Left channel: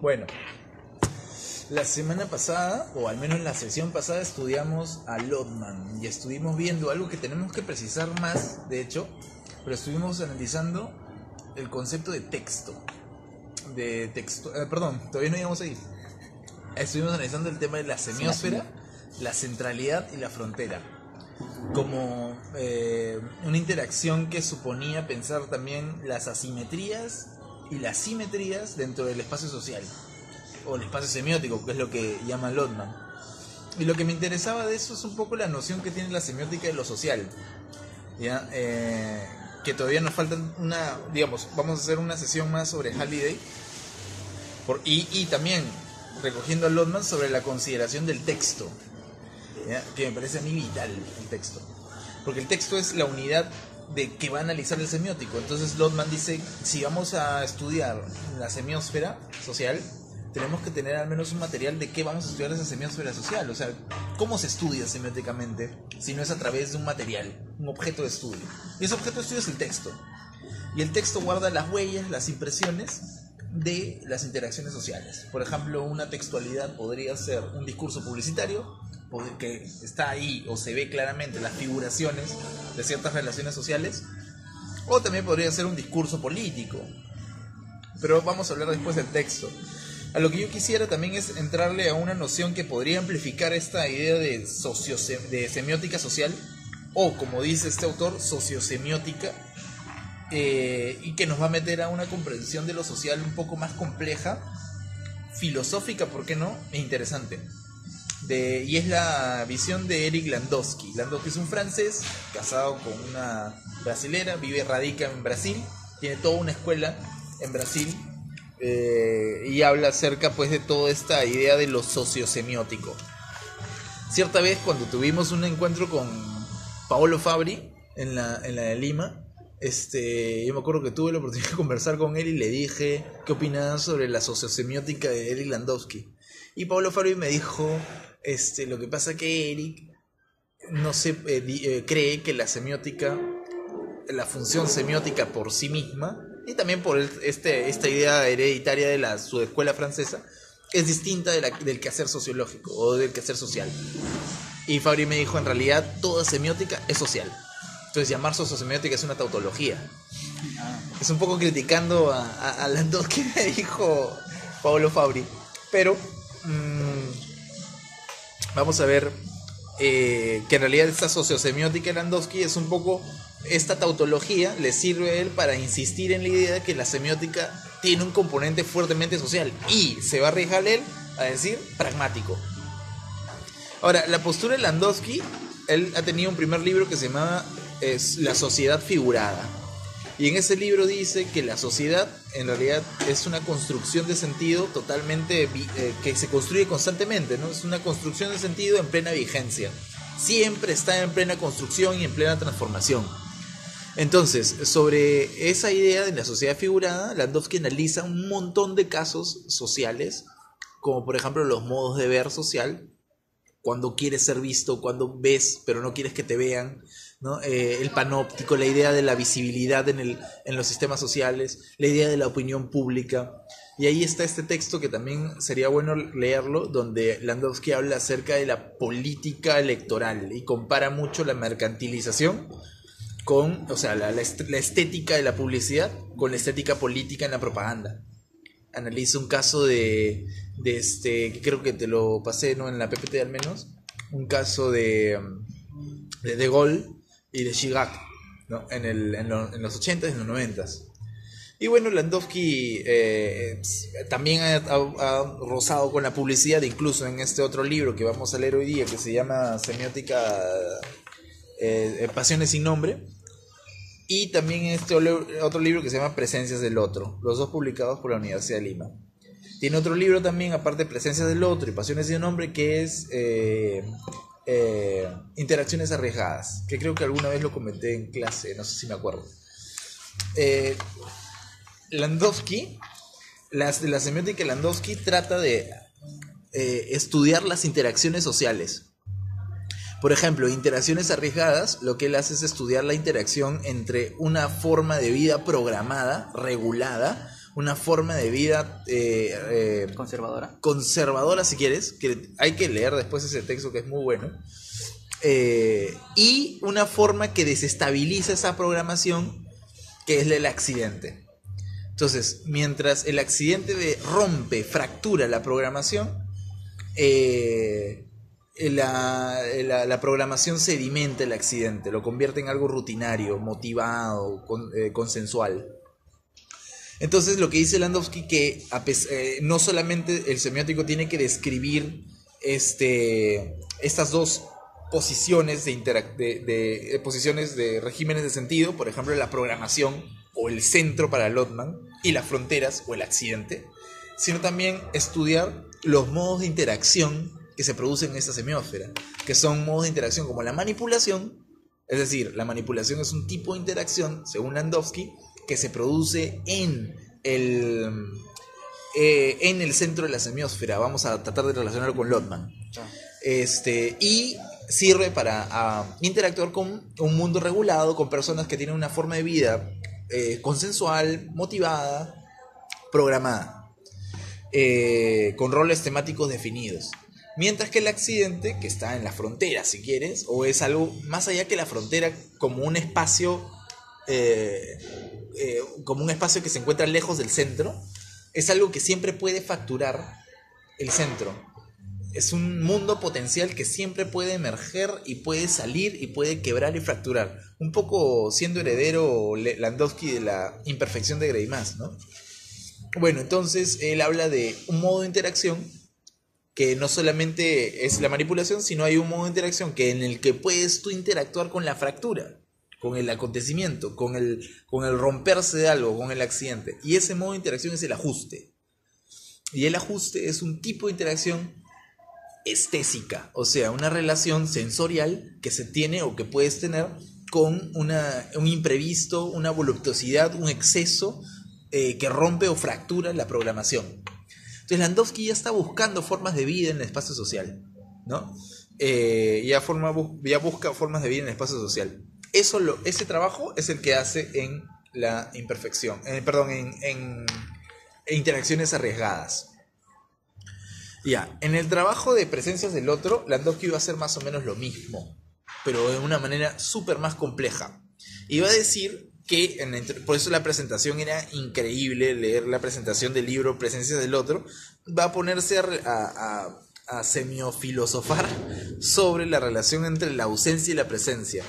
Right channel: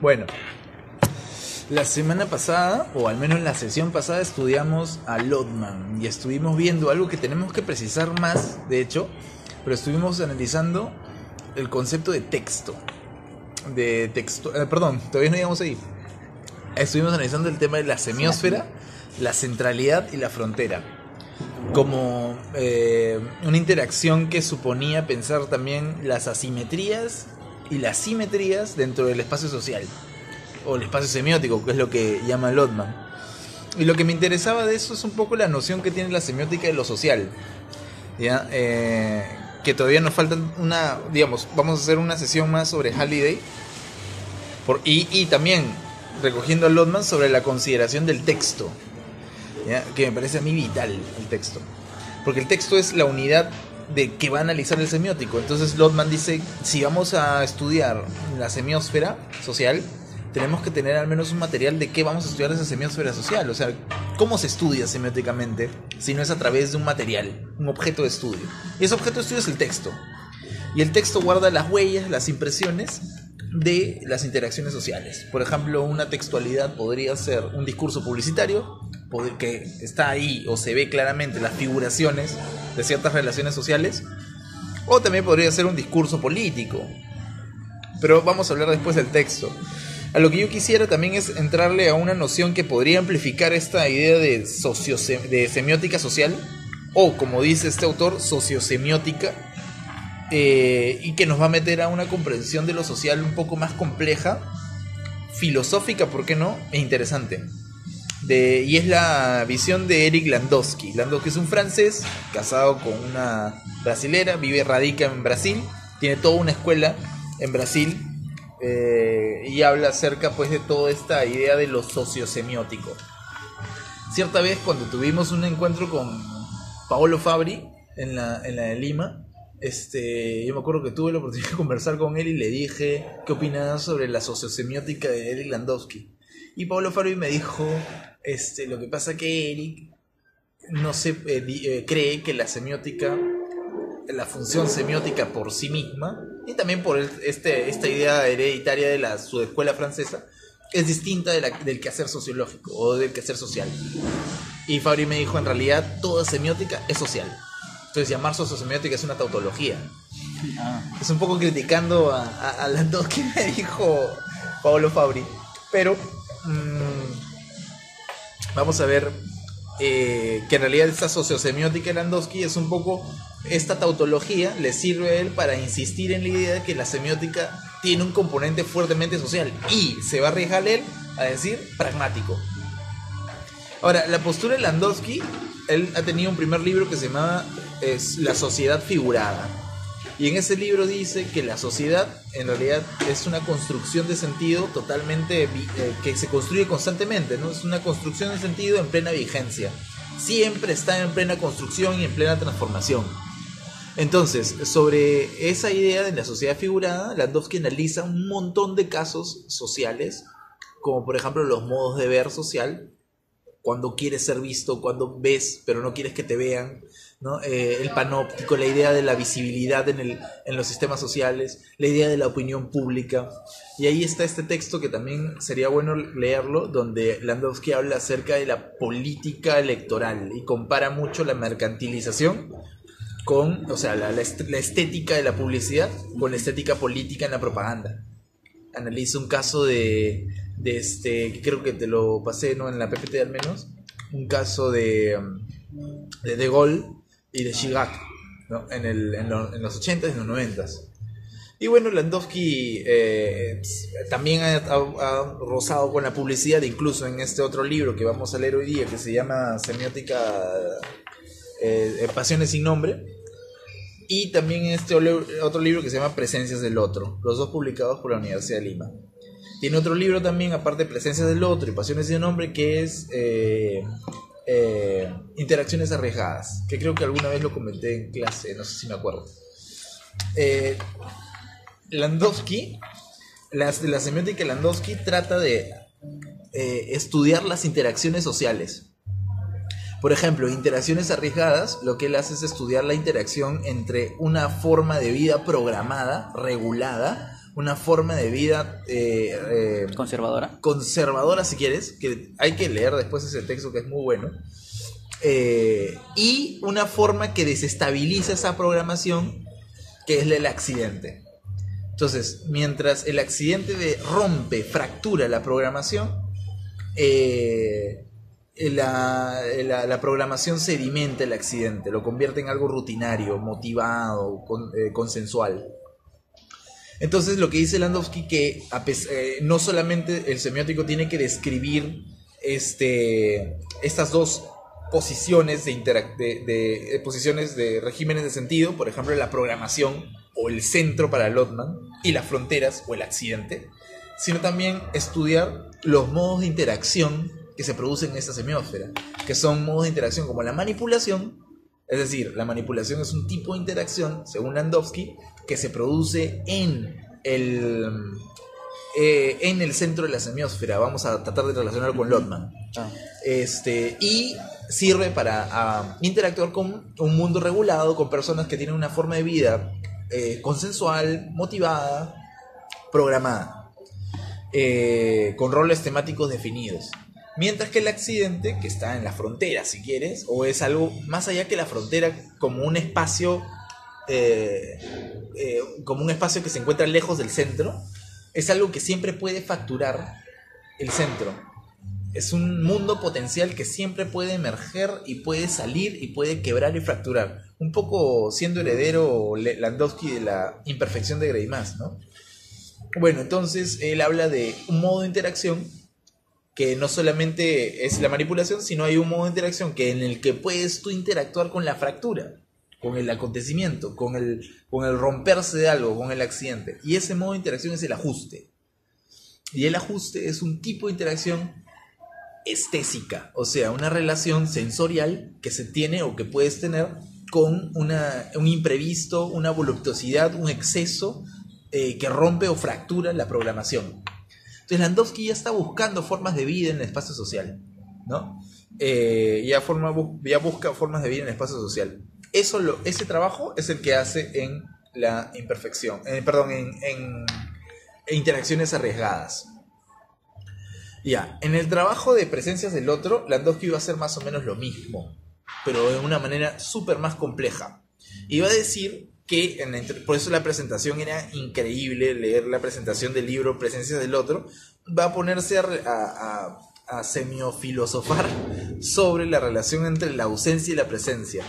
Bueno, la semana pasada, o al menos la sesión pasada, estudiamos a Lotman y estuvimos viendo algo que tenemos que precisar más, de hecho, pero estuvimos analizando el concepto de texto. Perdón, todavía no llegamos ahí. Estuvimos analizando el tema de la semiósfera, la centralidad y la frontera, como una interacción que suponía pensar también las asimetrías y las simetrías dentro del espacio social, o el espacio semiótico, que es lo que llama Lotman. Y lo que me interesaba de eso es un poco la noción que tiene la semiótica de lo social, ¿ya? Que todavía nos falta digamos, vamos a hacer una sesión más sobre Halliday, y también recogiendo a Lotman sobre la consideración del texto, ¿ya? Que me parece a mí vital el texto, porque el texto es la unidad de que va a analizar el semiótico. Entonces Lotman dice, si vamos a estudiar la semiósfera social, tenemos que tener al menos un material de qué vamos a estudiar esa semiósfera social. O sea, ¿cómo se estudia semióticamente si no es a través de un material, un objeto de estudio? Y ese objeto de estudio es el texto. Y el texto guarda las huellas, las impresiones de las interacciones sociales. Por ejemplo, una textualidad podría ser un discurso publicitario, que está ahí o se ve claramente las figuraciones de ciertas relaciones sociales, o también podría ser un discurso político, pero vamos a hablar después del texto. A lo que yo quisiera también es entrarle a una noción que podría amplificar esta idea de semiótica social, o como dice este autor, sociosemiótica, y que nos va a meter a una comprensión de lo social un poco más compleja, filosófica, ¿por qué no?, e interesante. Y es la visión de Eric Landowski. Landowski es un francés casado con una brasilera, radica en Brasil, tiene toda una escuela en Brasil, y habla acerca pues de toda esta idea de lo sociosemiótico. Cierta vez, cuando tuvimos un encuentro con Paolo Fabri en la de Lima, yo me acuerdo que tuve la oportunidad de conversar con él y le dije qué opinaba sobre la sociosemiótica de Eric Landowski. Y Paolo Fabri me dijo, lo que pasa que Eric no cree que la semiótica, la función semiótica por sí misma, y también por esta idea hereditaria de su escuela francesa, es distinta del quehacer sociológico o del quehacer social. Y Fabri me dijo, en realidad toda semiótica es social. Entonces llamar sociosemiótica es una tautología. Es un poco criticando a Landowski, me dijo Paolo Fabri. Pero vamos a ver que en realidad esta sociosemiótica de Landowski es un poco, esta tautología le sirve a él para insistir en la idea de que la semiótica tiene un componente fuertemente social, y se va a arriesgar él a decir pragmático. Ahora, la postura de Landowski, él ha tenido un primer libro que se llamaba La sociedad figurada, y en ese libro dice que la sociedad en realidad es una construcción de sentido totalmente que se construye constantemente, ¿no? Es una construcción de sentido en plena vigencia, siempre está en plena construcción y en plena transformación. Entonces, sobre esa idea de la sociedad figurada, Landowski analiza un montón de casos sociales, como por ejemplo los modos de ver social, cuando quieres ser visto, cuando ves pero no quieres que te vean, ¿no? El panóptico, la idea de la visibilidad en los sistemas sociales, la idea de la opinión pública. Y ahí está este texto que también sería bueno leerlo, donde Landowski habla acerca de la política electoral y compara mucho la mercantilización con, o sea, la estética de la publicidad con la estética política en la propaganda. Analiza un caso que creo que te lo pasé, ¿no?, en la PPT al menos, un caso de Gaulle y de Chirac, ¿no?, en los 80s y en los 90s. Y bueno, Landowski también ha rozado con la publicidad, incluso en este otro libro que vamos a leer hoy día, que se llama Semiótica, Pasiones sin nombre, y también otro libro que se llama Presencias del Otro, los dos publicados por la Universidad de Lima. Tiene otro libro también, aparte de Presencias del Otro y Pasiones sin nombre, que es Interacciones arriesgadas, que creo que alguna vez lo comenté en clase, no sé si me acuerdo. Landowski, la semiótica de Landowski trata de estudiar las interacciones sociales. Por ejemplo, interacciones arriesgadas, lo que él hace es estudiar la interacción entre una forma de vida programada, regulada, una forma de vida conservadora, si quieres, que hay que leer después ese texto que es muy bueno, y una forma que desestabiliza esa programación, que es el accidente. Entonces, mientras el accidente rompe, fractura la programación, la programación sedimenta el accidente, lo convierte en algo rutinario, motivado, consensual. Entonces, lo que dice Landowski, que no solamente el semiótico tiene que describir estas dos posiciones posiciones de regímenes de sentido, por ejemplo, la programación o el centro para Lotman, y las fronteras o el accidente, sino también estudiar los modos de interacción que se producen en esta semiósfera, que son modos de interacción como la manipulación, es decir, la manipulación es un tipo de interacción, según Landowski, que se produce en el centro de la semiósfera. Vamos a tratar de relacionarlo con Lotman. Y sirve para interactuar con un mundo regulado, con personas que tienen una forma de vida consensual, motivada, programada, con roles temáticos definidos. Mientras que el accidente, que está en la frontera, si quieres, o es algo más allá que la frontera, como un espacio que se encuentra lejos del centro, es algo que siempre puede facturar el centro. Es un mundo potencial que siempre puede emerger y puede salir y puede quebrar y fracturar. Un poco siendo heredero Landowski de la imperfección de Greimas, ¿no? Bueno, entonces él habla de un modo de interacción que no solamente es la manipulación, sino hay un modo de interacción en el que puedes tú interactuar con la fractura, con el acontecimiento, con el romperse de algo, con el accidente. Y ese modo de interacción es el ajuste. Y el ajuste es un tipo de interacción estésica, o sea, una relación sensorial que se tiene o que puedes tener con un imprevisto, una voluptuosidad, un exceso que rompe o fractura la programación. Entonces Landowski ya está buscando formas de vida en el espacio social, ¿no? Ya busca formas de vida en el espacio social. Ese trabajo es el que hace en la imperfección, en interacciones arriesgadas. Ya, en el trabajo de presencias del otro, Landowski va a hacer más o menos lo mismo, pero de una manera súper más compleja. Y va a decir que, por eso la presentación era increíble, leer la presentación del libro Presencias del Otro, va a ponerse a semiofilosofar sobre la relación entre la ausencia y la presencia.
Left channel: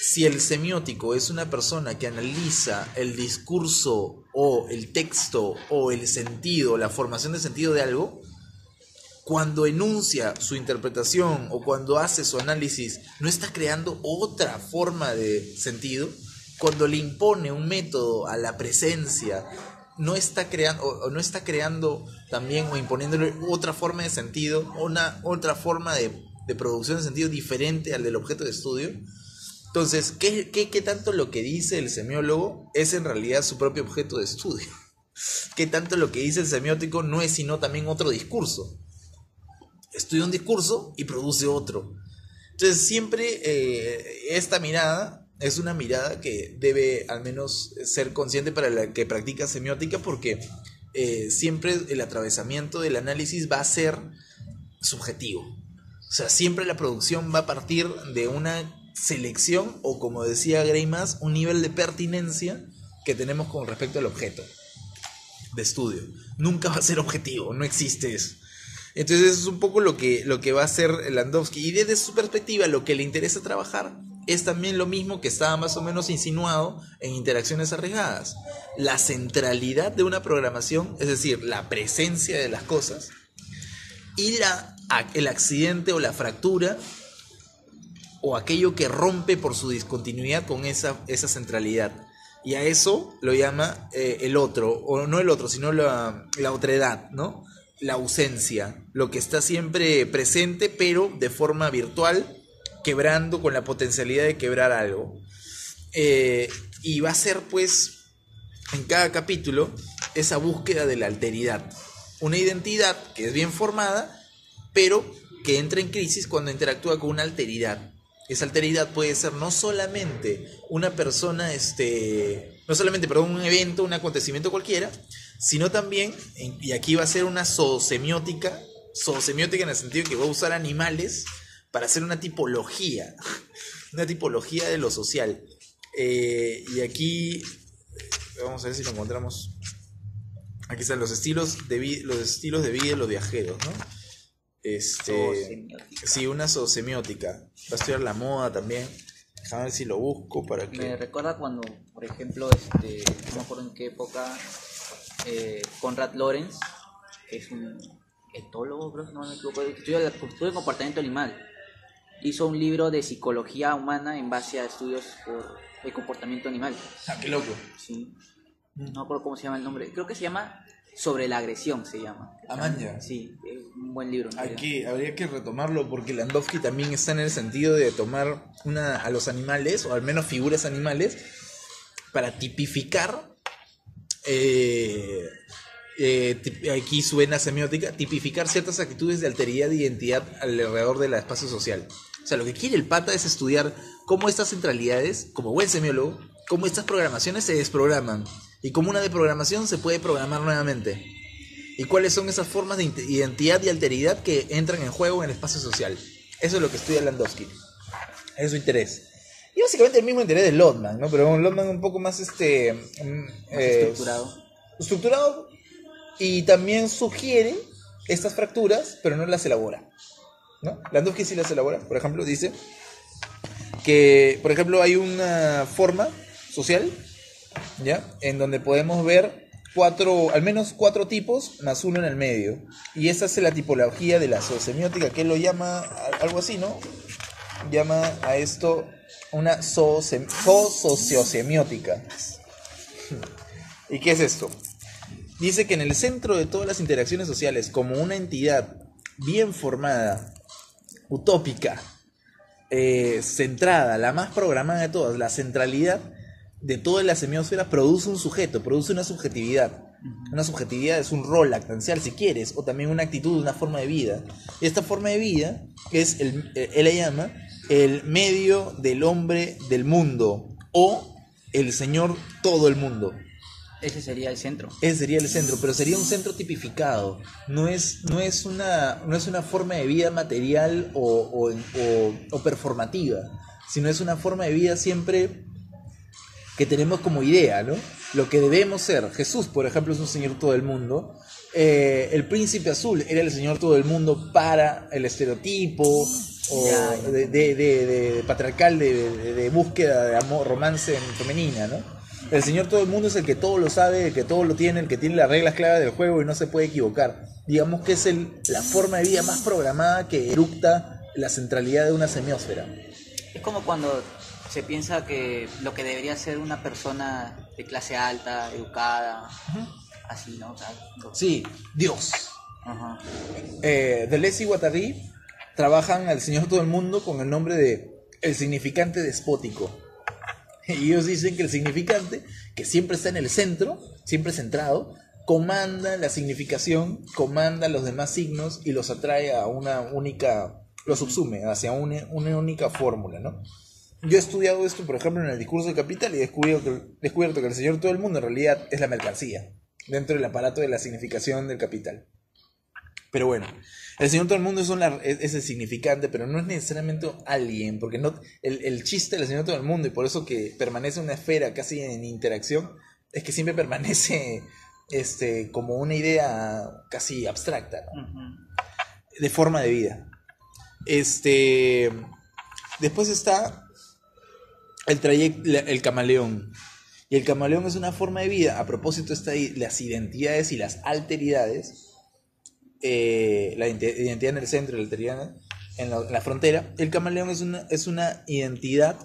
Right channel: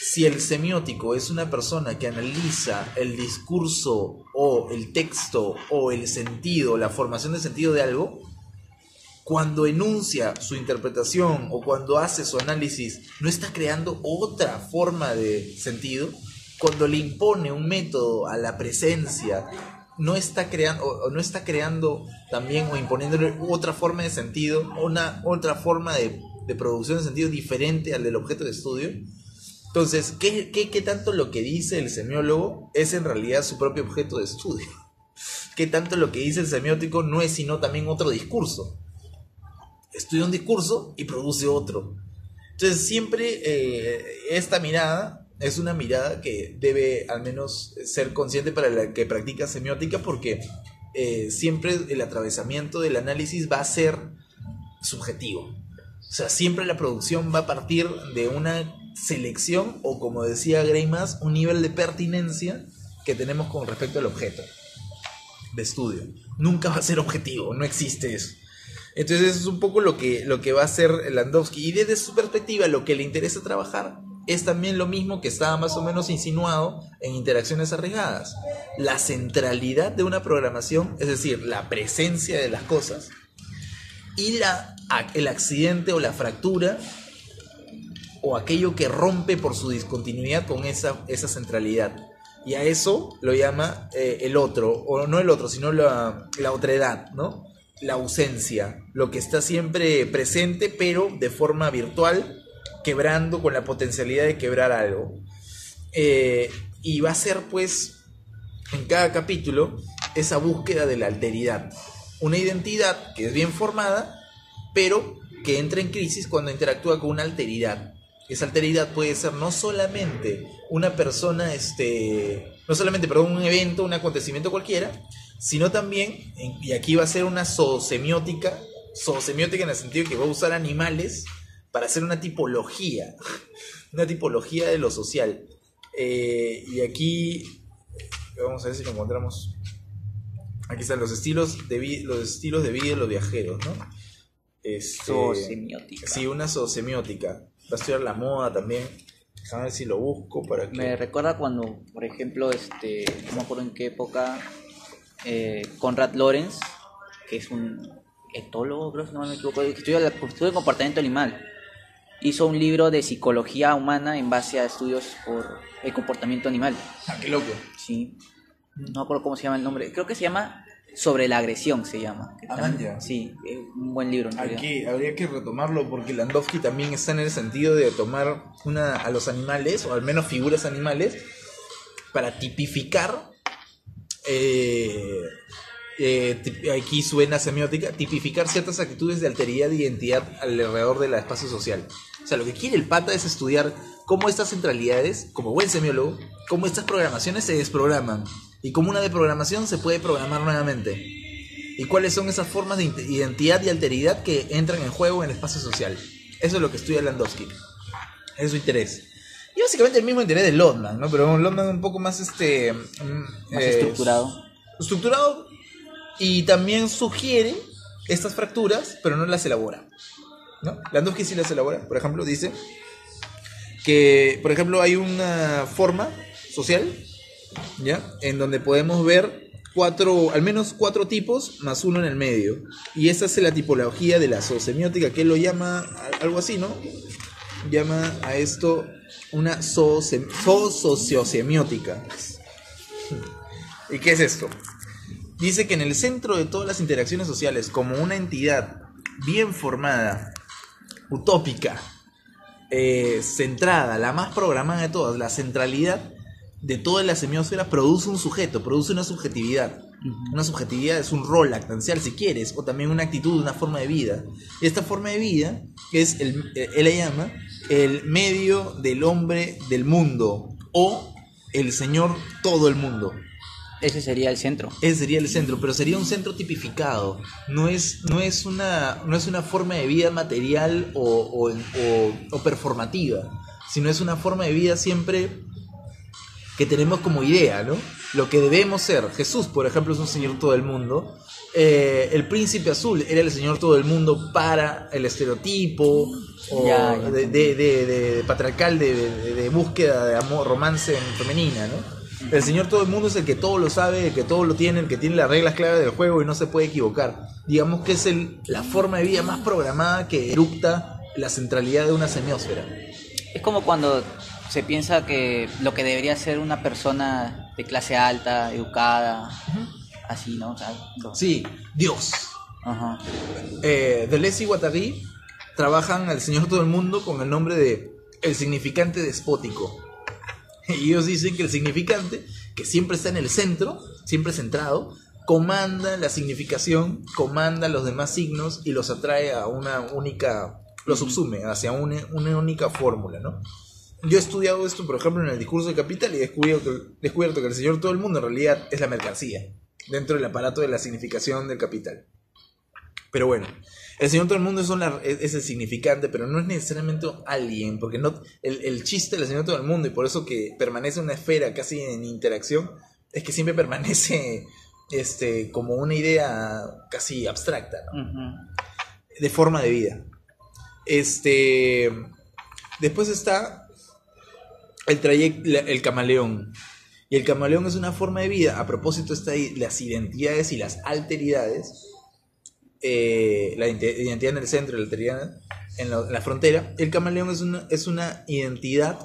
Si el semiótico es una persona que analiza el discurso o el texto o el sentido, la formación de sentido de algo, cuando enuncia su interpretación o cuando hace su análisis, no está creando otra forma de sentido. Cuando le impone un método a la presencia, no está creando también o imponiéndole otra forma de sentido, otra forma de producción de sentido diferente al del objeto de estudio. Entonces, ¿qué tanto lo que dice el semiólogo es en realidad su propio objeto de estudio? ¿Qué tanto lo que dice el semiótico no es sino también otro discurso? Estudia un discurso y produce otro. Entonces siempre esta mirada es una mirada que debe al menos ser consciente para la que practica semiótica, porque siempre el atravesamiento del análisis va a ser subjetivo. O sea, siempre la producción va a partir de una selección o, como decía Greimas, un nivel de pertinencia que tenemos con respecto al objeto de estudio. Nunca va a ser objetivo, no existe eso. Entonces eso es un poco lo que va a hacer Landowski, y desde su perspectiva lo que le interesa trabajar es también lo mismo que estaba más o menos insinuado en Interacciones Arriesgadas: la centralidad de una programación, es decir, la presencia de las cosas, y el accidente o la fractura o aquello que rompe por su discontinuidad con esa centralidad. Y a eso lo llama el otro, o no el otro, sino la otredad, ¿no? La ausencia, lo que está siempre presente pero de forma virtual, quebrando, con la potencialidad de quebrar algo. Y va a ser, pues, en cada capítulo esa búsqueda de la alteridad, una identidad que es bien formada pero que entra en crisis cuando interactúa con una alteridad. Esa alteridad puede ser no solamente una persona, un evento, un acontecimiento cualquiera, sino también, y aquí va a ser una zoosemiótica en el sentido que va a usar animales para hacer una tipología de lo social. Y aquí, vamos a ver si lo encontramos. Aquí están los estilos de vida de los viajeros, ¿no? Zoosemiótica. Sí, una zoosemiótica. Va a estudiar la moda también. Déjame ver si lo busco para que... Me recuerda cuando, por ejemplo, no me acuerdo en qué época, Konrad Lorenz, que es un etólogo, creo, si no me equivoco, que estudia el comportamiento animal, hizo un libro de psicología humana en base a estudios por el comportamiento animal. Ah, qué loco. Sí. No me acuerdo cómo se llama el nombre. Creo que se llama Sobre la agresión, se llama. Manja. Sí, es un buen libro. Aquí habría que retomarlo porque Landowski también está en el sentido de tomar a los animales, o al menos figuras animales, para tipificar, aquí suena semiótica, tipificar ciertas actitudes de alteridad e identidad alrededor del espacio social. O sea, lo que quiere el pata es estudiar cómo estas centralidades, como buen semiólogo, cómo estas programaciones se desprograman y cómo una deprogramación se puede programar nuevamente. Y cuáles son esas formas de identidad y alteridad que entran en juego en el espacio social. Eso es lo que estudia Landowski. Es su interés. Y básicamente el mismo interés de Lotman, ¿no? Pero Lotman un poco más más estructurado. Estructurado, y también sugiere estas fracturas, pero no las elabora, ¿no? Landowski sí las elabora. Por ejemplo, dice que, por ejemplo, hay una forma social, ¿ya? En donde podemos ver al menos cuatro tipos más uno en el medio. Y esa es la tipología de la zoosemiótica, que él lo llama algo así, ¿no? Llama a esto una zoosociosemiótica. ¿Y qué es esto? Dice que en el centro de todas las interacciones sociales, como una entidad bien formada, utópica, centrada, la más programada de todas, la centralidad de toda la semiósfera produce un sujeto, produce una subjetividad. Una subjetividad es un rol lactancial, si quieres, o también una actitud, una forma de vida. Y esta forma de vida es, él la llama, el medio del hombre del mundo, o el señor todo el mundo. Ese sería el centro. Ese sería el centro, pero sería un centro tipificado. No es una forma de vida material o performativa, sino es una forma de vida siempre que tenemos como idea, ¿no? Lo que debemos ser. Jesús, por ejemplo, es un señor todo el mundo. El príncipe azul era el señor todo el mundo para el estereotipo de patriarcal de búsqueda de amor, romance femenina, ¿no? El señor todo el mundo es el que todo lo sabe, el que todo lo tiene, el que tiene las reglas claras del juego y no se puede equivocar. Digamos que es la forma de vida más programada que eructa la centralidad de una semiósfera. Es como cuando se piensa que lo que debería ser una persona de clase alta, educada, así, ¿no? O sea, Sí, Dios. Ajá. Deleuze y Guattari trabajan al señor todo el mundo con el nombre de el significante despótico. Y ellos dicen que el significante, que siempre está en el centro, siempre centrado, comanda la significación, comanda los demás signos y los atrae a una única, los subsume hacia una única fórmula, ¿no? Yo he estudiado esto, por ejemplo, en el discurso de Capital y he descubierto que el señor todo el mundo en realidad es la mercancía dentro del aparato de la significación del capital. Pero bueno, el señor todo el mundo es el significante, pero no es necesariamente alguien, porque no, el chiste del señor todo el mundo, y por eso que permanece una esfera casi en interacción, es que siempre permanece como una idea casi abstracta, ¿no? Uh-huh. De forma de vida. Después está el camaleón. Y el camaleón es una forma de vida. A propósito está ahí las identidades y las alteridades. La identidad en el centro y la alteridad en la frontera. El camaleón es una identidad,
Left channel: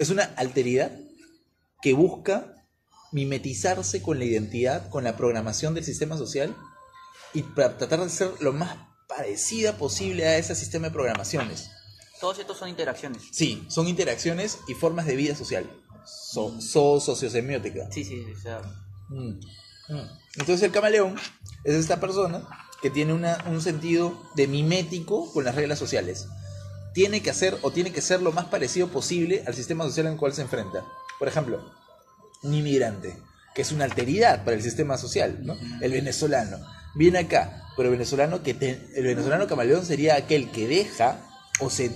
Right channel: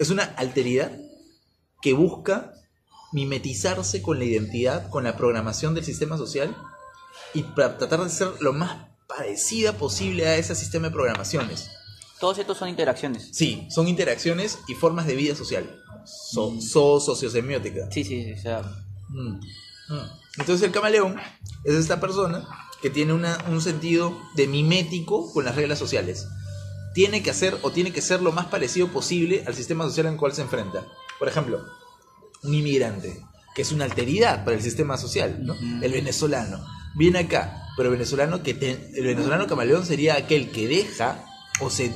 es una alteridad que busca mimetizarse con la identidad, con la programación del sistema social, y para tratar de ser lo más parecida posible a ese sistema de programaciones. Todos estos son interacciones. Sí, son interacciones y formas de vida social. Sociosemiótica. Sí, o sea. Entonces el camaleón es esta persona que tiene un sentido de mimético con las reglas sociales. Tiene que ser lo más parecido posible al sistema social en el cual se enfrenta. Por ejemplo, un inmigrante. que es una alteridad para el sistema social, ¿no? El venezolano viene acá, pero el venezolano camaleón sería aquel que deja o se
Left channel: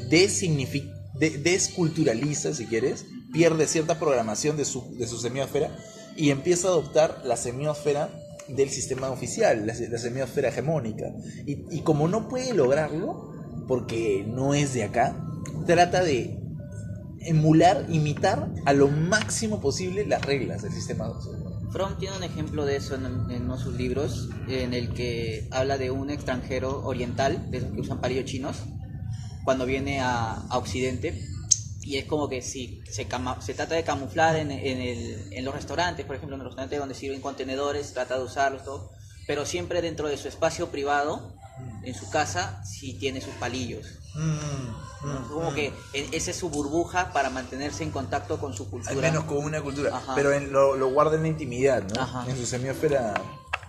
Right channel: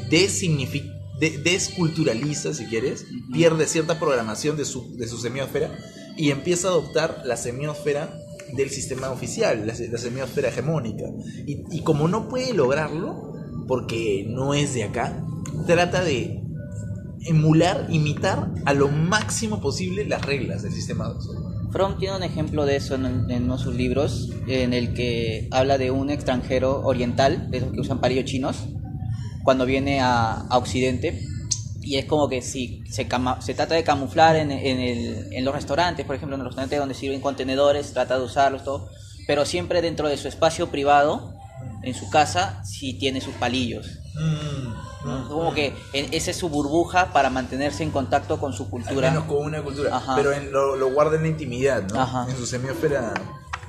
desculturaliza, si quieres, pierde cierta programación de su semiósfera y empieza a adoptar la semiósfera del sistema oficial, la semiósfera hegemónica. Y como no puede lograrlo, porque no es de acá, trata de emular, imitar a lo máximo posible las reglas del sistema social. Fromm tiene un ejemplo de eso en uno de sus libros, en el que habla de un extranjero oriental, de esos que usan palillos chinos, cuando viene a Occidente, y es como que si se trata de camuflar en los restaurantes, por ejemplo, en los restaurantes donde sirven contenedores, trata de usarlos, todo, pero siempre dentro de su espacio privado, en su casa, sí tiene sus palillos. ¿No? Como que esa es su burbuja para mantenerse en contacto con su cultura. Al menos con una cultura. Ajá. Pero lo guarda en la intimidad, ¿no? Ajá. En su semiósfera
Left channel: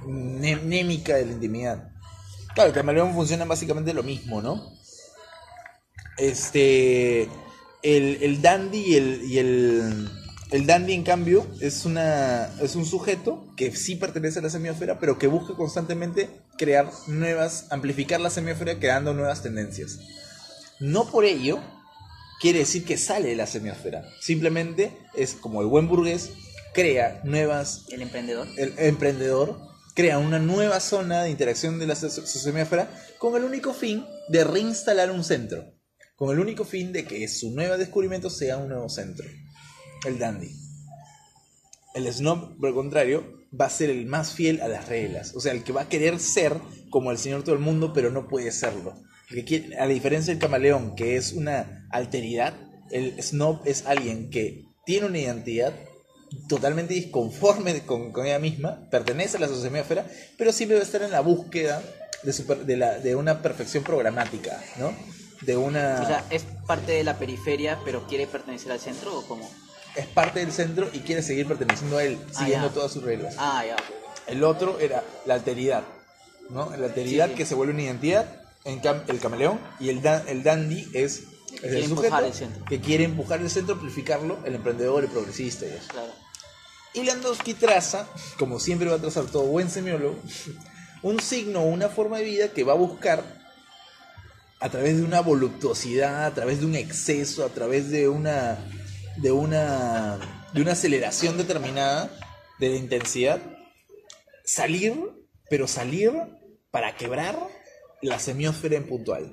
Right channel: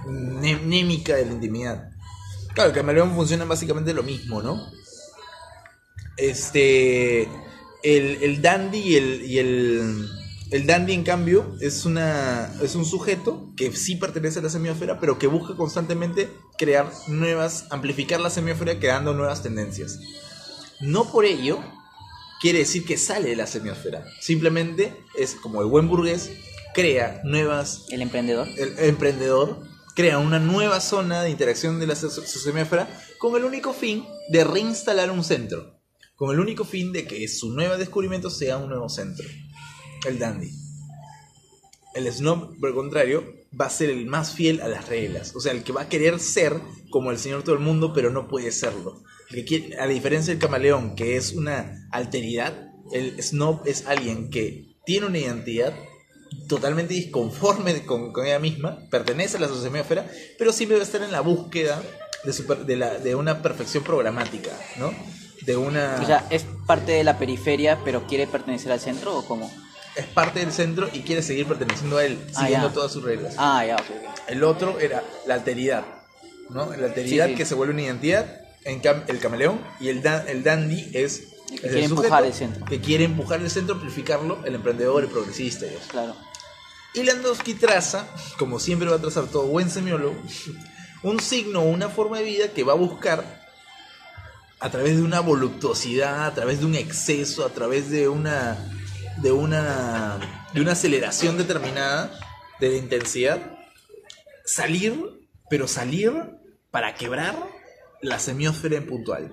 némica de la intimidad. Claro, el camaleón funciona básicamente lo mismo, ¿no? El dandy el dandy, en cambio, es un sujeto que sí pertenece a la semiósfera, pero que busca constantemente amplificar la semiósfera creando nuevas tendencias. No por ello quiere decir que sale de la semiósfera. Simplemente es como el buen burgués, crea nuevas... El emprendedor. El emprendedor crea una nueva zona de interacción de su semiósfera con el único fin de reinstalar un centro. Con el único fin de que su nuevo descubrimiento sea un nuevo centro. El dandy. El snob, por el contrario, va a ser el más fiel a las reglas. O sea, el que va a querer ser como el señor todo el mundo, pero no puede serlo. A la diferencia del camaleón, que es una alteridad, el snob es alguien que tiene una identidad totalmente disconforme con ella misma, pertenece a la semiósfera, pero siempre va a estar en la búsqueda de una perfección programática, ¿no? O sea, ¿es parte de la periferia, pero quiere pertenecer al centro o cómo? Es parte del centro y quiere seguir perteneciendo a él, siguiendo todas sus reglas. Ya, ok. El otro era la alteridad, ¿no? La alteridad Sí. que se vuelve una identidad, el camaleón, y el dandy es que quiere empujar el centro. Que quiere empujar el centro, amplificarlo, el emprendedor, el progresista. Y eso. Claro. Y Landowski traza, como siempre va a trazar todo buen semiólogo, un signo o una forma de vida que va a buscar a través de una voluptuosidad, a través de un exceso, a través de una aceleración determinada de la intensidad, salir para quebrar la semiósfera en puntual.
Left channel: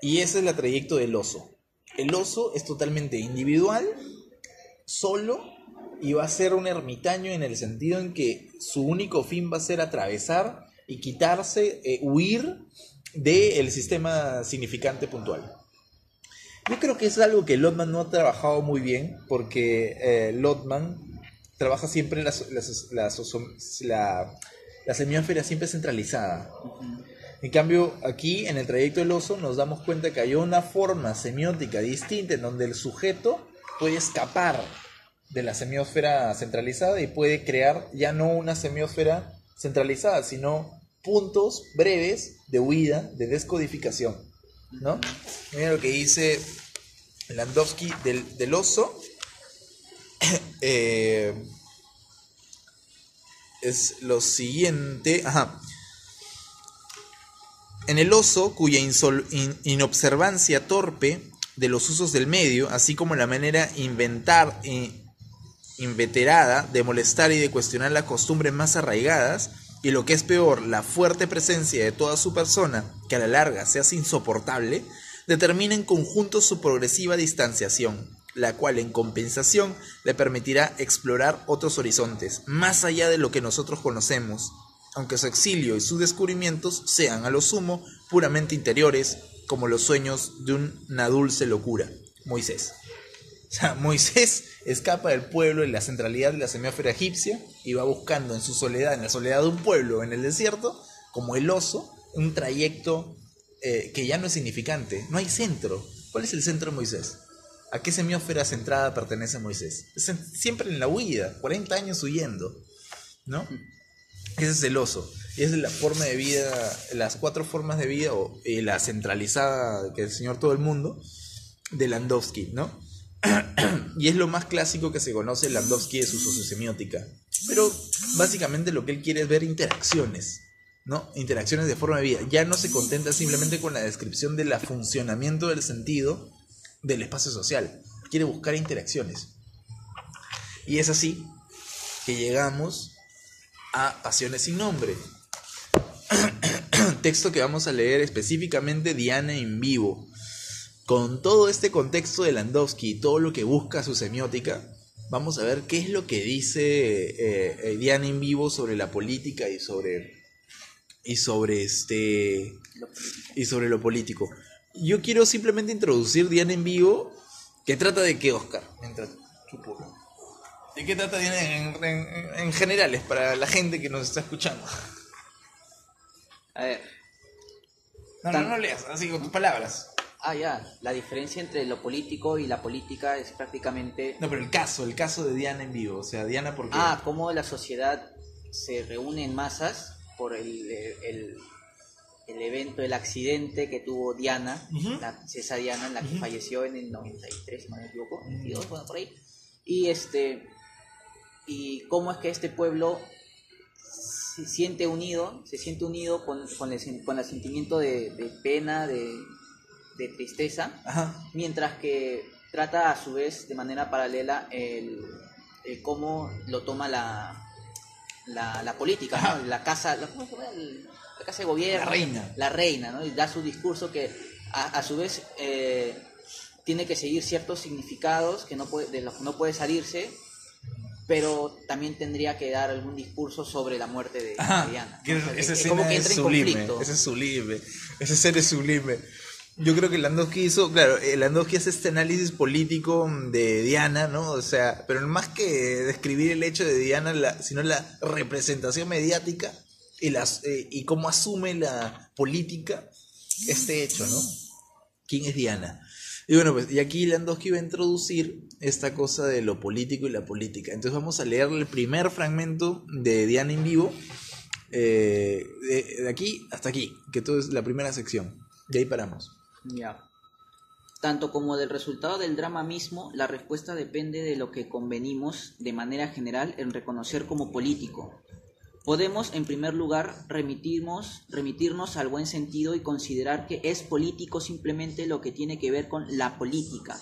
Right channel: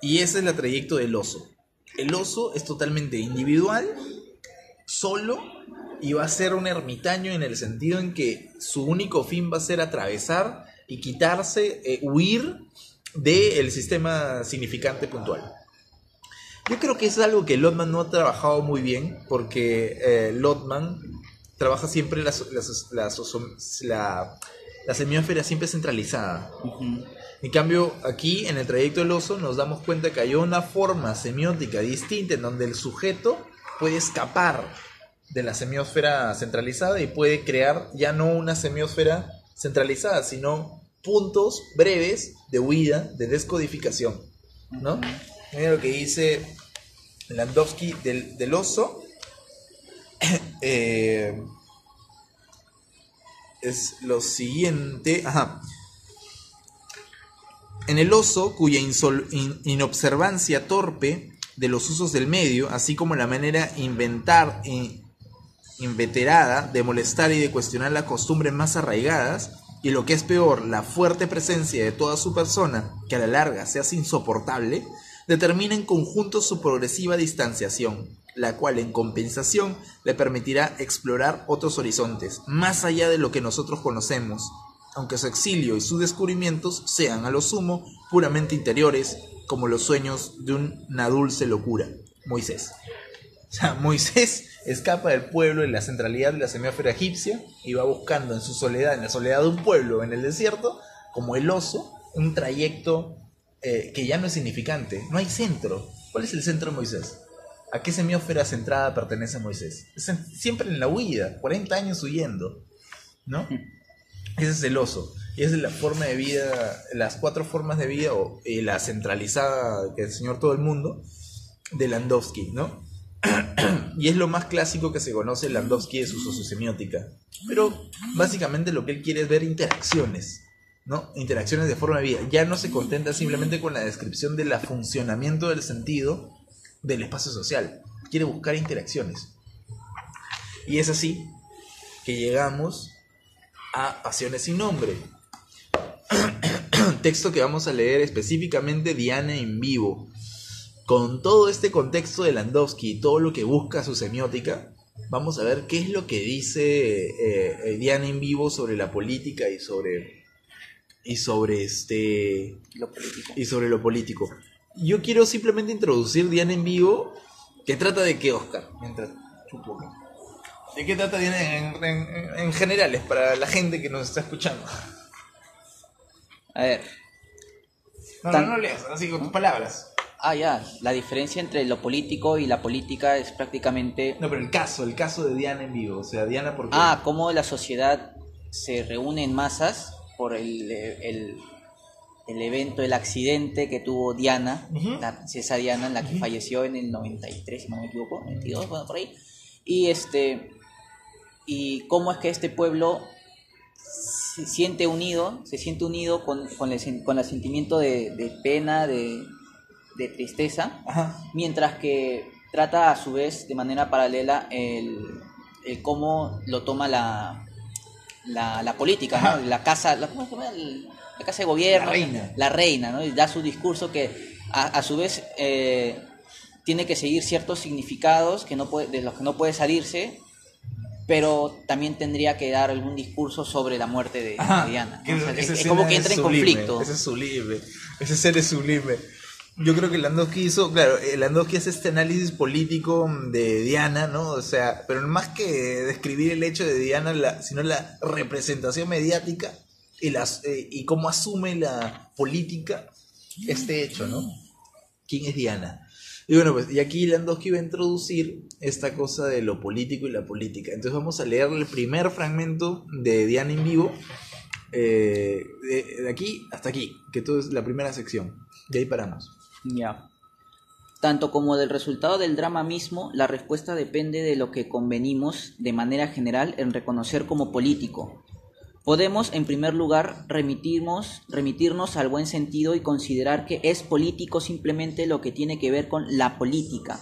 Y ese es el trayecto del oso. El oso es totalmente individual, solo, y va a ser un ermitaño en el sentido en que su único fin va a ser atravesar y quitarse, huir del sistema significante puntual. Yo creo que es algo que Lotman no ha trabajado muy bien, porque Lotman trabaja siempre la semiósfera siempre centralizada. Uh-huh. En cambio, aquí en el trayecto del oso nos damos cuenta que hay una forma semiótica distinta en donde el sujeto puede escapar de la semiósfera centralizada y puede crear ya no una semiósfera centralizada, sino puntos breves de huida, de descodificación, ¿no? Mira lo que dice Landowski del oso. Es lo siguiente. En el oso, cuya inobservancia torpe de los usos del medio, así como la manera inveterada de molestar y de cuestionar las costumbres más arraigadas, y lo que es peor, la fuerte presencia de toda su persona, que a la larga se hace insoportable, determina en conjunto su progresiva distanciación, la cual en compensación le permitirá explorar otros horizontes, más allá de lo que nosotros conocemos, aunque su exilio y sus descubrimientos sean a lo sumo puramente interiores, como los sueños de una dulce locura. Moisés. O sea, Moisés escapa del pueblo en la centralidad de la semiósfera egipcia y va buscando en su soledad, en la soledad de un pueblo en el desierto, como el oso, un trayecto que ya no es significante. No hay centro. ¿Cuál es el centro de Moisés? ¿A qué semiósfera centrada pertenece Moisés? Siempre en la huida, 40 años huyendo, ¿no? Ese es el oso. Y esa es la forma de vida, las 4 formas de vida, o la centralizada que enseñó todo el mundo, de Landowski, ¿no? Y es lo más clásico que se conoce Landowski de su sociosemiótica. Pero básicamente lo que él quiere es ver interacciones, ¿no? Interacciones de forma de vida. Ya no se contenta simplemente con la descripción del funcionamiento del sentido del espacio social. Quiere buscar interacciones. Y es así que llegamos a Pasiones sin nombre. Texto que vamos a leer específicamente Diana en vivo. Con todo este contexto de Landowski y todo lo que busca su semiótica, vamos a ver qué es lo que dice Diana en vivo sobre la política y sobre lo político. Yo quiero simplemente introducir Diana en vivo, que trata de qué, Oscar, mientras chupo. ¿De qué trata Diana en generales para la gente que nos está escuchando? A ver. No leas, así con tus palabras. Ya, la diferencia entre lo político y la política es prácticamente... No, pero el caso de Diana en vivo, o sea, Diana por qué. Cómo la sociedad se reúne en masas por el evento, el accidente que tuvo Diana, la princesa Diana, en la que falleció en el 93, si no me equivoco, 92, bueno, por ahí. Y cómo es que este pueblo se siente unido con el sentimiento de pena, de tristeza, mientras que trata a su vez de manera paralela el cómo lo toma la política, ¿no? La casa de gobierno, la reina, ¿no? Y da su discurso que a su vez tiene que seguir ciertos significados de los que no puede salirse, pero también tendría que dar algún discurso sobre la muerte de Diana, ¿no? O sea, es como que entra en conflicto. Ese es sublime, ese ser es sublime. Yo creo que Landowski Landowski hace este análisis político de Diana, ¿no? O sea, pero más que describir el hecho de Diana, sino la representación mediática y cómo asume la política este hecho, ¿no? ¿Quién es Diana? Y bueno, pues, y aquí Landowski va a introducir esta cosa de lo político y la política. Entonces vamos a leer el primer fragmento de Diana en vivo, de aquí hasta aquí, que todo es la primera sección. De ahí paramos. Ya. Tanto como del resultado del drama mismo, la respuesta depende de lo que convenimos de manera general en reconocer como político. Podemos, en primer lugar, remitirnos al buen sentido y considerar que es político simplemente lo que tiene que ver con la política,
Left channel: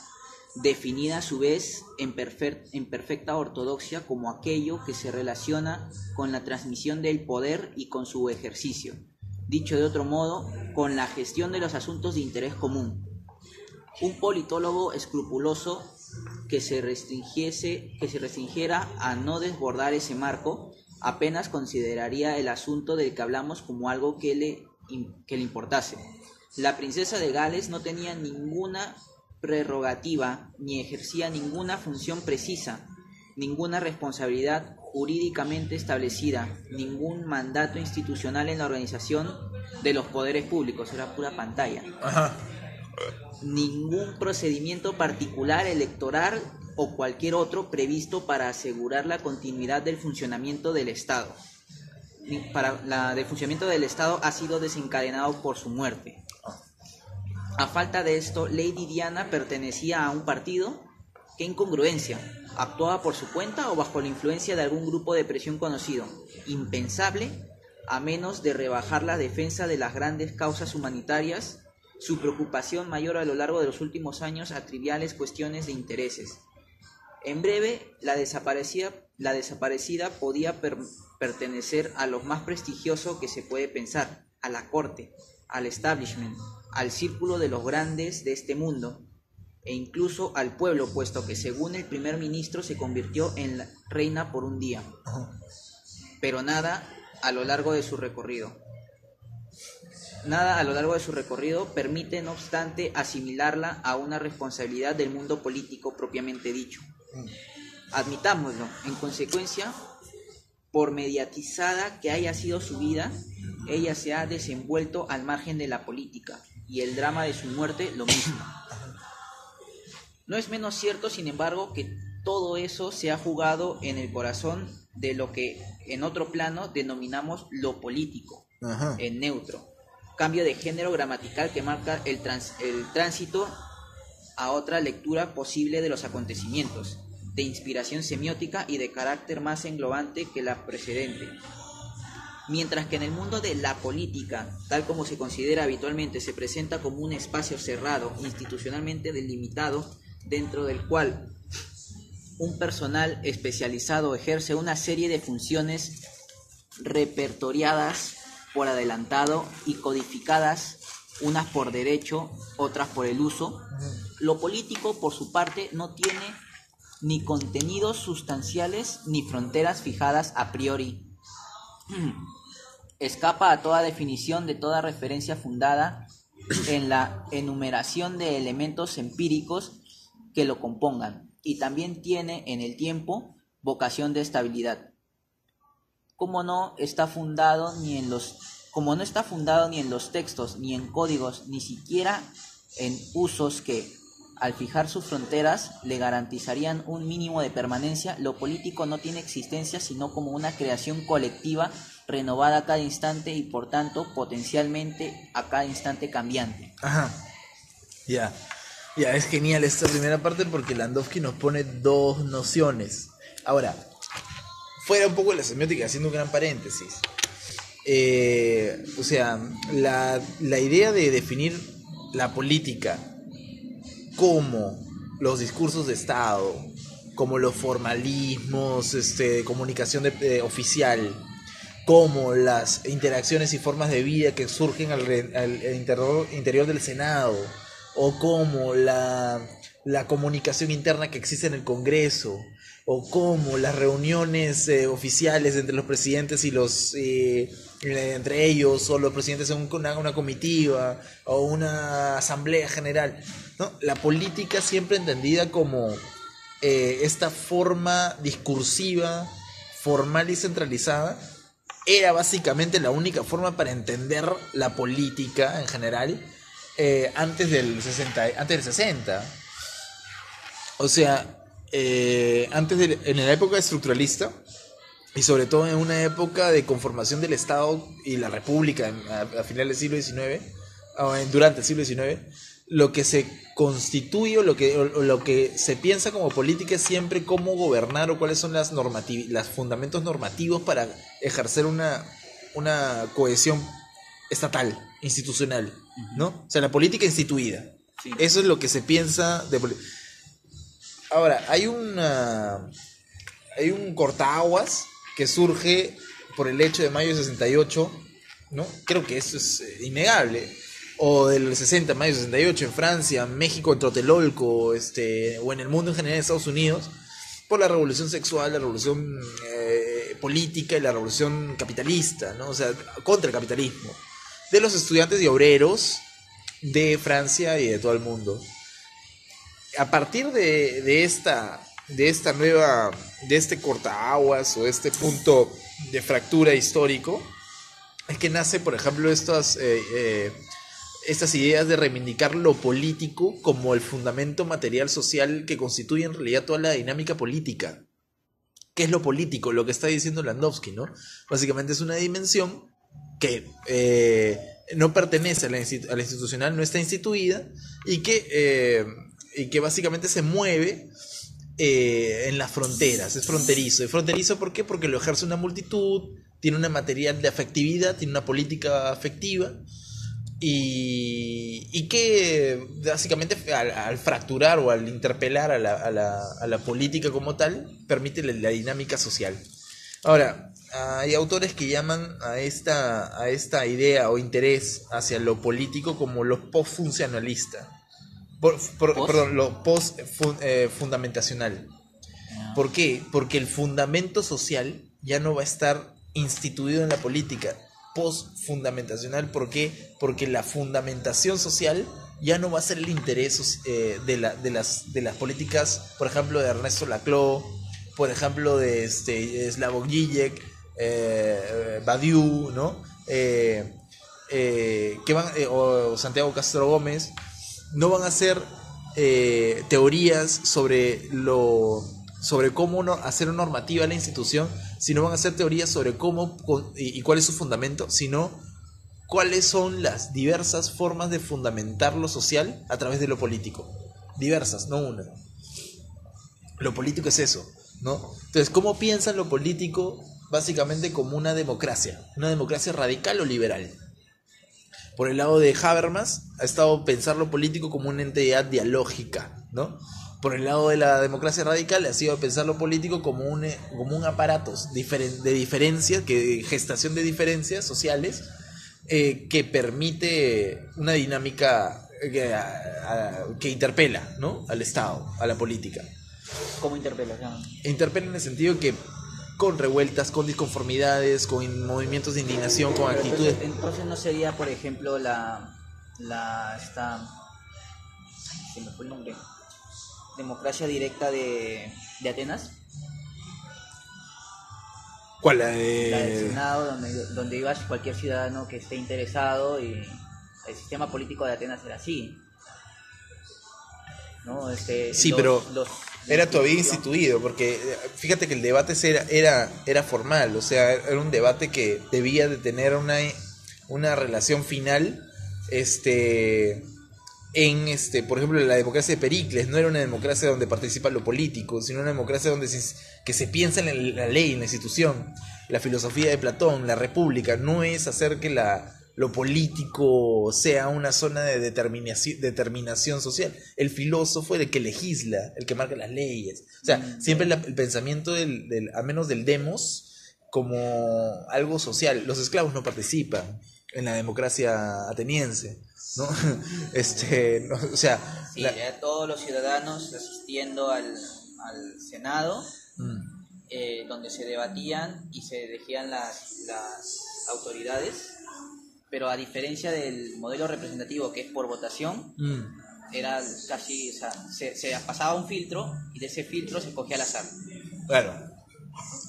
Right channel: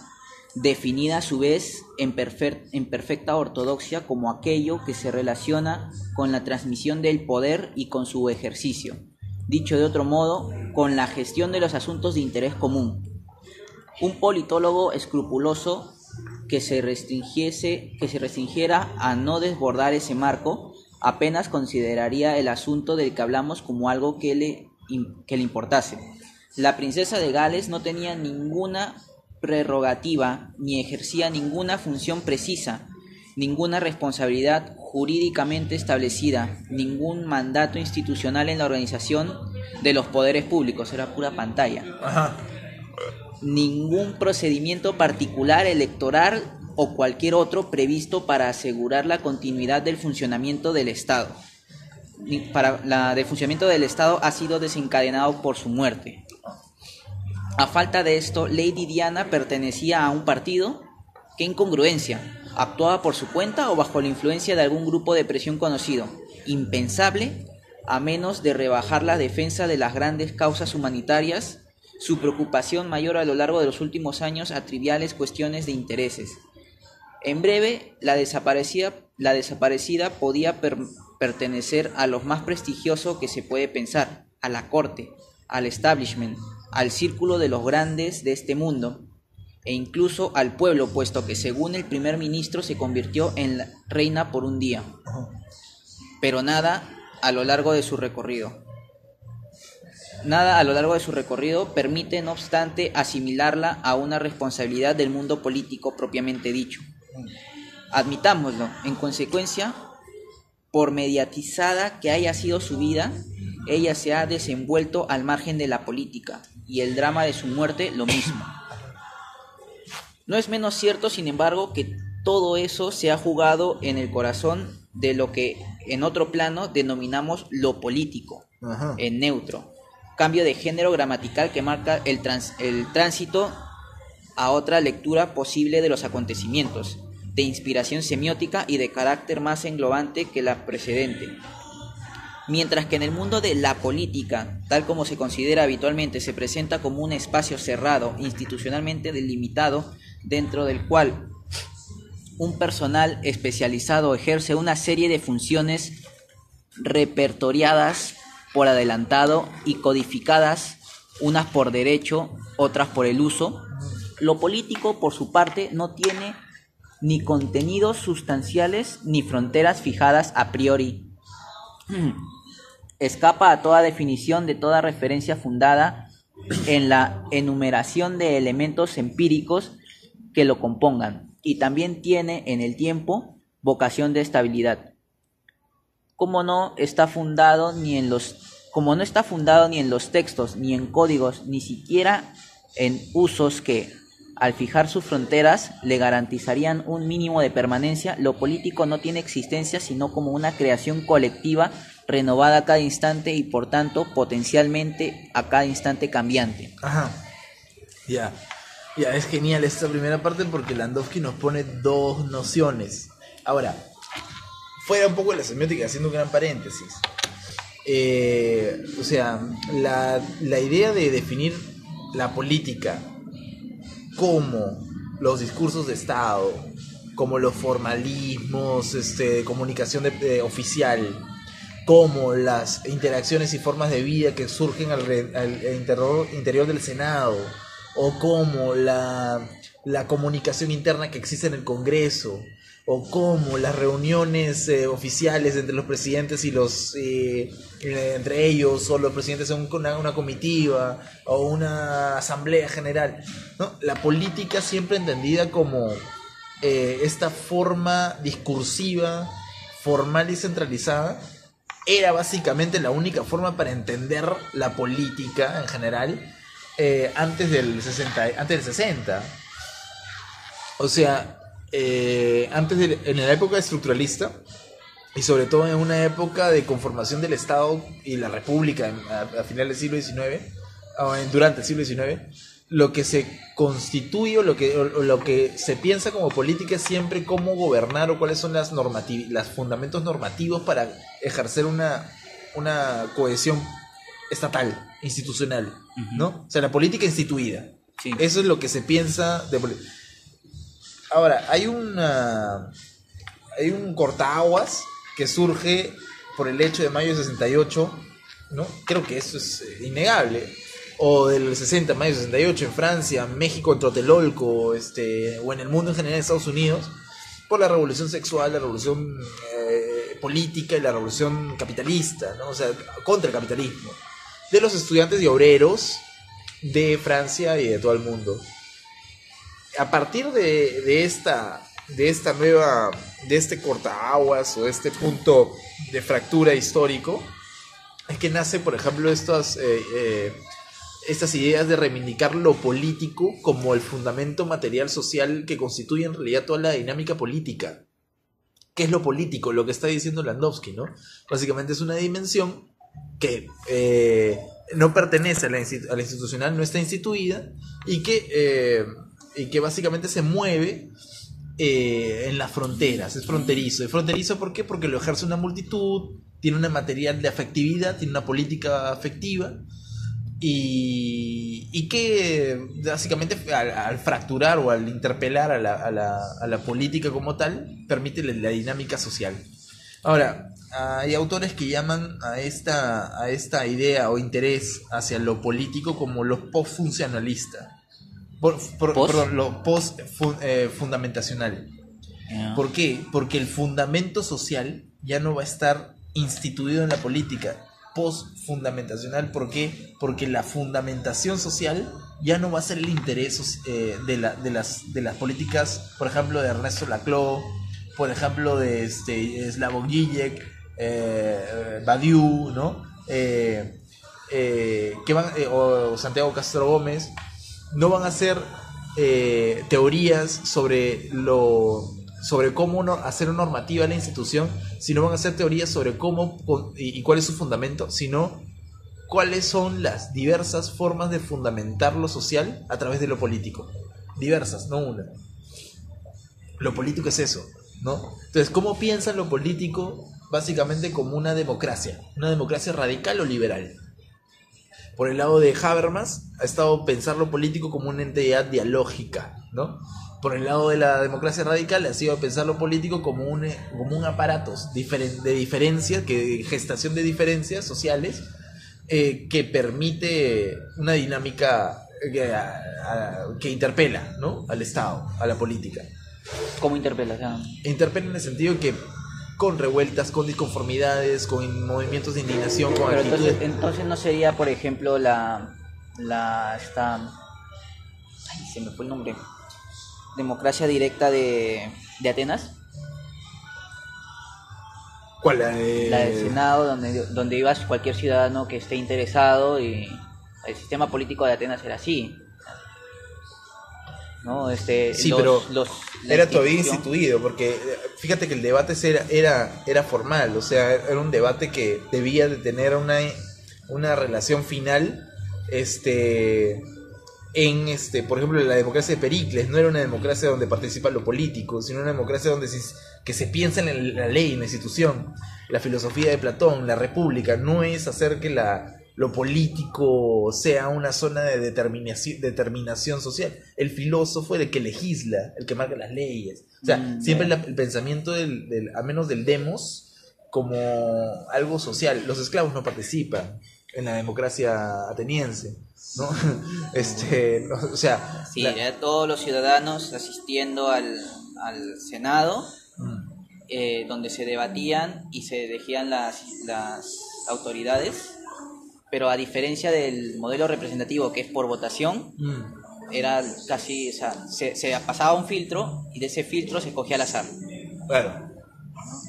definida a su vez en perfecta ortodoxia como aquello que se relaciona con la transmisión del poder y con su ejercicio. Dicho de otro modo, con la gestión de los asuntos de interés común. Un politólogo escrupuloso que se restringiera a no desbordar ese marco, apenas consideraría el asunto del que hablamos como algo que le importase. La princesa de Gales no tenía ninguna prerrogativa ni ejercía ninguna función precisa, ninguna responsabilidad jurídicamente establecida, ningún mandato institucional en la organización de los poderes públicos, era pura pantalla. Ningún procedimiento particular electoral o cualquier otro previsto para asegurar la continuidad del funcionamiento del Estado. Del funcionamiento del Estado ha sido desencadenado por su muerte. A falta de esto, Lady Diana pertenecía a un partido. ¡Qué incongruencia! ¿Actuaba por su cuenta o bajo la influencia de algún grupo de presión conocido? Impensable, a menos de rebajar la defensa de las grandes causas humanitarias, su preocupación mayor a lo largo de los últimos años a triviales cuestiones de intereses. En breve, la desaparecida podía pertenecer a lo más prestigioso que se puede pensar, a la corte, al establishment, al círculo de los grandes de este mundo, e incluso al pueblo, puesto que según el primer ministro se convirtió en la reina por un día. Pero nada a lo largo de su recorrido permite, no obstante, asimilarla a una responsabilidad del mundo político propiamente dicho. Admitámoslo, en consecuencia, por mediatizada que haya sido su vida, ella se ha desenvuelto al margen de la política, y el drama de su muerte lo mismo. No es menos cierto, sin embargo, que todo eso se ha jugado en el corazón de lo que en otro plano denominamos lo político, en neutro, cambio de género gramatical que marca el tránsito a otra lectura posible de los acontecimientos, de inspiración semiótica y de carácter más englobante que la precedente. Mientras que en el mundo de la política, tal como se considera habitualmente, se presenta como un espacio cerrado, institucionalmente delimitado, dentro del cual un personal especializado ejerce una serie de funciones repertoriadas por adelantado y codificadas, unas por derecho, otras por el uso. Lo político, por su parte, no tiene ni contenidos sustanciales ni fronteras fijadas a priori. Escapa a toda definición de toda referencia fundada en la enumeración de elementos empíricos que lo compongan, y también tiene en el tiempo vocación de estabilidad. Como no está fundado ni en los textos, ni en códigos, ni siquiera en usos que, al fijar sus fronteras, le garantizarían un mínimo de permanencia, lo político no tiene existencia sino como una creación colectiva renovada a cada instante y por tanto potencialmente a cada instante cambiante. Ajá. Ya, es genial esta primera parte porque Landowski nos pone dos nociones. Ahora, fuera un poco de la semiótica, haciendo un gran paréntesis. O sea, la idea de definir la política como los discursos de Estado, como los formalismos de comunicación oficial, como las interacciones y formas de vida que surgen al interior del Senado, o como la comunicación interna que existe en el Congreso, o como las reuniones oficiales entre los presidentes y los entre ellos, o los presidentes en una comitiva o una asamblea general, ¿no? La política siempre entendida como esta forma discursiva, formal y centralizada, era básicamente la única forma para entender la política en general antes del 60. O sea, en la época estructuralista, y sobre todo en una época de conformación del Estado y la República a finales del siglo XIX, durante el siglo XIX, lo que se constituye o lo que se piensa como política es siempre cómo gobernar o cuáles son los fundamentos normativos para ejercer una cohesión estatal, institucional, ¿no? O sea, la política instituida. Sí. Eso es lo que se piensa de política. Ahora, hay un cortaaguas que surge por el hecho de mayo de 68, ¿no? Creo que eso es innegable. O del 60, mayo de 68, en Francia, México, en Tlatelolco, o en el mundo en general, en Estados Unidos, por la revolución sexual, la revolución política y la revolución capitalista, ¿no? O sea, contra el capitalismo, de los estudiantes y obreros de Francia y de todo el mundo. A partir de este cortaaguas o este punto de fractura histórico, es que nace, por ejemplo, estas ideas de reivindicar lo político como el fundamento material social que constituye en realidad toda la dinámica política. ¿Qué es lo político? Lo que está diciendo Landowski, ¿no? Básicamente es una dimensión que no pertenece a la institucional, no está instituida y que básicamente se mueve en las fronteras, es fronterizo. ¿Es fronterizo por qué? Porque lo ejerce una multitud, tiene una material de afectividad, tiene una política afectiva y que básicamente al fracturar o al interpelar a la política como tal, permite la dinámica social. Ahora, hay autores que llaman a esta idea o interés hacia lo político como los postfuncionalistas. Perdón, lo post-fundamentacional. ¿Por qué? Porque el fundamento social ya no va a estar instituido en la política. Post-fundamentacional, ¿por qué? Porque la fundamentación social ya no va a ser el interés de las políticas, por ejemplo, de Ernesto Laclau, por ejemplo, de Slavoj Žižek, Badiou, ¿no? O Santiago Castro Gómez. No van a ser teorías sobre cómo hacer normativa a la institución, sino van a ser teorías sobre cómo y cuál es su fundamento, sino cuáles son las diversas formas de fundamentar lo social a través de lo político. diversas, no una. Lo político es eso, ¿no? Entonces, ¿cómo piensan lo político? Básicamente como una democracia radical o liberal. Por el lado de Habermas, ha estado pensar lo político como una entidad dialógica, ¿no? Por el lado de la democracia radical, ha sido pensar lo político como un aparato de diferencias, gestación de diferencias sociales, que permite una dinámica que interpela, ¿no? Al Estado, a la política. ¿Cómo interpelas? Interpela en el sentido que con revueltas, con disconformidades, con movimientos de indignación, con pero actitudes... entonces no sería, por ejemplo, esta... Ay, se me fue el nombre. Democracia directa de Atenas. ¿Cuál? La del Senado, donde iba cualquier ciudadano que esté interesado, y el sistema político de Atenas era así, ¿no? Sí, pero era todavía instituido, porque fíjate que el debate era formal, o sea, era un debate que debía de tener una relación final, por ejemplo, la democracia de Pericles no era una democracia donde participa lo político, sino una democracia donde que se piensa en la ley, en la institución. La filosofía de Platón, la república, no es hacer que lo político sea una zona de determinación social. El filósofo es el que legisla, el que marca las leyes. O sea, siempre el pensamiento al menos del demos, como algo social. Los esclavos no participan en la democracia ateniense, ¿no? O sea... Sí, todos los ciudadanos asistiendo al Senado, donde se debatían y se elegían las autoridades, pero a diferencia del modelo representativo, que es por votación, era casi, o sea, se pasaba un filtro y de ese filtro se cogía al azar. Claro.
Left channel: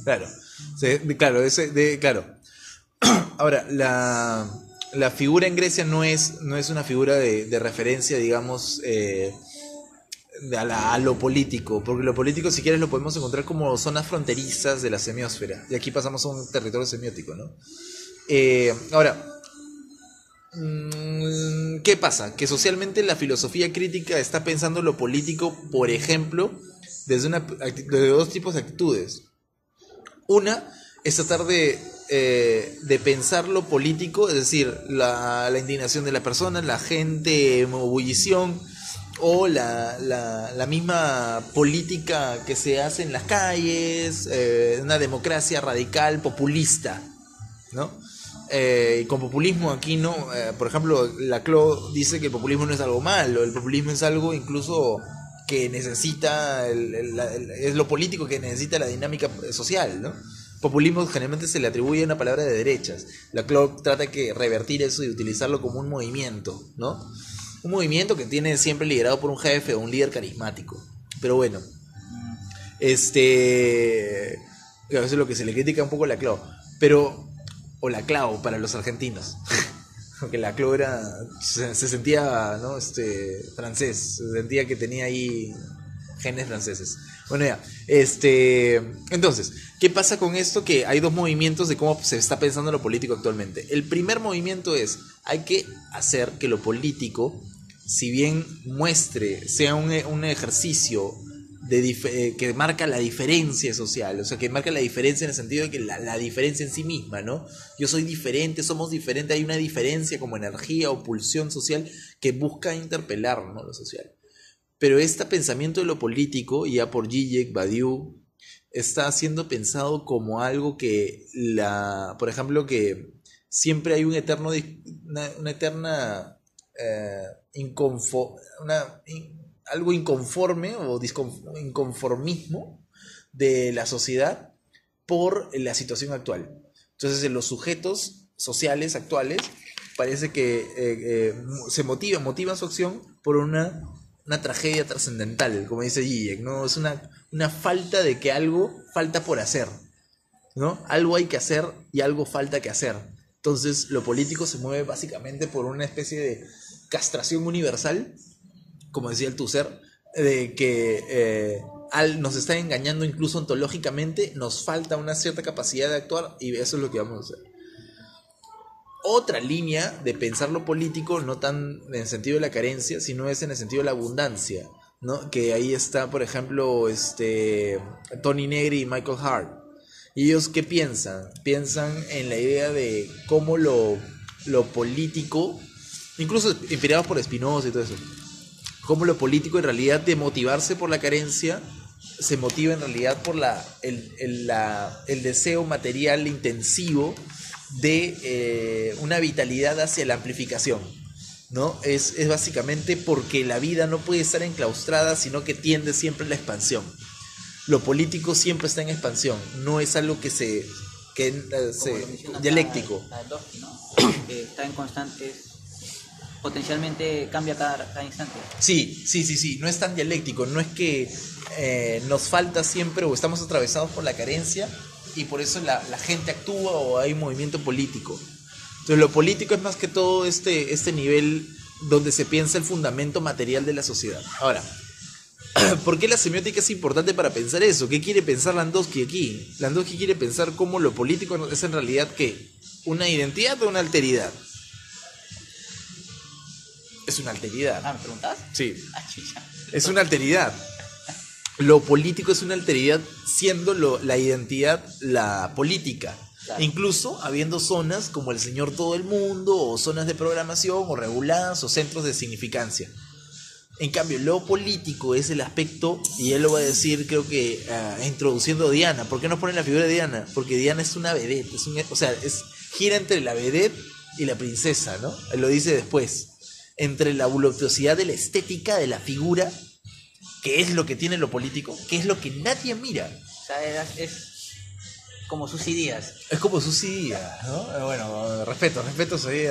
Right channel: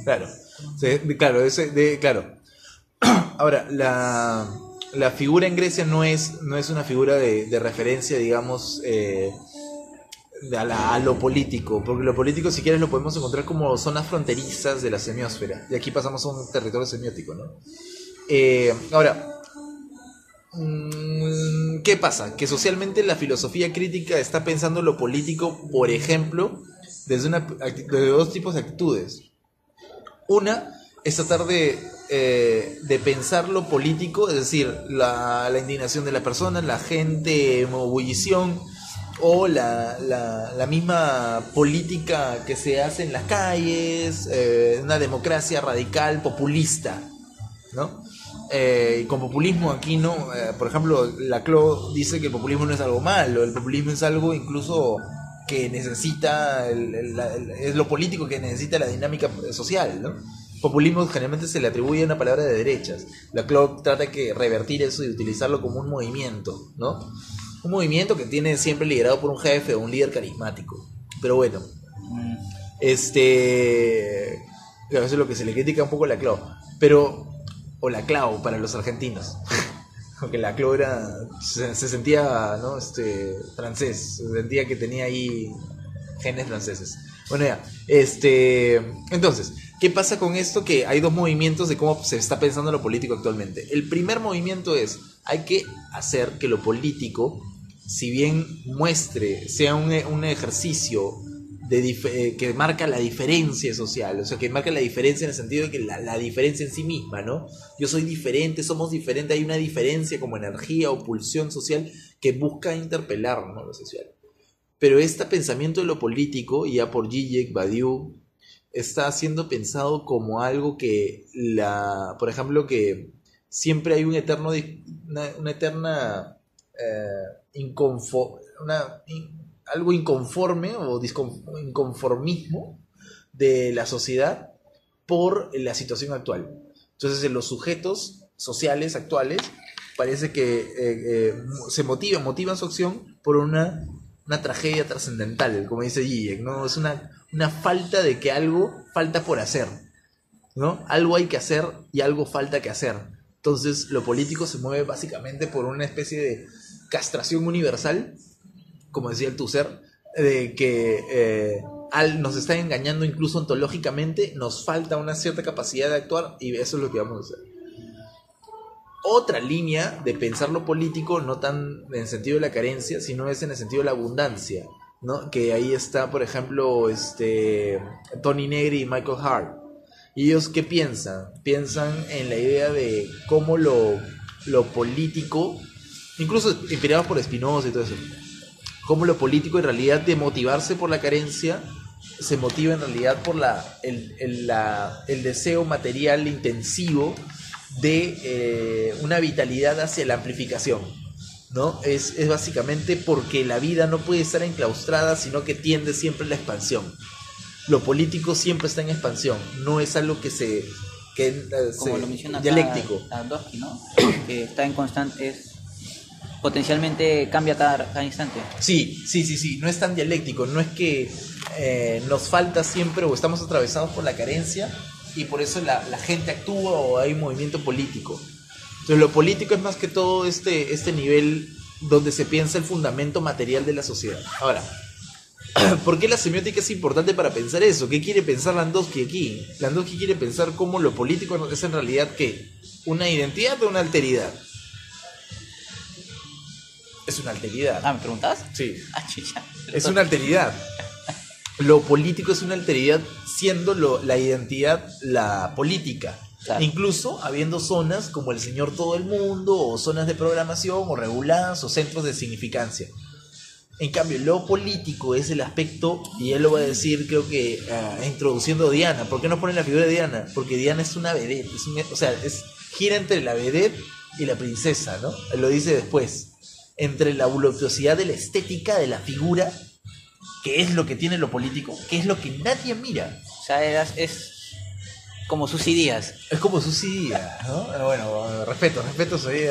Claro. Ahora, la figura en Grecia no es una figura de referencia, digamos, a lo político, porque lo político, si quieres, lo podemos encontrar como zonas fronterizas de la semiósfera, y aquí pasamos a un territorio semiótico, ¿no? Ahora, ¿qué pasa? Que socialmente la filosofía crítica está pensando lo político, por ejemplo, desde dos tipos de actitudes. Una es tratar de pensar lo político, es decir, la indignación de la persona, la gente en ebullición, o la misma política que se hace en las calles, una democracia radical, populista, ¿no? Y con populismo aquí no, por ejemplo, Laclau dice que el populismo no es algo malo, el populismo es algo incluso que necesita, es lo político que necesita la dinámica social, ¿no? Populismo generalmente se le atribuye una palabra de derechas. Laclau trata de revertir eso y utilizarlo como un movimiento, ¿no? Un movimiento que tiene siempre liderado por un jefe o un líder carismático. Pero bueno, claro, eso es lo que se le critica un poco a Laclau. O Laclau para los argentinos. Porque Laclau se sentía, ¿no? Francés, se sentía que tenía ahí genes franceses. Bueno, ya, entonces, ¿qué pasa con esto? Que hay dos movimientos de cómo se está pensando lo político actualmente. El primer movimiento hay que hacer que lo político, si bien sea un ejercicio que marca la diferencia social, o sea, que marca la diferencia en el sentido de que la diferencia en sí misma, ¿no? Yo soy diferente, somos diferentes, hay una diferencia como energía o pulsión social que busca interpelar, ¿no?, lo social. Pero este pensamiento de lo político, ya por Zizek, Badiou, está siendo pensado como algo que, por ejemplo, que siempre hay algo inconforme o inconformismo de la sociedad por la situación actual. Entonces, en los sujetos sociales actuales parece que motivan su acción por una tragedia trascendental, como dice Zizek, ¿no? Es una falta de que algo falta por hacer, ¿no? Algo hay que hacer y algo falta que hacer. Entonces, lo político se mueve básicamente por una especie de castración universal, como decía el Tusser, de que nos están engañando incluso ontológicamente, nos falta una cierta capacidad de actuar y eso es lo que vamos a hacer. Otra línea de pensar lo político, no tan en el sentido de la carencia, sino es en el sentido de la abundancia. ¿no? Que ahí está, por ejemplo, Tony Negri y Michael Hart. ¿Y ellos qué piensan? Piensan en la idea de cómo lo político, incluso inspirados por Spinoza y todo eso, cómo lo político en realidad de motivarse por la carencia se motiva en realidad por el deseo material intensivo de una vitalidad hacia la amplificación, ¿no? Es básicamente porque la vida no puede estar enclaustrada, sino que tiende siempre a la expansión. Lo político siempre está en expansión, no es algo que Como lo menciona dialéctico. Tarkovsky, ¿no? Que está en constante, potencialmente cambia cada instante. Sí, no es tan dialéctico, no es que nos falta siempre o estamos atravesados por la carencia y por eso la gente actúa o hay movimiento político. Entonces lo político es más que todo este nivel donde se piensa el fundamento material de la sociedad. Ahora, ¿por qué la semiótica es importante para pensar eso? ¿Qué quiere pensar Landowski aquí? Landowski quiere pensar cómo lo político es en realidad ¿qué? ¿Una identidad o una alteridad? Es una alteridad. ¿Me preguntas? Sí. Chucha. Es una alteridad. Lo político es una alteridad siendo la identidad la política. Claro. Incluso habiendo zonas como el Señor Todo el Mundo, o zonas de programación, o reguladas, o centros de significancia. En cambio, lo político es el aspecto, y él lo va a decir, creo que introduciendo a Diana. ¿Por qué no ponen la figura de Diana? Porque Diana es una vedette, gira entre la vedette y la princesa, ¿no? Él lo dice después. Entre la voluptuosidad de la estética, de la figura, que es lo que tiene lo político, que es lo que nadie mira. O sea, es como Susy Díaz. Es como Susy Díaz, ¿no? Bueno, respeto Susy.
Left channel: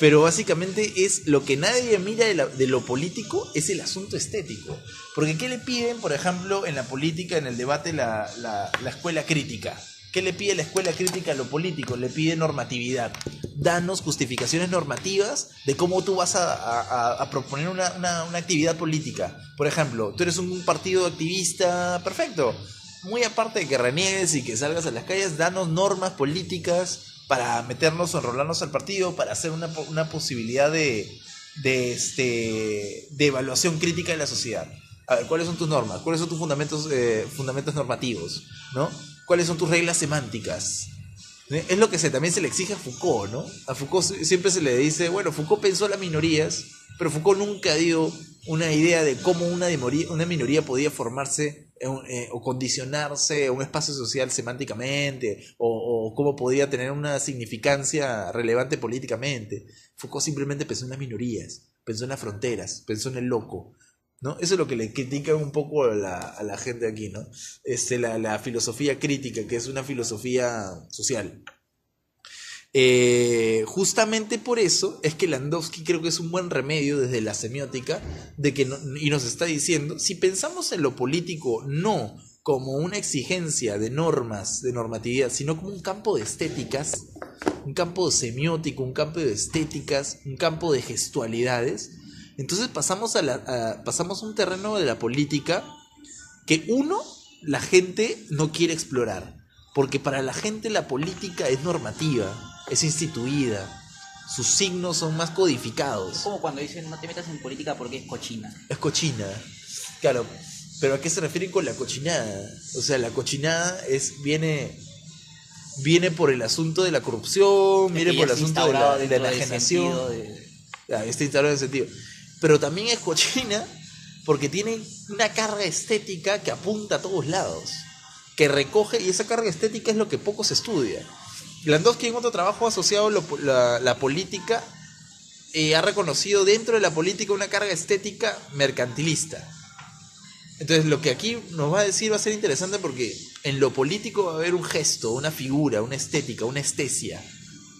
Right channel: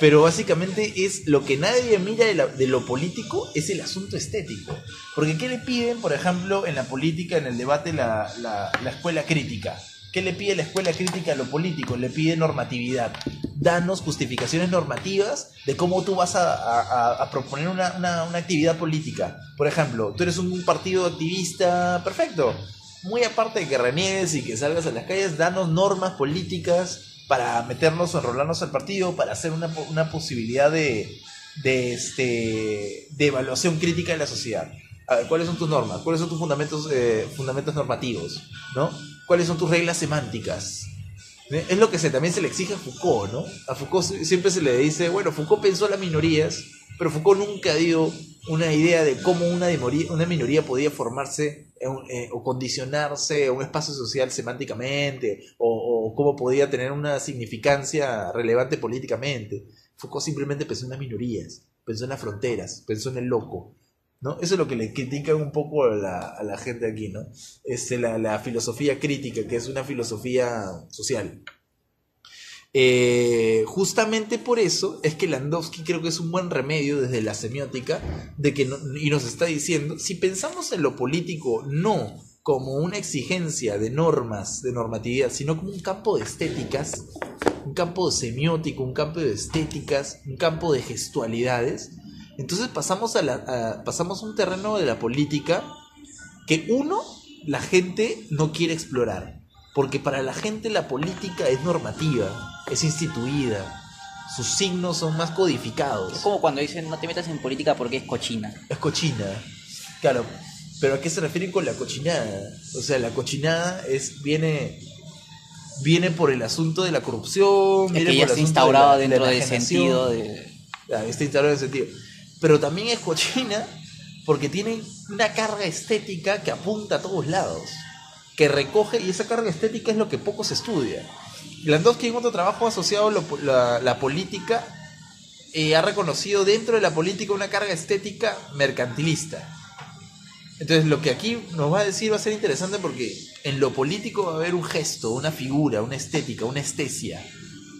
Pero básicamente es lo que nadie mira de lo político, es el asunto estético. Porque ¿qué le piden, por ejemplo, en la política, en el debate, la escuela crítica? ¿Qué le pide la escuela crítica a lo político? Le pide normatividad. Danos justificaciones normativas de cómo tú vas a proponer una actividad política. Por ejemplo, tú eres un partido activista, perfecto. Muy aparte de que reniegues y que salgas a las calles, danos normas políticas para meternos o enrolarnos al partido, para hacer una posibilidad de evaluación crítica de la sociedad. A ver, ¿cuáles son tus normas? ¿Cuáles son tus fundamentos normativos? ¿No? ¿Cuáles son tus reglas semánticas? Es lo que también se le exige a Foucault, ¿no? A Foucault siempre se le dice, bueno, Foucault pensó las minorías, pero Foucault nunca dio una idea de cómo una minoría podía formarse o condicionarse a un espacio social semánticamente, o cómo podía tener una significancia relevante políticamente. Foucault simplemente pensó en las minorías, pensó en las fronteras, pensó en el loco, ¿no? Eso es lo que le critican un poco a la gente aquí, ¿no? La filosofía crítica, que es una filosofía social. Justamente por eso es que Landowski creo que es un buen remedio desde la semiótica y nos está diciendo, si pensamos en lo político no como una exigencia de normas, de normatividad, sino como un campo de estéticas, un campo semiótico, un campo de estéticas, un campo de gestualidades, entonces pasamos a un terreno de la política que la gente no quiere explorar, porque para la gente la política es normativa, es instituida, sus signos son más codificados. Es como cuando dicen no te metas en política porque es cochina. Es cochina, claro, pero ¿a qué se refiere con la cochinada? O sea, la cochinada viene por el asunto de la corrupción, viene por el asunto instaurado de dentro la del sentido de... Está instaurado en ese sentido. Pero también es cochina porque tiene una carga estética que apunta a todos lados, que recoge, y esa carga estética es lo que poco se estudia. Landowski en otro trabajo asociado a la política ha reconocido dentro de la política una carga estética mercantilista. Entonces lo que aquí nos va a decir va a ser interesante porque en lo político va a haber un gesto, una figura, una estética, una estesia,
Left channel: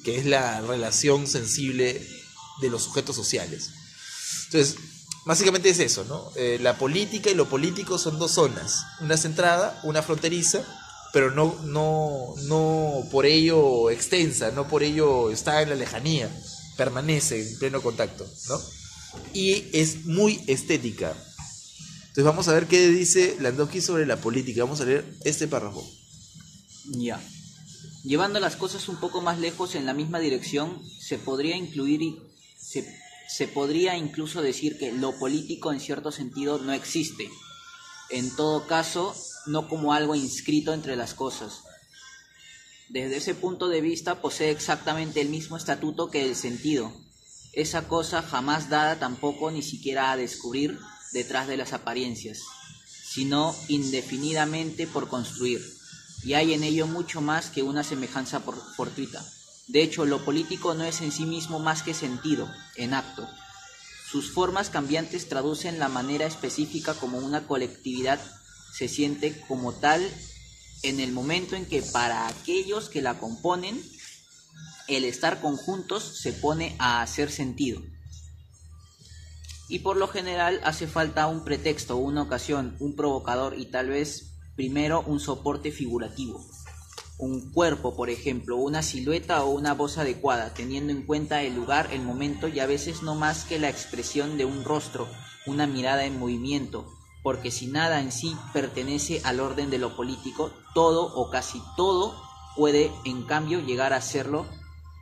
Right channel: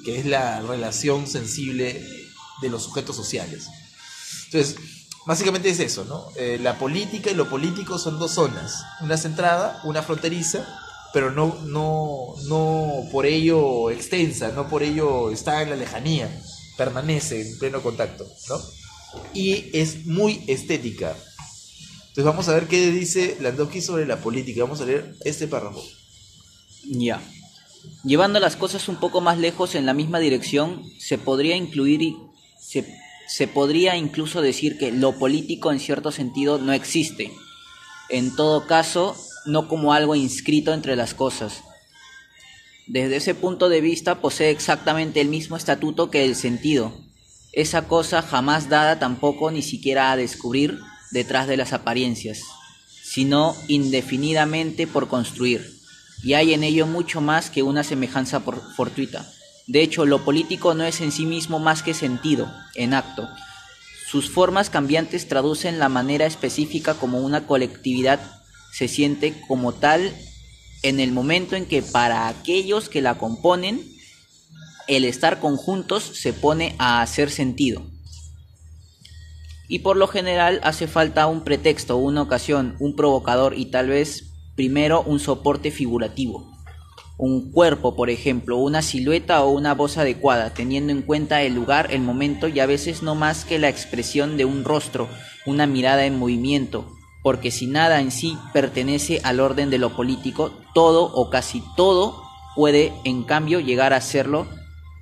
que es la relación sensible de los sujetos sociales. Entonces, básicamente es eso, ¿no? La política y lo político son dos zonas, una centrada, una fronteriza, pero no por ello extensa, no por ello está en la lejanía, permanece en pleno contacto, ¿no? Y es muy estética. Entonces vamos a ver qué dice Landowski sobre la política. Vamos a leer este párrafo. Ya. Llevando las cosas un poco más lejos en la misma dirección, se podría incluir se podría incluso decir que lo político en cierto sentido no existe. En todo caso, no como algo inscrito entre las cosas. Desde ese punto de vista posee exactamente el mismo estatuto que el sentido. Esa cosa jamás dada tampoco ni siquiera a descubrir detrás de las apariencias, sino indefinidamente por construir. Y hay en ello mucho más que una semejanza fortuita. De hecho, lo político no es en sí mismo más que sentido, en acto. Sus formas cambiantes traducen la manera específica como una colectividad se siente como tal en el momento en que para aquellos que la componen, el estar conjuntos se pone a hacer sentido. Y por lo general hace falta un pretexto, una ocasión, un provocador y tal vez primero un soporte figurativo. Un cuerpo, por ejemplo, una silueta o una voz adecuada, teniendo en cuenta el lugar, el momento y a veces no más que la expresión de un rostro, una mirada en movimiento, porque si nada en sí pertenece al orden de lo político, todo o casi todo puede en cambio llegar a serlo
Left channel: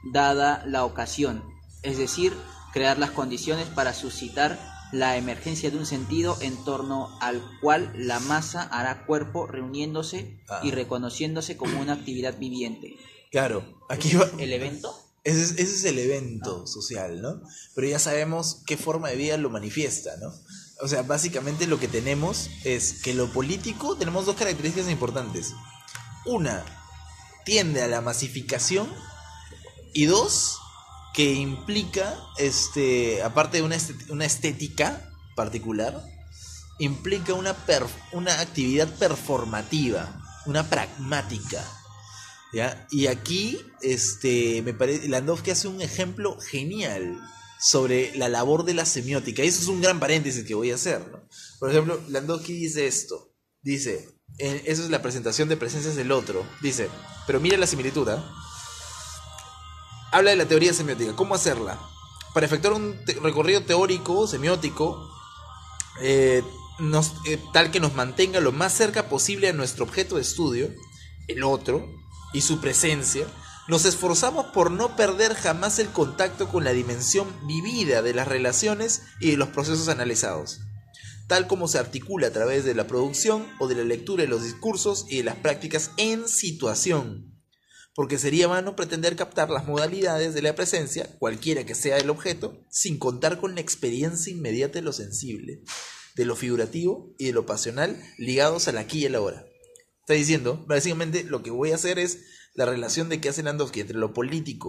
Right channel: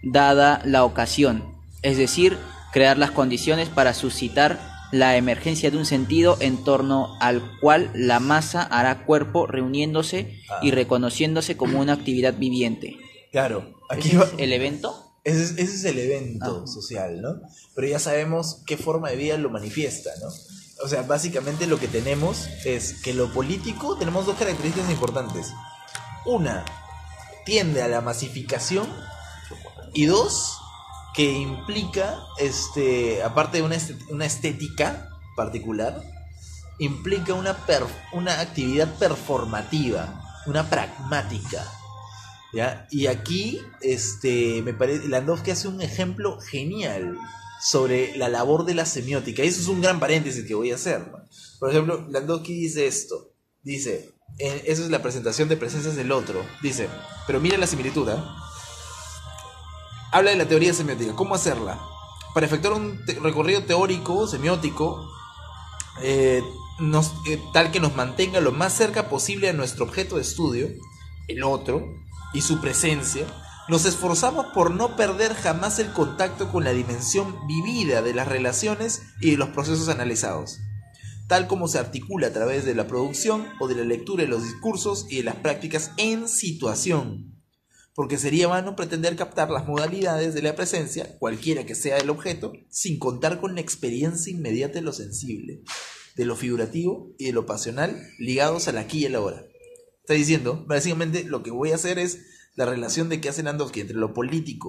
dada la ocasión, es decir, crear las condiciones para suscitar la emergencia de un sentido en torno al cual la masa hará cuerpo reuniéndose y reconociéndose como una actividad viviente. Claro, aquí ¿Ese es el evento? Ese es el evento social, ¿no? Pero ya sabemos qué forma de vida lo manifiesta, ¿no? O sea, básicamente lo que tenemos es que lo político tenemos dos características importantes. Una, tiende a la masificación y dos, que implica, aparte de una estética particular, implica una actividad performativa, una pragmática, ¿ya? Y aquí, me parece, Landowski hace un ejemplo genial sobre la labor de la semiótica. Y eso es un gran paréntesis que voy a hacer, ¿no? Por ejemplo, Landowski dice esto, dice, eso es la presentación de presencias del otro, dice, pero mira la similitud, ¿eh? Habla de la teoría semiótica, ¿cómo hacerla? Para efectuar un recorrido teórico, semiótico, tal que nos mantenga lo más cerca posible a nuestro objeto de estudio, el otro, y su presencia, nos esforzamos por no perder jamás el contacto con la dimensión vivida de las relaciones y de los procesos analizados, tal como se articula a través de la producción o de la lectura de los discursos y de las prácticas en situación. Porque sería vano pretender captar las modalidades de la presencia, cualquiera que sea el objeto, sin contar con la experiencia inmediata de lo sensible, de lo figurativo y de lo pasional ligados al aquí y el ahora. Está diciendo, básicamente lo que voy a hacer es la relación de que hace Landowski entre la política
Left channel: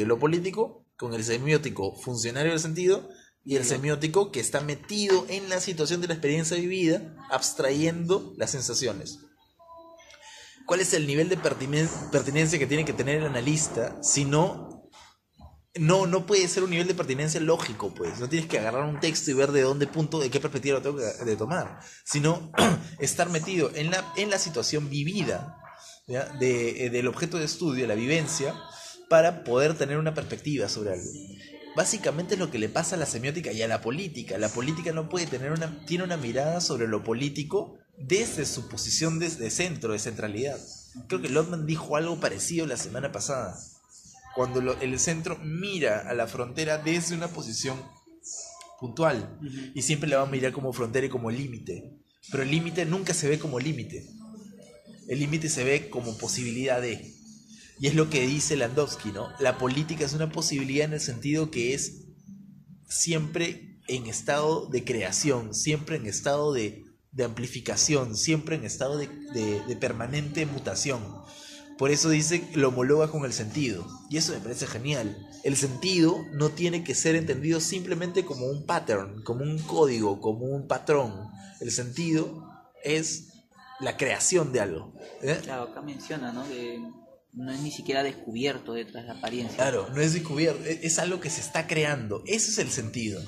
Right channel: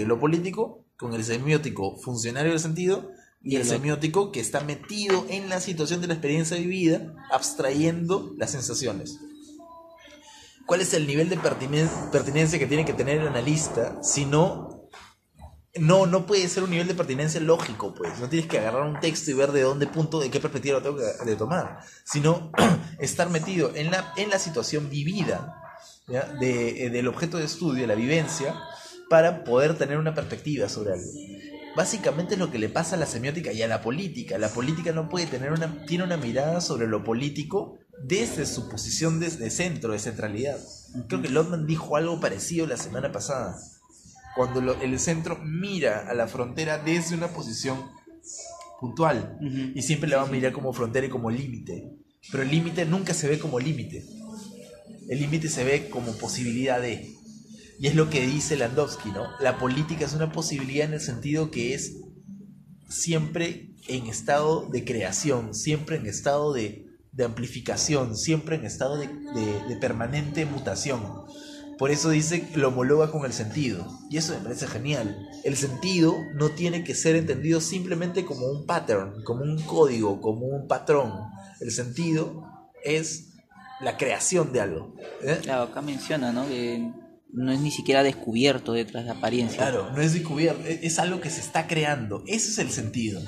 y lo político, con el semiótico funcionario del sentido y el semiótico que está metido en la situación de la experiencia vivida, abstrayendo las sensaciones. ¿Cuál es el nivel de pertinencia que tiene que tener el analista? Si no puede ser un nivel de pertinencia lógico, pues. No tienes que agarrar un texto y ver de qué perspectiva lo tengo que tomar. Sino estar metido en la situación vivida, ¿ya? Del objeto de estudio, la vivencia, para poder tener una perspectiva sobre algo. Básicamente es lo que le pasa a la semiótica y a la política. La política no puede tiene una mirada sobre lo político desde su posición de centro, de centralidad. Creo que Lotman dijo algo parecido la semana pasada. Cuando el centro mira a la frontera desde una posición puntual, y siempre la va a mirar como frontera y como límite. Pero el límite nunca se ve como límite. El límite se ve como posibilidad de... Y es lo que dice Landowski, ¿no? La política es una posibilidad en el sentido que es siempre en estado de creación, siempre en estado de amplificación, siempre en estado de permanente mutación. Por eso dice que lo homologa con el sentido. Y eso me parece genial. El sentido no tiene que ser entendido simplemente como un pattern, como un código, como un patrón. El sentido es la creación de algo. Claro, acá menciona, ¿no? Que no es ni siquiera descubierto detrás de la apariencia. Claro, no es descubierto, es algo que se está creando. Ese es el sentido.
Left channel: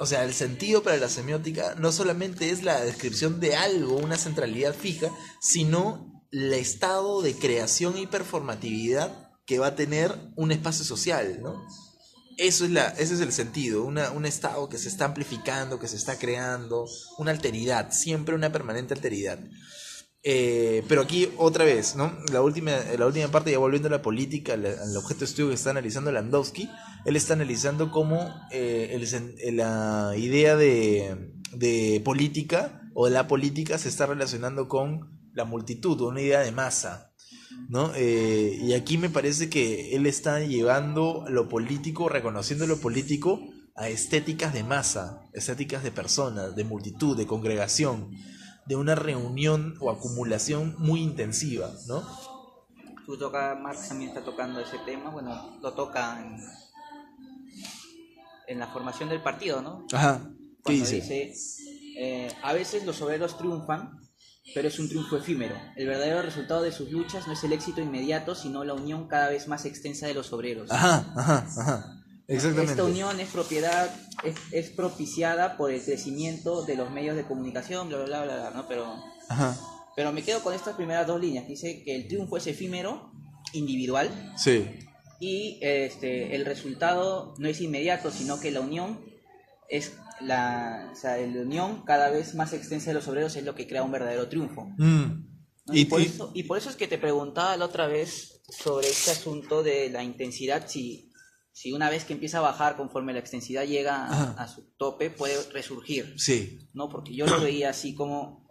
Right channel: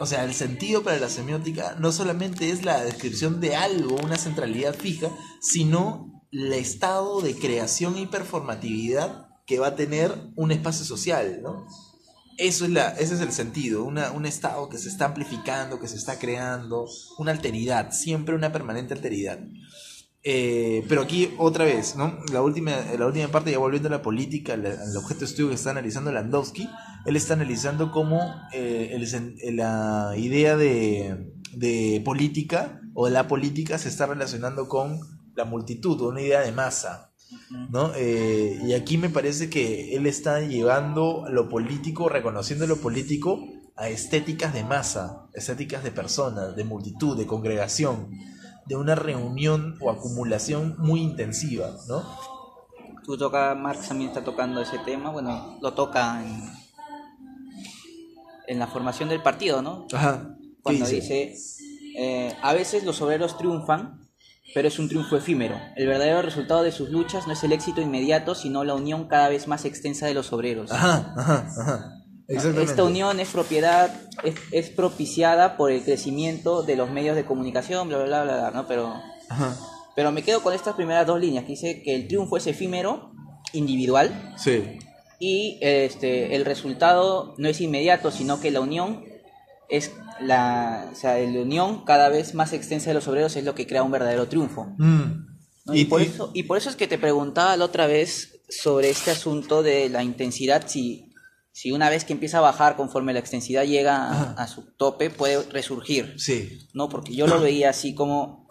O sea, el sentido para la semiótica no solamente es la descripción de algo, una centralidad fija, sino el estado de creación y performatividad que va a tener un espacio social, ¿no? Ese es el sentido, un estado que se está amplificando, que se está creando, una alteridad, siempre una permanente alteridad. Pero aquí otra vez, ¿no? La última parte, ya volviendo a la política, al objeto de estudio que está analizando Landowski, él está analizando cómo la idea de política o de la política se está relacionando con la multitud, una idea de masa, ¿no? Y aquí me parece que él está llevando lo político, reconociendo lo político a estéticas de masa, estéticas de personas, de multitud, de congregación, de una reunión o acumulación muy intensiva, ¿no? Marx también está tocando ese tema, bueno, lo toca en la formación del partido, ¿no? Ajá. ¿Qué Cuando dice? dice, a veces los obreros triunfan, pero es un triunfo efímero. El verdadero resultado de sus luchas no es el éxito inmediato, sino la unión cada vez más extensa de los obreros. Ajá. Exactamente. Esta unión es propiciada por el crecimiento de los medios de comunicación, bla, bla, bla, bla, ¿no? Pero me quedo con estas primeras dos líneas, que dice que el triunfo es efímero, individual, sí, y el resultado no es inmediato, sino que la unión la unión cada vez más extensa de los obreros es lo que crea un verdadero triunfo. ¿No? Y por eso es que te preguntaba la otra vez sobre este asunto de la intensidad, si una vez que empieza a bajar conforme la extensidad llega a su tope, puede resurgir. Sí. ¿No? Porque yo lo veía así como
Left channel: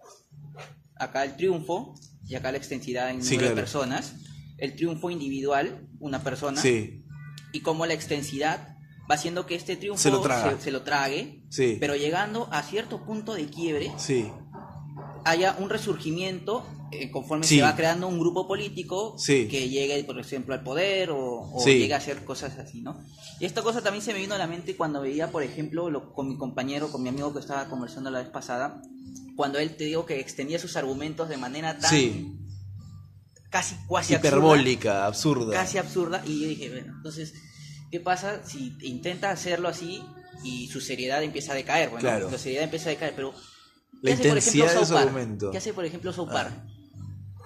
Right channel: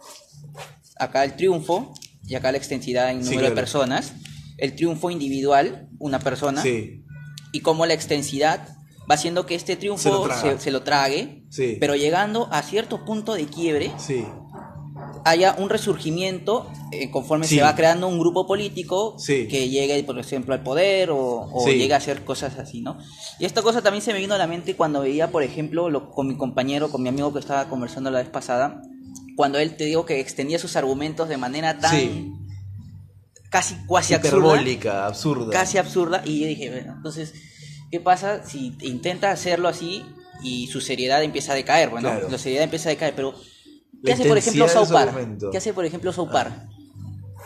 acá el triunfo y acá la extensidad en número de personas. El triunfo individual, una persona, y como la extensidad va haciendo que este triunfo se lo trague, pero llegando a cierto punto de quiebre, haya un resurgimiento conforme se va creando un grupo político que llegue, por ejemplo, al poder o llegue a hacer cosas así, ¿no? Y esta cosa también se me vino a la mente cuando veía, por ejemplo, con mi compañero, con mi amigo que estaba conversando la vez pasada, cuando él, te digo, que extendía sus argumentos de manera tan cuasi hiperbólica, absurda. Casi absurda, y yo dije, bueno, entonces, ¿qué pasa si intenta hacerlo así y su seriedad empieza a decaer? Bueno, la seriedad empieza a decaer, pero ¿qué hace, por ejemplo, South Park? ¿Qué hace, por ejemplo, South Park?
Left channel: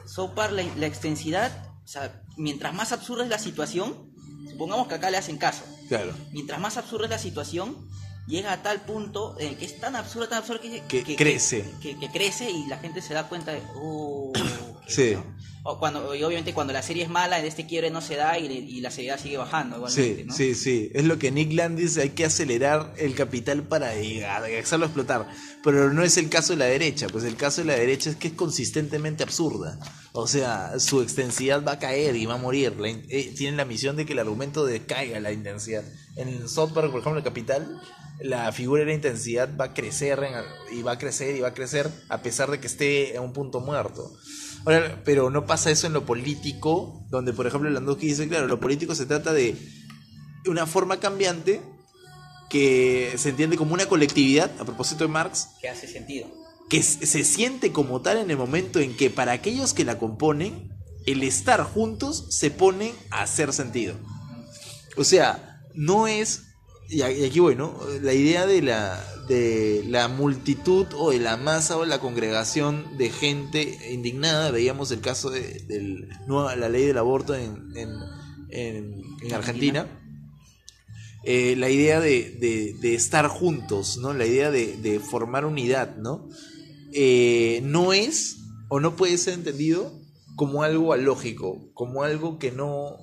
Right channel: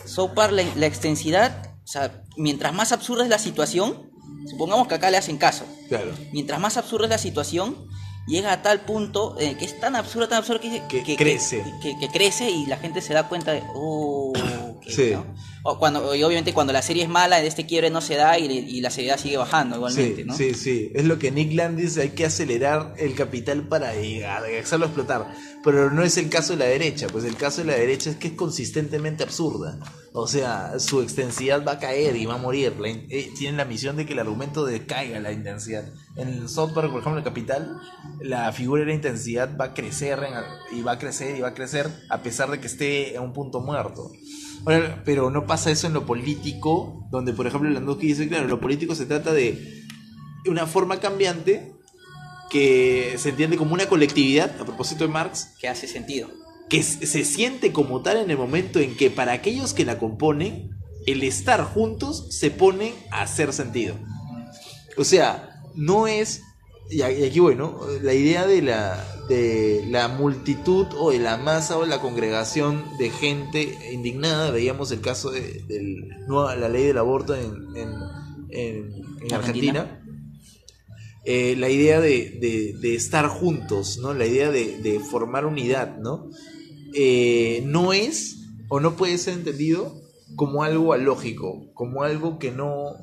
South Park, la extensidad, o sea, mientras más absurda es la situación, supongamos que acá le hacen caso. Claro. Mientras más absurda es la situación, llega a tal punto que es tan absurdo que crece. Que crece y la gente se da cuenta de, ¿no? Y obviamente cuando la serie es mala, este quiebre no se da y la seriedad sigue bajando igualmente, ¿no? Sí. Es lo que Nick Land dice, hay que acelerar el capital para hacerlo explotar. Pero no es el caso de la derecha, pues el caso de la derecha es que es consistentemente absurda. O sea, su extensidad va a caer y va a morir. Tienen la misión de que el argumento decaiga la intensidad. En South Park, por ejemplo, el capital, la figura de la intensidad va a crecer y va a crecer y va a crecer a pesar de que esté en un punto muerto. Ahora, pero no pasa eso en lo político, donde por ejemplo Landowski dice, claro, lo político se trata de una forma cambiante que se entiende como una colectividad, a propósito de Marx, que hace sentido, que se siente como tal en el momento en que para aquellos que la componen, el estar juntos se pone a hacer sentido. O sea, no es, y aquí bueno, la idea de la multitud o de la masa o la congregación de gente indignada. Veíamos el caso de la ley del aborto en Argentina. La idea de estar juntos, ¿no? La idea de formar unidad, ¿no? No es o no puede ser entendido como algo alógico, como algo que no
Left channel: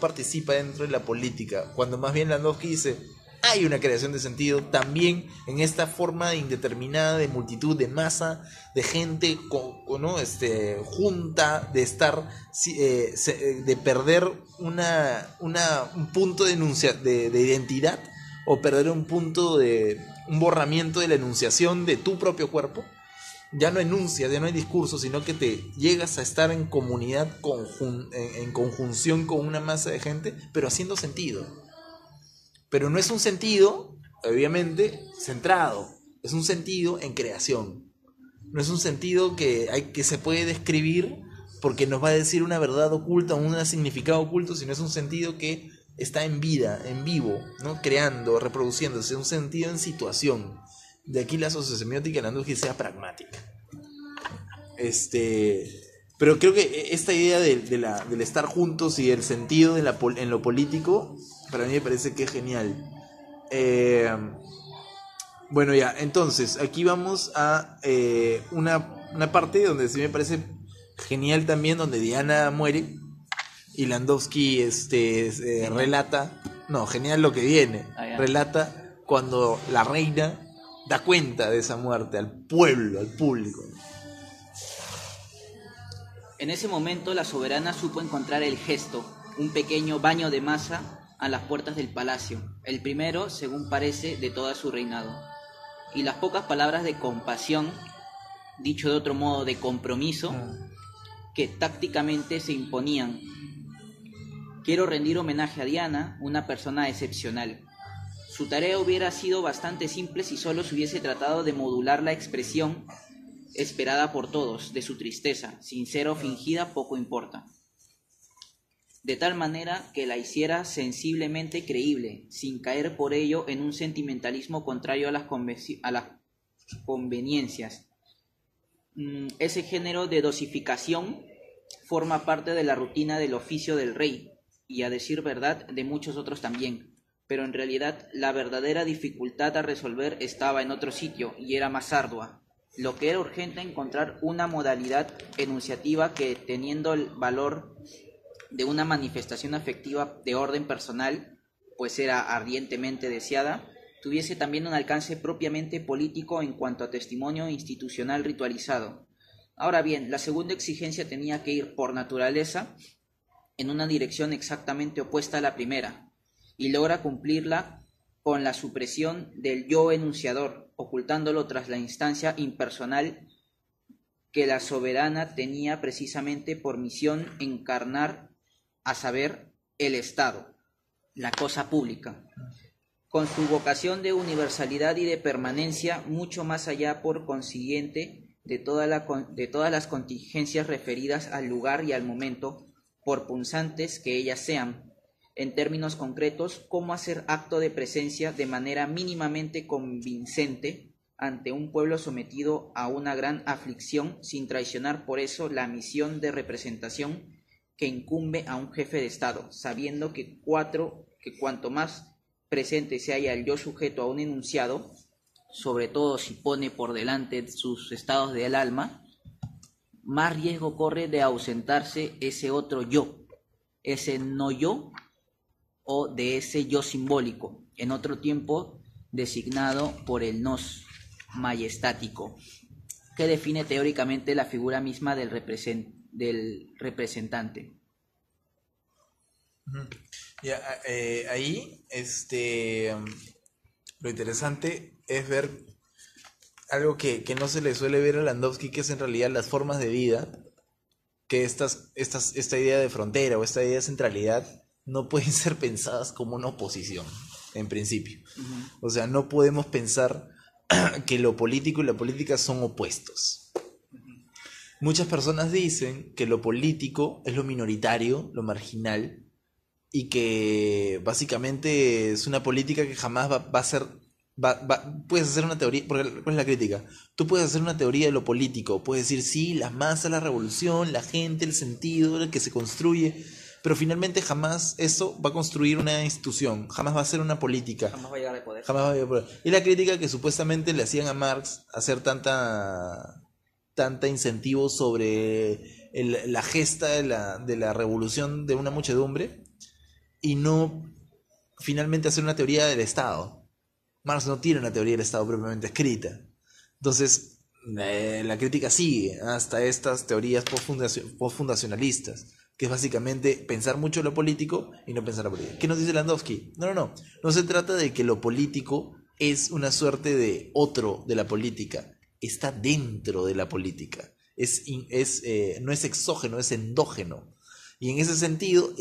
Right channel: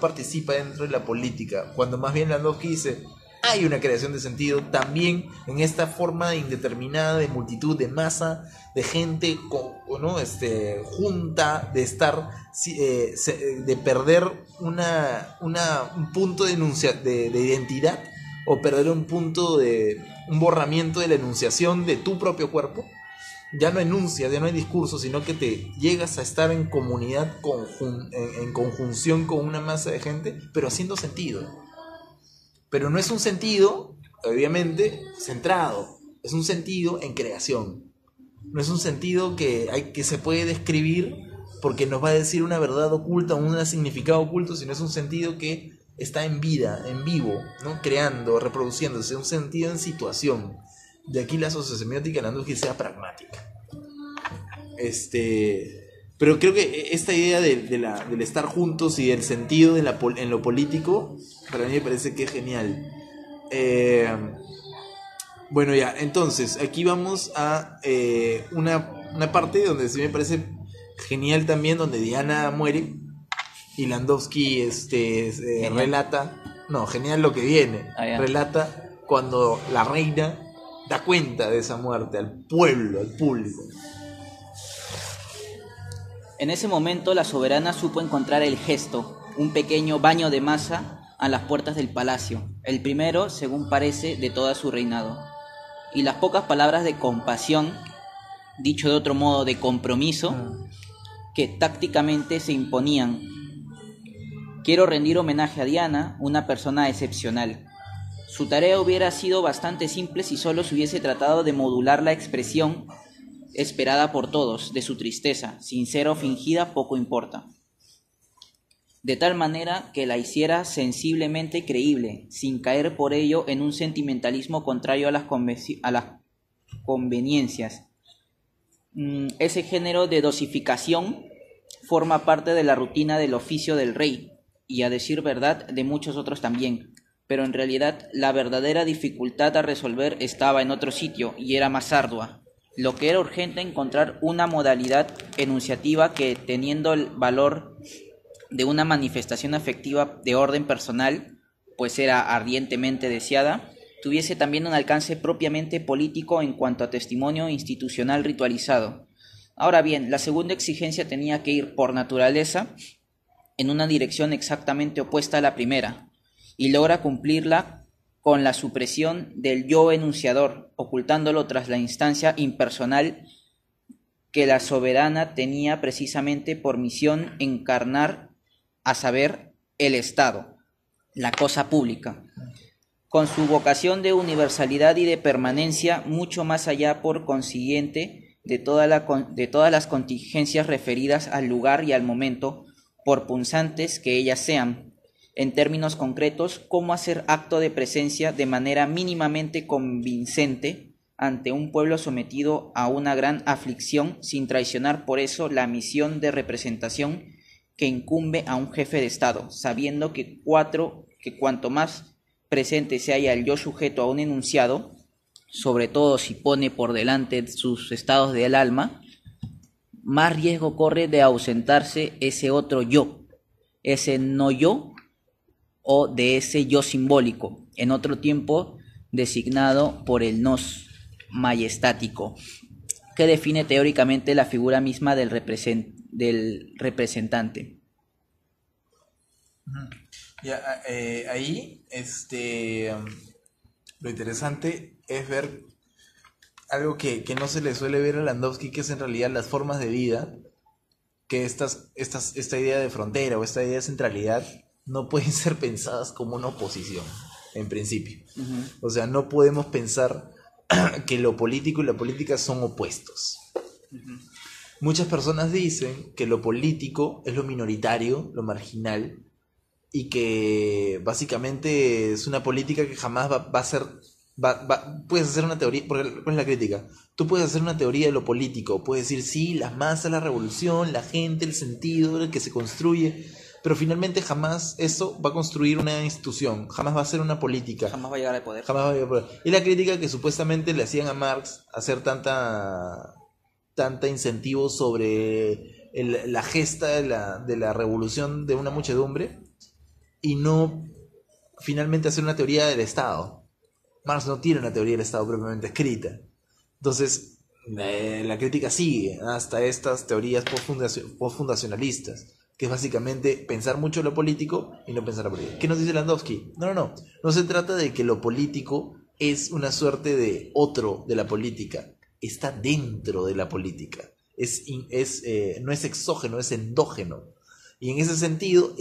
participa dentro de la política, cuando más bien Landowski dice, hay una creación de sentido también en esta forma indeterminada de multitud, de masa, de gente, ¿no? Junta, de estar, de perder un punto de identidad, o perder un borramiento de la enunciación de tu propio cuerpo. Ya no enuncias, ya no hay discurso, sino que te llegas a estar en comunidad, en conjunción con una masa de gente, pero haciendo sentido. Pero no es un sentido, obviamente, centrado. Es un sentido en creación. No es un sentido que se puede describir porque nos va a decir una verdad oculta o un significado oculto, sino es un sentido que está en vida, en vivo, ¿no? Creando, reproduciéndose, un sentido en situación. De aquí la sociosemiótica, Landowski, sea pragmática. Pero creo que esta idea del estar juntos y el sentido en lo político, para mí me parece que es genial. Bueno, ya, entonces, aquí vamos a una una parte donde sí me parece genial también, donde Diana muere y Landowski relata, no, genial lo que viene, relata cuando la reina da cuenta de esa muerte al pueblo, al público. En ese momento la soberana supo encontrar el gesto, un pequeño baño de masa a las puertas del palacio, el primero, según parece, de todo su reinado. Y las pocas palabras de compasión, dicho de otro modo, de compromiso, que tácticamente se imponían. Quiero rendir homenaje a Diana, una persona excepcional. Su tarea hubiera sido bastante simple si solo se hubiese tratado de modular la expresión esperada por todos, de su tristeza, sincera o fingida, poco importa. De tal manera que la hiciera sensiblemente creíble, sin caer por ello en un sentimentalismo contrario a las conveniencias. Ese género de dosificación forma parte de la rutina del oficio del rey, y a decir verdad, de muchos otros también. Pero en realidad la verdadera dificultad a resolver estaba en otro sitio, y era más ardua. Lo que era urgente encontrar una modalidad enunciativa que, teniendo el valor de una manifestación afectiva de orden personal, pues era ardientemente deseada, tuviese también un alcance propiamente político en cuanto a testimonio institucional ritualizado. Ahora bien, la segunda exigencia tenía que ir por naturaleza en una dirección exactamente opuesta a la primera, y logra cumplirla con la supresión del yo enunciador, ocultándolo tras la instancia impersonal que la soberana tenía precisamente por misión encarnar, a saber, el Estado, la cosa pública, con su vocación de universalidad y de permanencia mucho más allá, por consiguiente, de todas las contingencias referidas al lugar y al momento, por punzantes que ellas sean. En términos concretos, cómo hacer acto de presencia de manera mínimamente convincente ante un pueblo sometido a una gran aflicción, sin traicionar por eso la misión de representación que incumbe a un jefe de Estado, sabiendo que cuanto más presente se halla el yo sujeto a un enunciado, sobre todo si pone por delante sus estados del alma, más riesgo corre de ausentarse ese otro yo, ese no yo, o de ese yo simbólico, en otro tiempo designado por el nos majestático, que define teóricamente la figura misma del representante. Ya, ahí, lo interesante es ver algo que no se le suele ver a Landowski, que es en realidad las formas de vida, que esta idea de frontera o esta idea de centralidad no pueden ser pensadas como una oposición, en principio. O sea, no podemos pensar que lo político y la política son opuestos. Muchas personas dicen que lo político es lo minoritario, lo marginal, y que básicamente es una política que jamás va a ser... puedes hacer una teoría, ¿cuál es la crítica? Tú puedes hacer una teoría de lo político, puedes decir, sí, las masas, la revolución, la gente, el sentido, el que se construye, pero finalmente jamás eso va a construir una institución, jamás va a ser una política. Jamás va a llegar al poder. Jamás va a llegar al poder. Y la crítica que supuestamente le hacían a Marx hacer tanta incentivo sobre la gesta de la revolución de una muchedumbre y no finalmente hacer una teoría del Estado. Marx no tiene una teoría del Estado propiamente escrita. Entonces, la crítica sigue hasta estas teorías postfundacionalistas, que es básicamente pensar mucho lo político y no pensar lo político. ¿Qué nos dice Landowski? No se trata de que lo político es una suerte de otro de la política, está dentro de la política, no es exógeno, es endógeno, y en ese sentido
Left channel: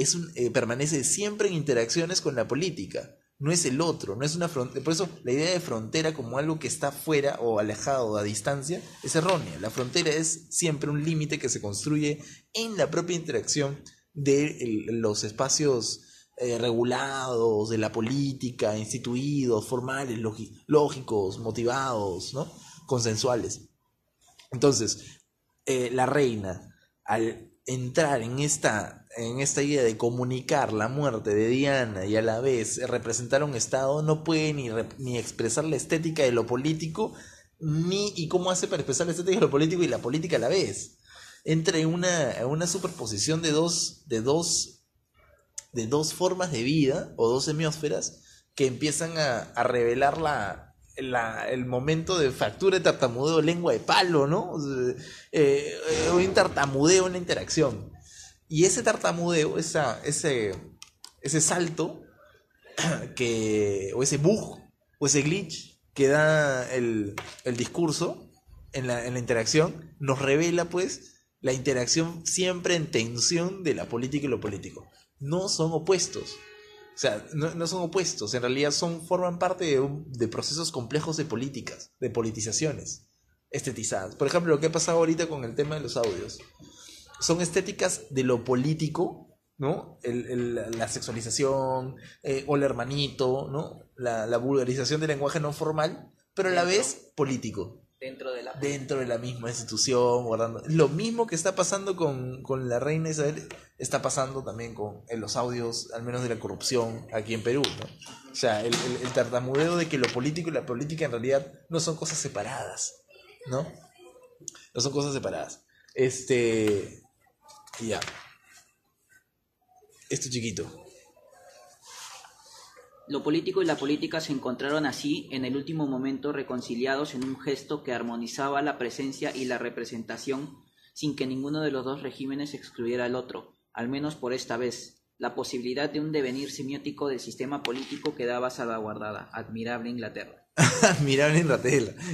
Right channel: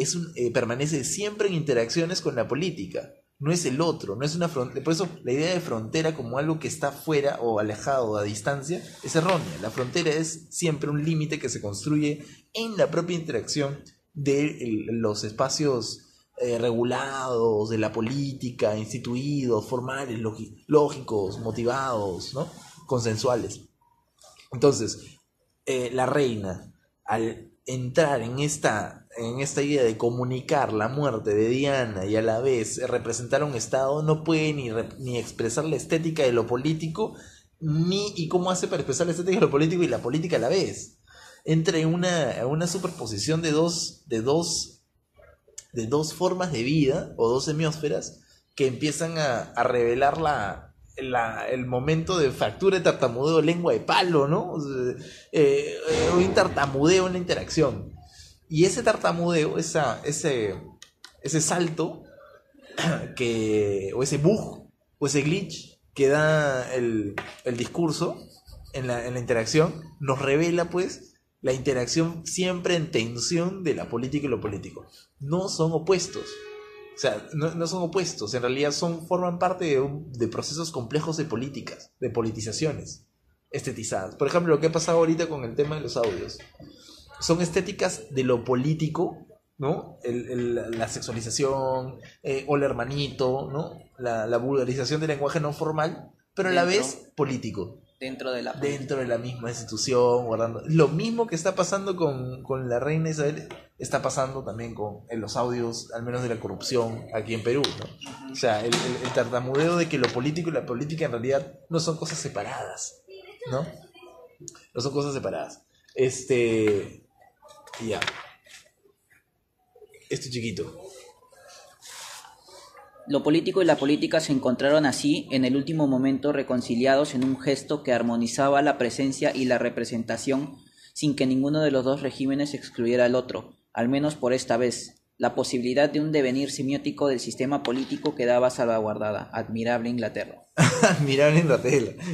permanece siempre en interacciones con la política. No es el otro, no es una frontera. Por eso la idea de frontera como algo que está fuera o alejado o a distancia es errónea. La frontera es siempre un límite que se construye en la propia interacción de los espacios regulados, de la política, instituidos, formales, lógicos, motivados, ¿no? Consensuales. Entonces, la reina, al entrar en esta idea de comunicar la muerte de Diana y a la vez representar a un Estado, no puede ni expresar la estética de lo político ni y cómo hace para expresar la estética de lo político y la política a la vez. Entra en una superposición de dos formas de vida o dos semiósferas que empiezan a revelar el momento de fractura de tartamudeo, lengua de palo, ¿no? O sea, un tartamudeo, una interacción. Y ese tartamudeo, ese salto, o ese bug, o ese glitch que da el discurso en la interacción, nos revela pues la interacción siempre en tensión de la política y lo político. No son opuestos. O sea, no son opuestos, en realidad forman parte de procesos complejos de políticas, de politizaciones estetizadas. Por ejemplo, lo que ha pasado ahorita con el tema de los audios. Son estéticas de lo político, ¿no? La sexualización, hola hermanito, ¿no? La vulgarización del lenguaje no formal, pero a la vez político. Dentro de la misma institución, guardando. Lo mismo que está pasando con la reina Isabel, está pasando también en los audios, al menos de la corrupción aquí en Perú, ¿no? O sea, el tartamudeo de que lo político y la política en realidad no son cosas separadas, ¿no? No son cosas separadas. Ya. Chiquito. Lo político y la política se encontraron así en el último momento reconciliados en un gesto que armonizaba la presencia y la representación sin que ninguno de los dos regímenes excluyera al otro, al menos por esta vez. La posibilidad de un devenir semiótico del sistema político quedaba salvaguardada. Admirable Inglaterra. Admirable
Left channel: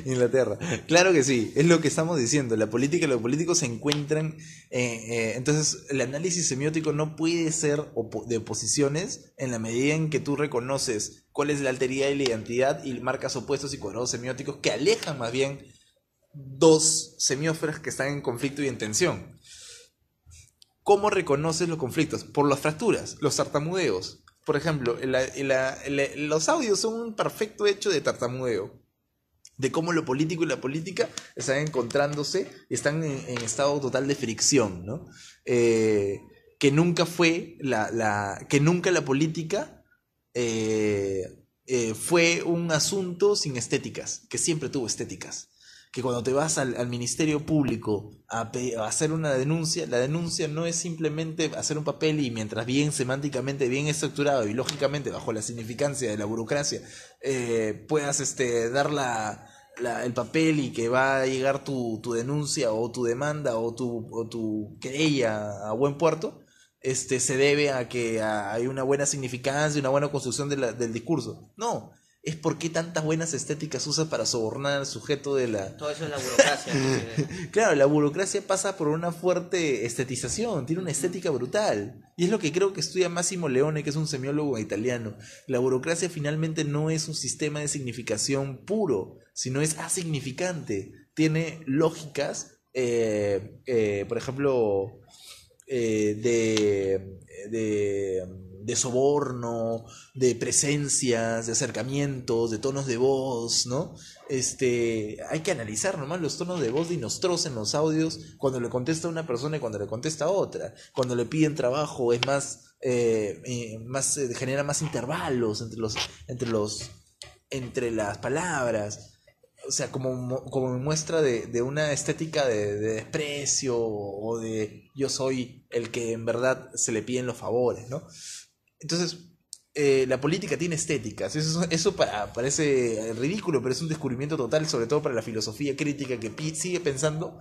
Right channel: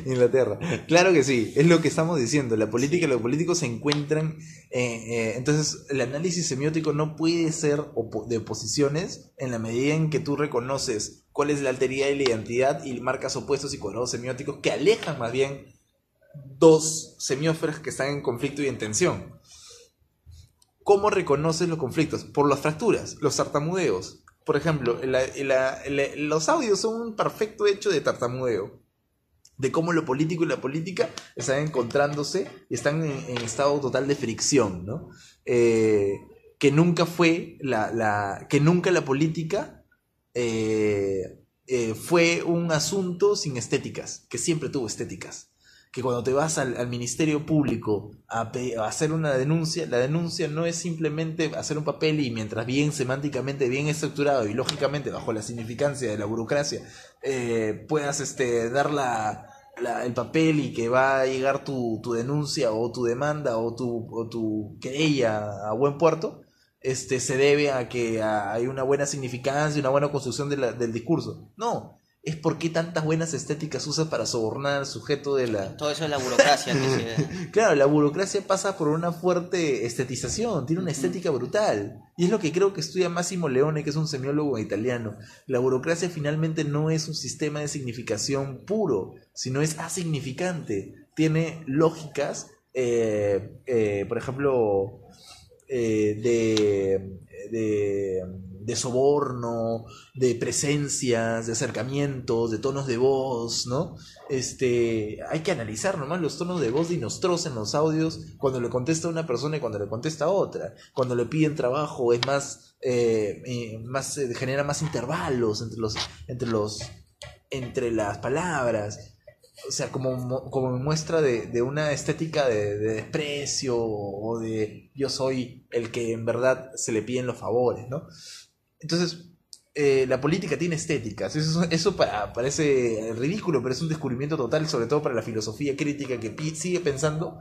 Inglaterra. Claro que sí, es lo que estamos diciendo. La política y los políticos se encuentran. Entonces, el análisis semiótico no puede ser de oposiciones en la medida en que tú reconoces cuál es la alteridad y la identidad y marcas opuestos y cuadrados semióticos que alejan más bien dos semiósferas que están en conflicto y en tensión. ¿Cómo reconoces los conflictos? Por las fracturas, los tartamudeos. Por ejemplo, los audios son un perfecto hecho de tartamudeo. De cómo lo político y la política están encontrándose y están en estado total de fricción, ¿no? Que nunca fue que nunca la política fue un asunto sin estéticas, que siempre tuvo estéticas. Que cuando te vas al Ministerio Público a hacer una denuncia, la denuncia no es simplemente hacer un papel y mientras bien semánticamente, bien estructurado y lógicamente bajo la significancia de la burocracia, puedas dar el papel y que va a llegar tu denuncia o tu demanda o tu querella a buen puerto, se debe a que hay una buena significancia y una buena construcción del discurso. No. Es por qué tantas buenas estéticas usas para sobornar al sujeto de la... Todo eso es la burocracia. Claro, la burocracia pasa por una fuerte estetización, tiene una estética brutal. Y es lo que creo que estudia Massimo Leone, que es un semiólogo italiano. La burocracia finalmente no es un sistema de significación puro, sino es asignificante. Tiene lógicas, por ejemplo, de soborno, de presencias, de acercamientos, de tonos de voz, ¿no? Hay que analizar nomás los tonos de voz de Nostroza en los audios cuando le contesta a una persona y cuando le contesta a otra. Cuando le piden trabajo es genera más intervalos entre las palabras. O sea, como muestra de una estética de desprecio o de yo soy el que en verdad se le piden los favores, ¿no? Entonces, la política tiene estéticas. Eso parece ridículo, pero es un descubrimiento total, sobre todo para la filosofía crítica que sigue pensando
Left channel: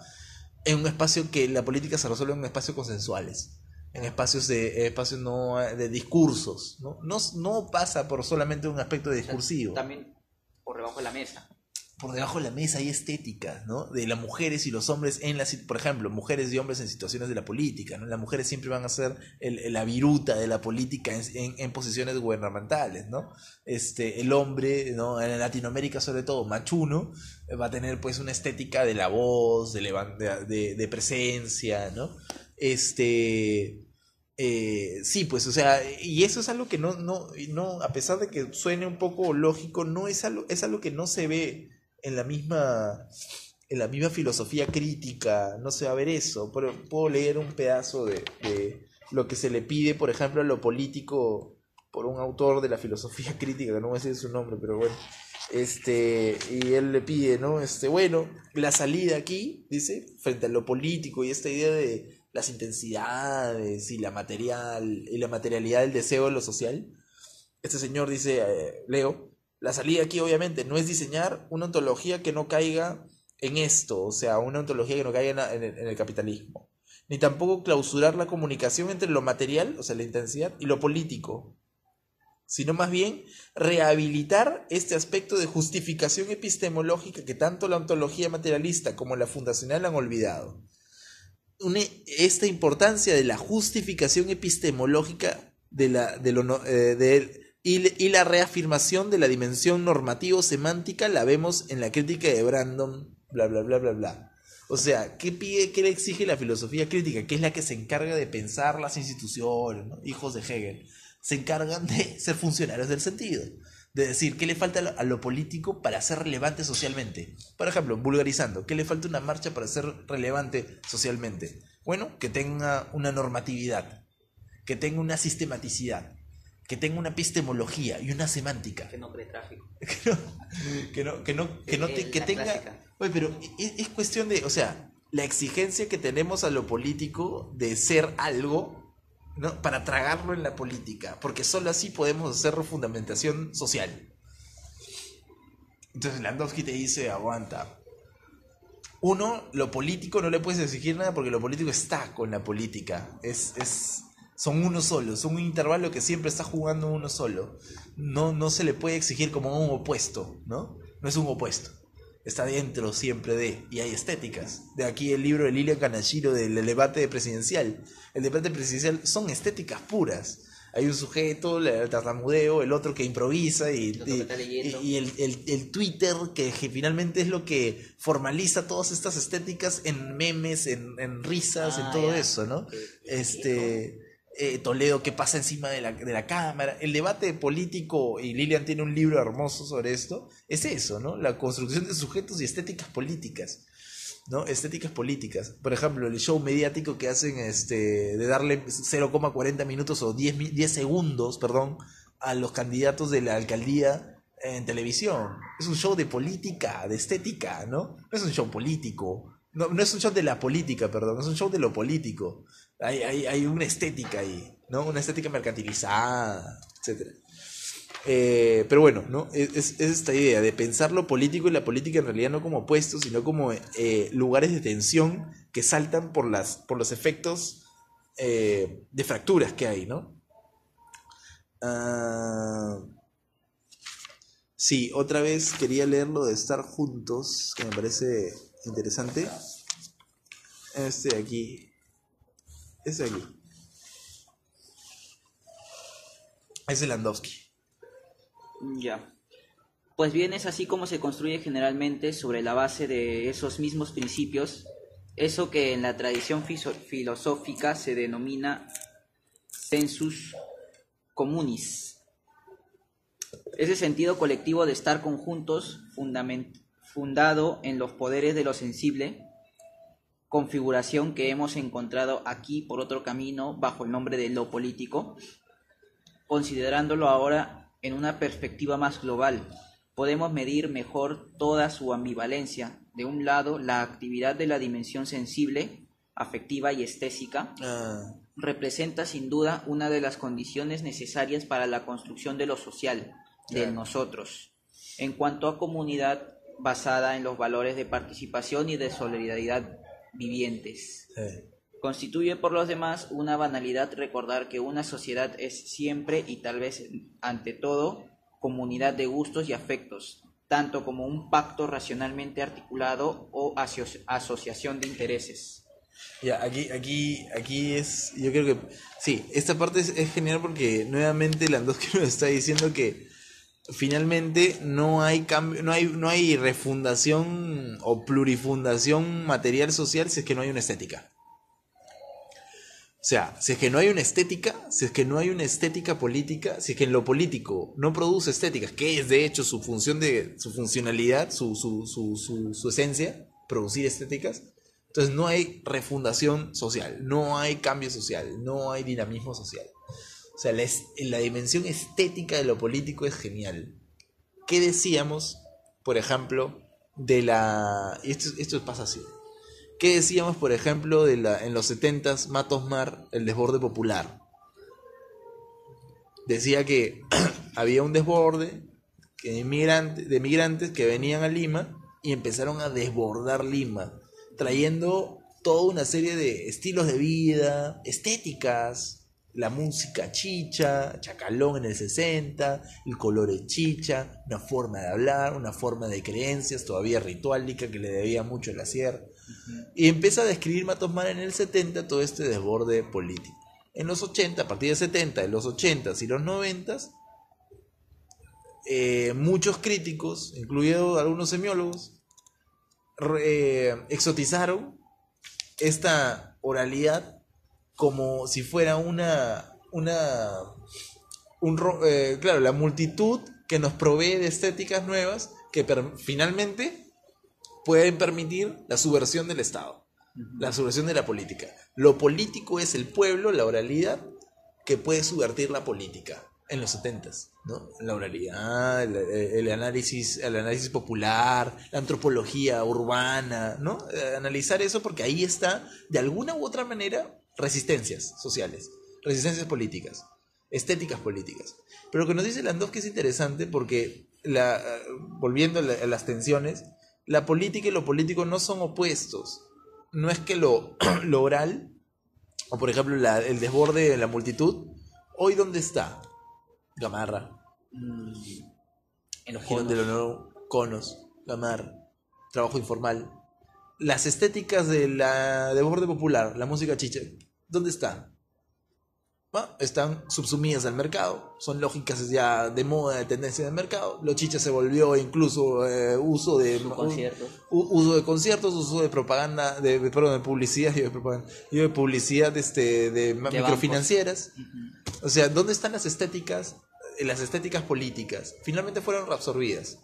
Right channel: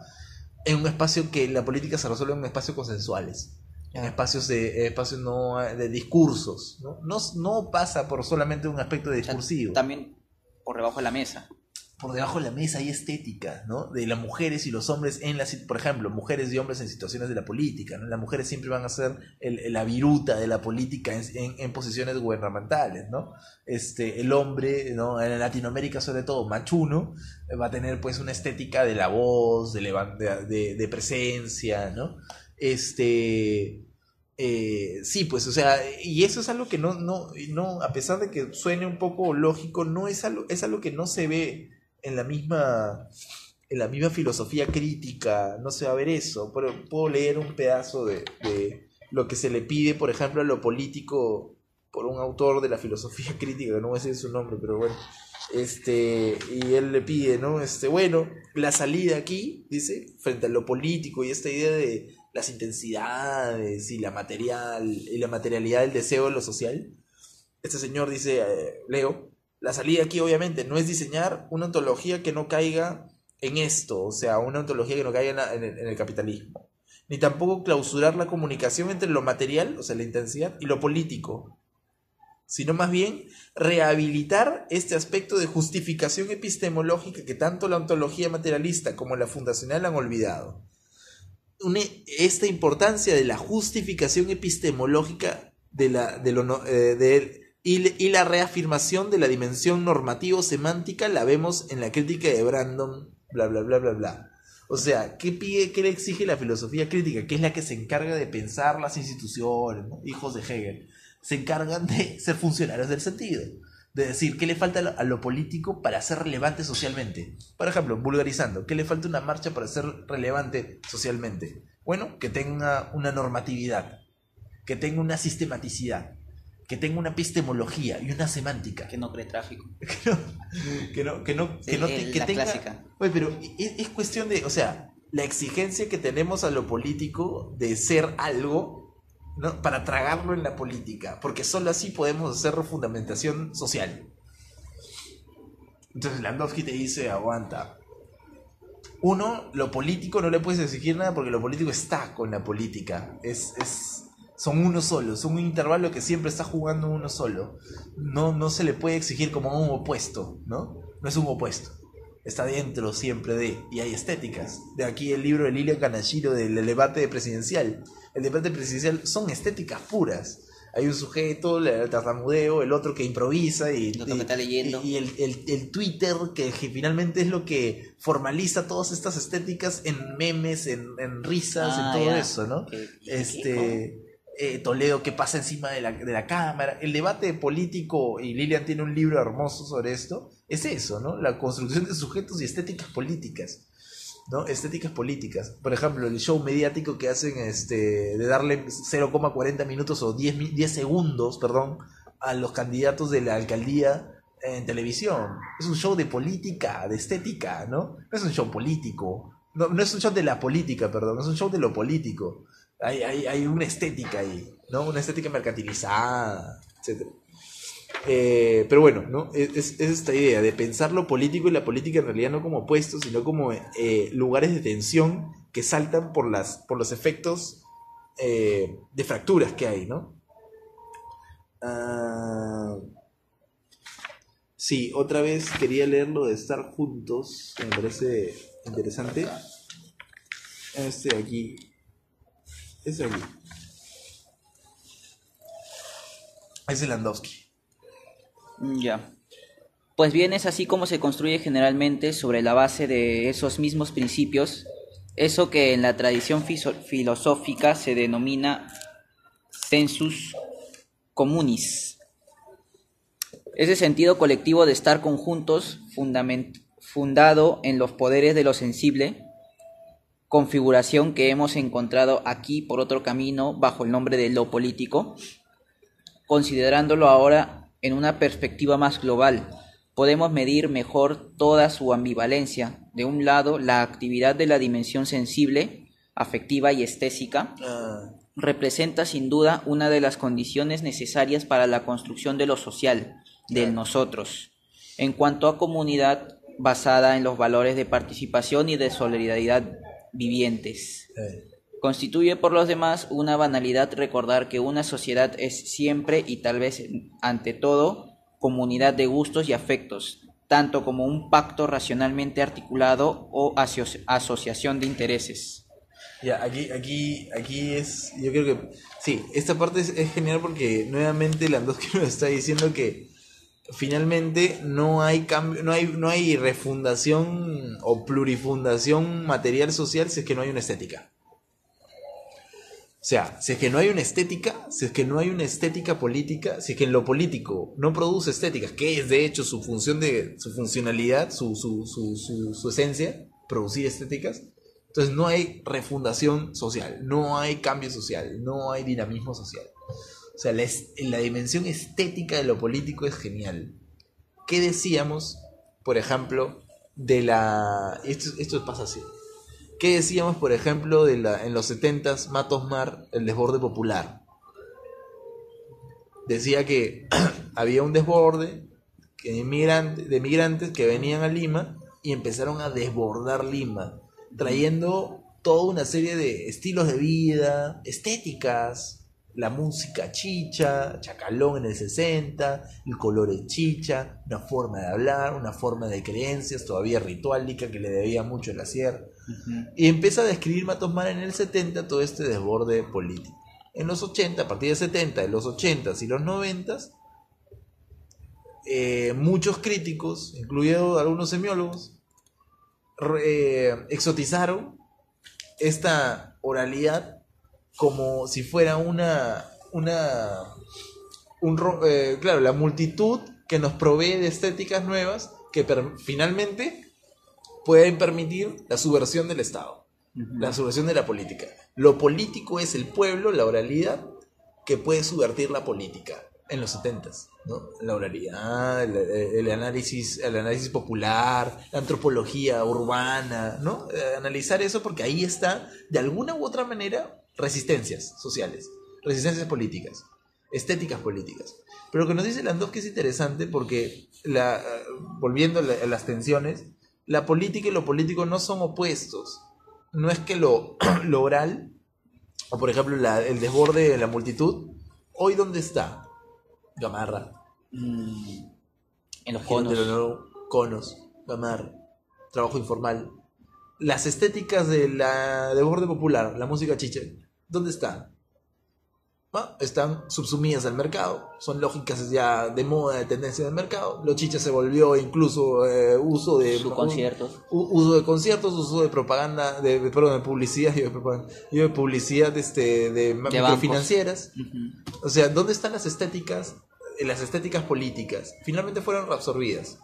en un espacio que la política se resuelve en espacios consensuales, en espacios no de discursos, ¿no? No pasa por solamente un aspecto discursivo. O sea, también por debajo de la mesa. Por debajo de la mesa hay estética, ¿no? De las mujeres y los hombres por ejemplo, mujeres y hombres en situaciones de la política, ¿no? Las mujeres siempre van a ser la viruta de la política en posiciones gubernamentales, ¿no? El hombre, ¿no? En Latinoamérica sobre todo, machuno, va a tener pues una estética de la voz, de presencia, ¿no? Sí, pues, o sea, y eso es algo que no, a pesar de que suene un poco lógico, no es algo que no se ve en la misma filosofía crítica, no se va a ver eso. Puedo leer un pedazo de lo que se le pide, por ejemplo, a lo político por un autor de la filosofía crítica, que no voy a decir su nombre, pero bueno, Y él le pide, ¿no? Bueno, la salida aquí, dice, frente a lo político y esta idea de las intensidades y la materialidad del deseo de lo social. Este señor dice, leo, la salida aquí obviamente no es diseñar una ontología que no caiga en esto, o sea, una ontología que no caiga en el capitalismo, ni tampoco clausurar la comunicación entre lo material, o sea, la intensidad, y lo político, sino más bien rehabilitar este aspecto de justificación epistemológica que tanto la ontología materialista como la fundacional han olvidado. Esta importancia de la justificación epistemológica y la reafirmación de la dimensión normativo-semántica la vemos en la crítica de Brandon, bla, bla, bla, bla, bla. O sea, ¿qué le exige la filosofía crítica? Que es la que se encarga de pensar las instituciones, ¿no? Hijos de Hegel. Se encargan de ser funcionarios del sentido. De decir, ¿qué le falta a lo político para ser relevante socialmente? Por ejemplo, vulgarizando, ¿qué le falta a una marcha para ser relevante socialmente? Bueno, que tenga una normatividad, que tenga una sistematicidad, que tenga una epistemología y una semántica. Que no cree tráfico. que tenga... Clásica. Oye, pero es cuestión de, o sea, la exigencia que tenemos a lo político de ser algo, ¿no? Para tragarlo en la política, porque solo así podemos hacer fundamentación social. Entonces Landowski te dice, aguanta. Uno, lo político no le puedes exigir nada porque lo político está con la política. Son uno solo, son un intervalo que siempre está jugando uno solo. No se le puede exigir como un opuesto, ¿no? No es un opuesto. Está dentro siempre de, y hay estéticas. De aquí el libro de Lilian Kanashiro del debate presidencial. El debate presidencial son estéticas puras. Hay un sujeto, el tartamudeo, el otro que improvisa y el Twitter que finalmente es lo que formaliza todas estas estéticas en memes, en risas, en todo eso, ¿no? Toledo que pasa encima de la cámara. El debate político, y Lilian tiene un libro hermoso sobre esto, es eso, ¿no? La construcción de sujetos y estéticas políticas, ¿no? Estéticas políticas. Por ejemplo, el show mediático que hacen de darle 0,40 minutos o 10 segundos, perdón, a los candidatos de la alcaldía en televisión. Es un show de política, de estética, ¿no? No es un show político. No es un show de la política, perdón, es un show de lo político. Hay una estética ahí, ¿no? Una estética mercantilizada, etc. Pero bueno, ¿no? Es esta idea de pensar lo político y la política en realidad no como opuestos, sino como lugares de tensión que saltan por los efectos de fracturas que hay, ¿no? Sí, otra vez quería leer lo de estar juntos, que me parece interesante. Aquí. Es el Landowski. Ya. Pues bien, es así como se construye generalmente sobre la base de esos mismos principios, eso que en la tradición filosófica se denomina sensus communis. Ese sentido colectivo de estar conjuntos, fundado en los poderes de lo sensible, configuración que hemos encontrado aquí por otro camino bajo el nombre de lo político. Considerándolo ahora en una perspectiva más global, podemos medir mejor toda su ambivalencia. De un lado, la actividad de la dimensión sensible, afectiva y estética, representa sin duda una de las condiciones necesarias para la construcción de lo social, del nosotros, en cuanto a comunidad basada en los valores de participación y de solidaridad vivientes. Constituye por los demás una banalidad recordar que una sociedad es siempre y tal vez ante todo comunidad de gustos y afectos, tanto como un pacto racionalmente articulado o asociación de intereses. Ya, aquí es, yo creo que sí, esta parte es genial porque nuevamente Landowski nos está diciendo que finalmente no hay cambio, no hay refundación o plurifundación material social si es que no hay una estética. O sea, si es que no hay una estética, si es que no hay una estética política, si es que en lo político no produce estéticas, que es de hecho su funcionalidad, su esencia, producir estéticas, entonces no hay refundación social, no hay cambio social, no hay dinamismo social. O sea, la dimensión estética de lo político es genial. ¿qué decíamos, por ejemplo, de la... Esto pasa así. ¿Qué decíamos, por ejemplo, en los 70s, Matos Mar, el desborde popular? Decía que había un desborde de migrantes que venían a Lima y empezaron a desbordar Lima, trayendo toda una serie de estilos de vida, estéticas, la música chicha, chacalón en el 60, el color es chicha, una forma de hablar, una forma de creencias todavía rituálica que le debía mucho a la sierra. Y empieza a describir Matos Mar en el 70 todo este desborde político. En los 80, a partir de 70, de los 80s y los 90s, muchos críticos, incluidos algunos semiólogos, exotizaron esta oralidad como si fuera claro, la multitud que nos provee de estéticas nuevas que finalmente pueden permitir la subversión del Estado, la subversión de la política. Lo político es el pueblo, la oralidad, que puede subvertir la política en los 70s, ¿no? La oralidad, el análisis popular, la antropología urbana, ¿no? Analizar eso porque ahí está, de alguna u otra manera, resistencias sociales, resistencias políticas, estéticas políticas. Pero lo que nos dice Landowski es interesante porque, volviendo a las tensiones, la política y lo político no son opuestos. No es que lo oral, o por ejemplo el desborde de la multitud, ¿hoy dónde está? Gamarra. En los conos. Conos, Gamarra, trabajo informal. Las estéticas de la desborde popular, la música chicha, ¿dónde están? Están subsumidas al mercado, son lógicas ya de moda, de tendencia del mercado. Los chichas se volvió incluso uso de conciertos, uso de conciertos, uso de propaganda, de publicidad, de publicidad de microfinancieras. O sea, ¿dónde están las estéticas políticas? Finalmente fueron reabsorbidas.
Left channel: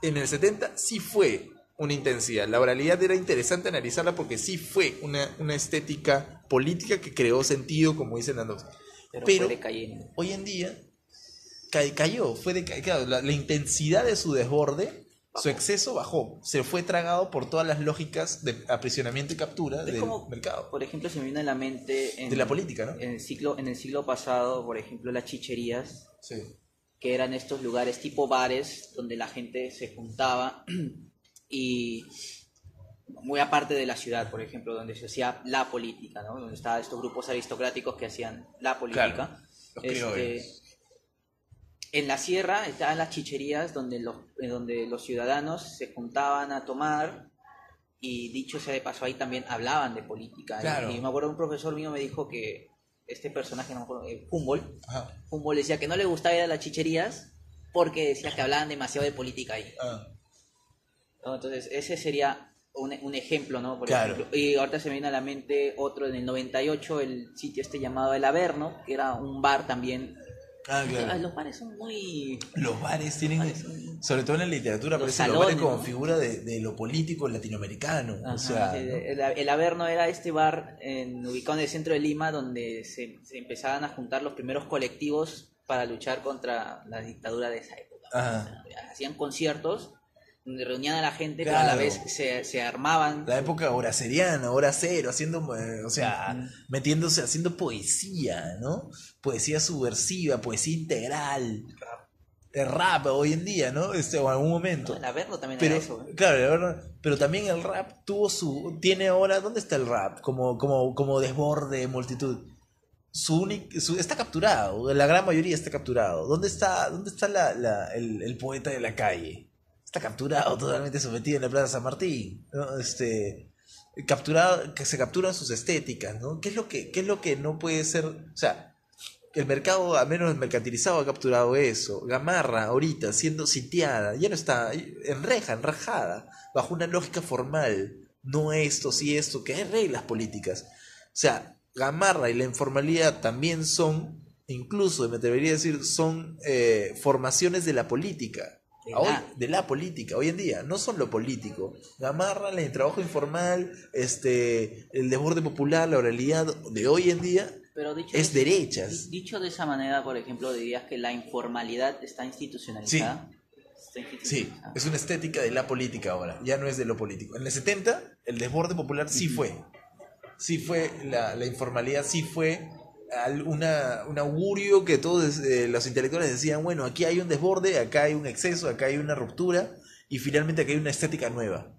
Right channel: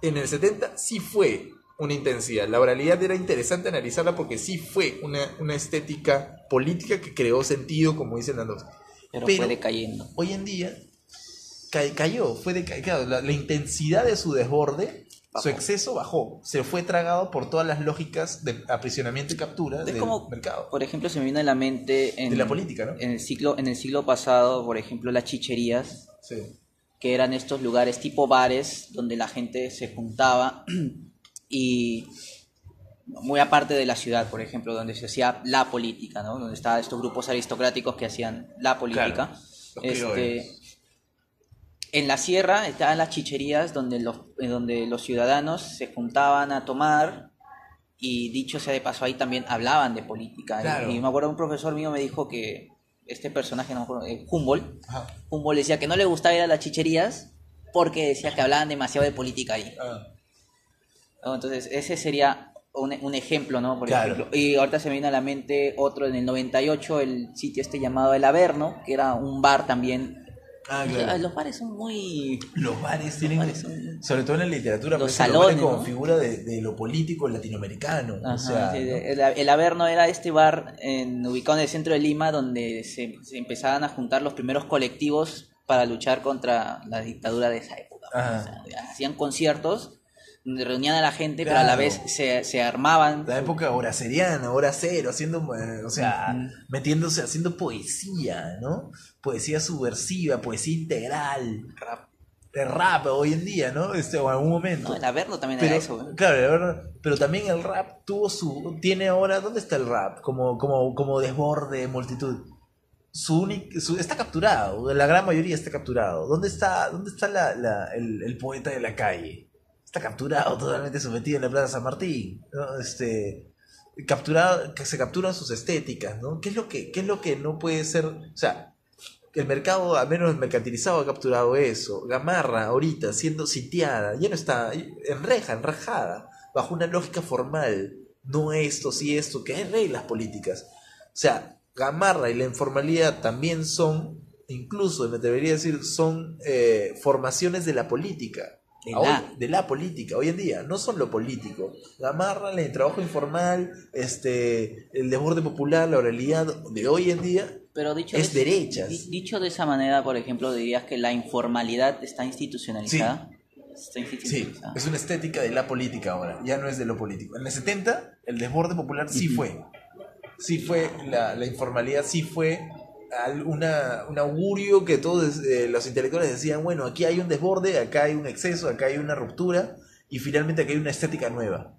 En el 70 sí fue una intensidad. La oralidad era interesante analizarla porque sí fue una estética política que creó sentido, como dicen las dos. Pero fue decayendo. Hoy en día cayó, claro, la intensidad de su desborde, su exceso bajó, se fue tragado por todas las lógicas de aprisionamiento y captura del mercado. Por ejemplo, se me vino a la mente de la política, ¿no? En el siglo pasado, por ejemplo, las chicherías, sí, que eran estos lugares tipo bares donde la gente se juntaba y muy aparte de la ciudad, por ejemplo, donde se hacía la política, ¿no? Donde estaban estos grupos aristocráticos que hacían la política. Claro, en la sierra estaban las chicherías donde los ciudadanos se juntaban a tomar y dicho sea de paso ahí también hablaban de política. Claro. Y me acuerdo un profesor mío me dijo que este personaje, no me acuerdo, Humboldt decía que no le gustaba ir a las chicherías porque decía que hablaban demasiado de política ahí. Entonces ese sería un ejemplo, ¿no? Por ejemplo. Y ahorita se me viene a la mente otro en el 98, el sitio llamado El Averno, que era un bar también. Claro. Los bares son muy... Los bares tienen, sobre todo en la literatura, los salones, como ¿no? figura de lo político latinoamericano. Ajá, o sea, sí, el Averno era este bar ubicado en el centro de Lima donde se empezaban a juntar los primeros colectivos para luchar contra la dictadura de esa época. O sea, hacían conciertos donde reunían a la gente, claro, pero a la vez se armaban. La época horaceriana, hora cero, haciendo, metiéndose, haciendo poesía, ¿no? Poesía subversiva, poesía integral. Rap hoy en día, ¿no? O en algún momento. No, el Averno también era eso. Claro, pero también el rap tiene ahora, ¿dónde está el rap? Como desborde, multitud. Está capturado, la gran mayoría está capturado. ¿Dónde está el poeta de la calle? Está capturado, totalmente sometido en la Plaza San Martín, ¿no? Capturado, que se capturan sus estéticas, ¿no? ¿Qué es lo que no puede ser? O sea, el mercado, al menos el mercantilizado, ha capturado eso. Gamarra, ahorita, siendo sitiada, ya no está enrejada, bajo una lógica formal. No esto, sí esto, que hay reglas políticas. O sea, Gamarra y la informalidad también son, incluso me atrevería a decir, son formaciones de la política. De la política, hoy en día, no son lo político. Gamarra, el trabajo informal, el desborde popular, la oralidad de hoy en día, pero es derechas. Dicho de esa manera, por ejemplo, dirías que la informalidad está institucionalizada. está Sí, institucionalizada. es una estética de la política ahora, ya no es de lo político. En el 70, el desborde popular sí fue. Sí fue, la informalidad sí fue un augurio que todos los intelectuales decían, bueno, aquí hay un desborde, acá hay un exceso, acá hay una ruptura, y finalmente aquí hay una estética nueva,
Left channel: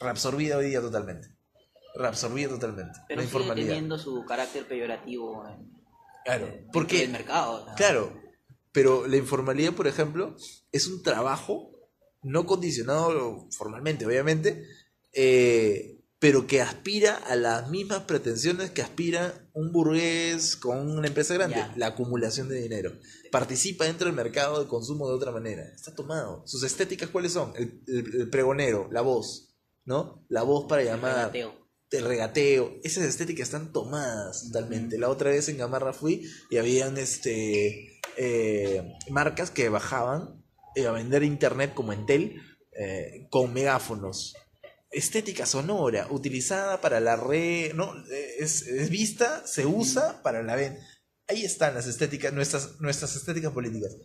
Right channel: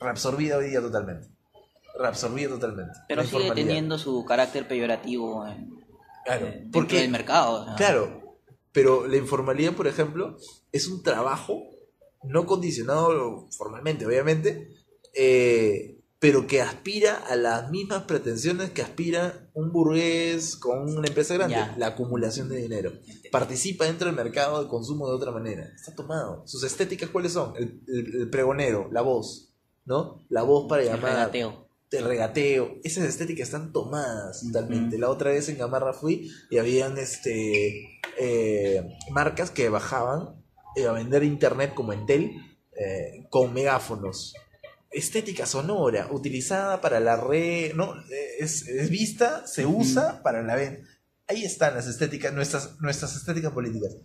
reabsorbida hoy día totalmente. Reabsorbida totalmente. Pero la sigue informalidad. teniendo su carácter peyorativo Claro, dentro porque, del mercado. ¿No? claro, pero la informalidad, por ejemplo, es un trabajo no condicionado formalmente, obviamente, pero que aspira a las mismas pretensiones que aspira un burgués con una empresa grande, Ya. la acumulación de dinero. Participa dentro del mercado de consumo de otra manera. Está tomado. ¿Sus estéticas cuáles son? El pregonero, la voz, ¿no? La voz para El llamar. regateo. El regateo. Esas estéticas están tomadas totalmente. La otra vez en Gamarra fui y habían marcas que bajaban a vender internet como Entel con megáfonos. Estética sonora, utilizada para la red, ¿no? Es vista, se usa para la venta. Ahí están las estéticas, nuestras estéticas políticas.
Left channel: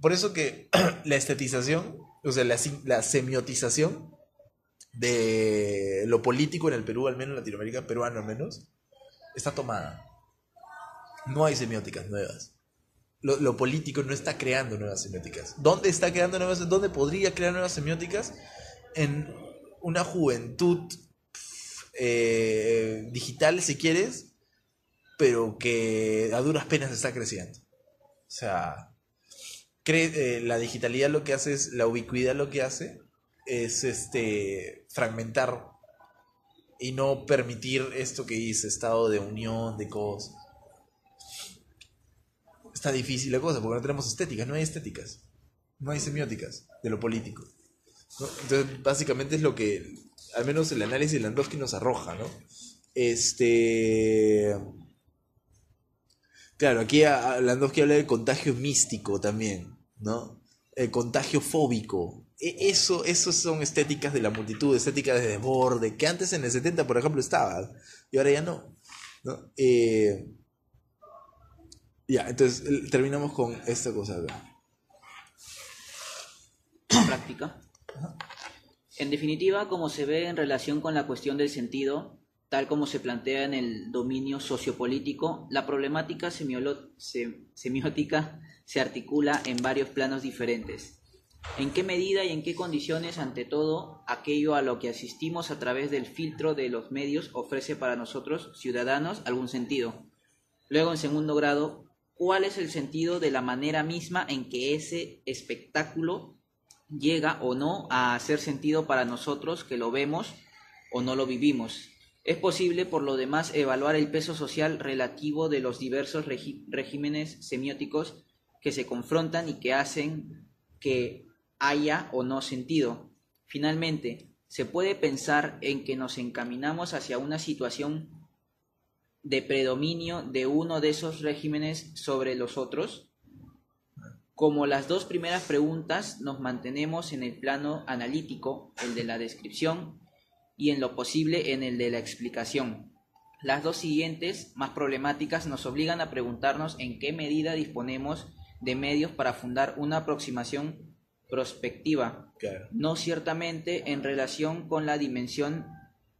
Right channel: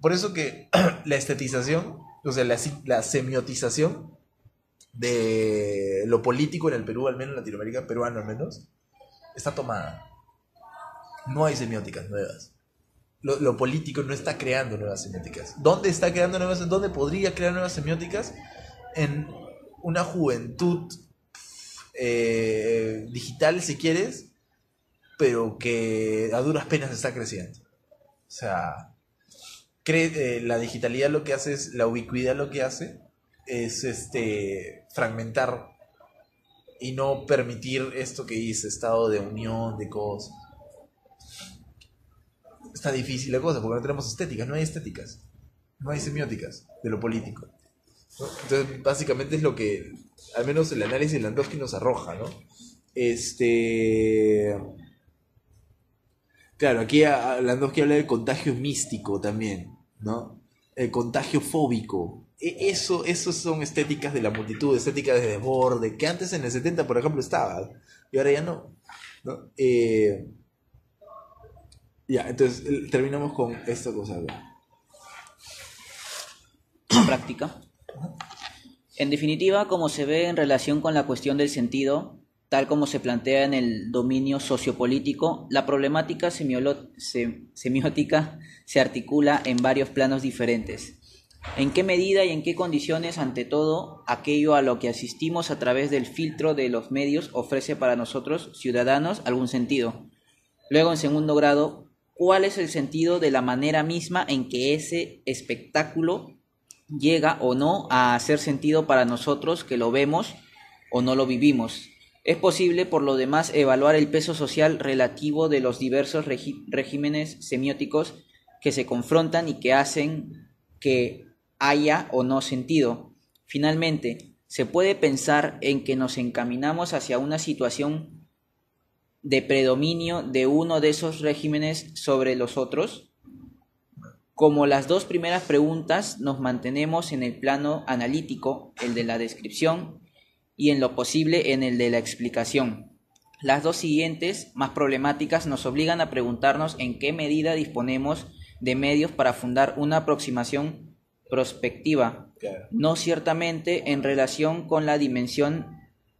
Por eso que la estetización, o sea, la semiotización de lo político en el Perú, al menos en Latinoamérica, peruano al menos, está tomada. No hay semióticas nuevas. Lo político no está creando nuevas semióticas. ¿Dónde está creando nuevas? ¿Dónde podría crear nuevas semióticas? En una juventud digital, si quieres, pero que a duras penas está creciendo. O sea, la digitalidad lo que hace es, la ubicuidad lo que hace es fragmentar y no permitir esto que dice estado de unión de cosas. Está difícil la cosa porque no tenemos estéticas, no hay estéticas, no hay semióticas de lo político, ¿no? Entonces básicamente es lo que al menos el análisis de Landowski nos arroja, ¿no? Claro, aquí Landowski habla de contagio místico también, ¿no? El contagio fóbico. Eso son estéticas de la multitud, estéticas de desborde, que antes en el 70, por ejemplo, estaba, y ahora ya no, ¿no? Ya, entonces terminamos con esta cosa acá. Práctica. En definitiva, como se ve en relación con la cuestión del sentido, tal como se plantea en el dominio sociopolítico, la problemática semiótica se articula en varios planos diferentes. ¿En qué medida y en qué condiciones, ante todo, aquello a lo que asistimos a través del filtro de los medios ofrece para nosotros, ciudadanos, algún sentido? Luego, en segundo grado, ¿cuál es el sentido de la manera misma en que ese espectáculo llega o no a hacer sentido para nosotros que lo vemos o no lo vivimos? Es posible, por lo demás, evaluar el peso social relativo de los diversos regímenes semióticos que se confrontan y que hacen que haya o no sentido. Finalmente, ¿se puede pensar en que nos encaminamos hacia una situación de predominio de uno de esos regímenes sobre los otros? Como las dos primeras preguntas, nos mantenemos en el plano analítico, el de la descripción, y en lo posible en el de la explicación. Las dos siguientes, más problemáticas, nos obligan a preguntarnos en qué medida disponemos de medios para fundar una aproximación prospectiva, Claro. no ciertamente en relación con la dimensión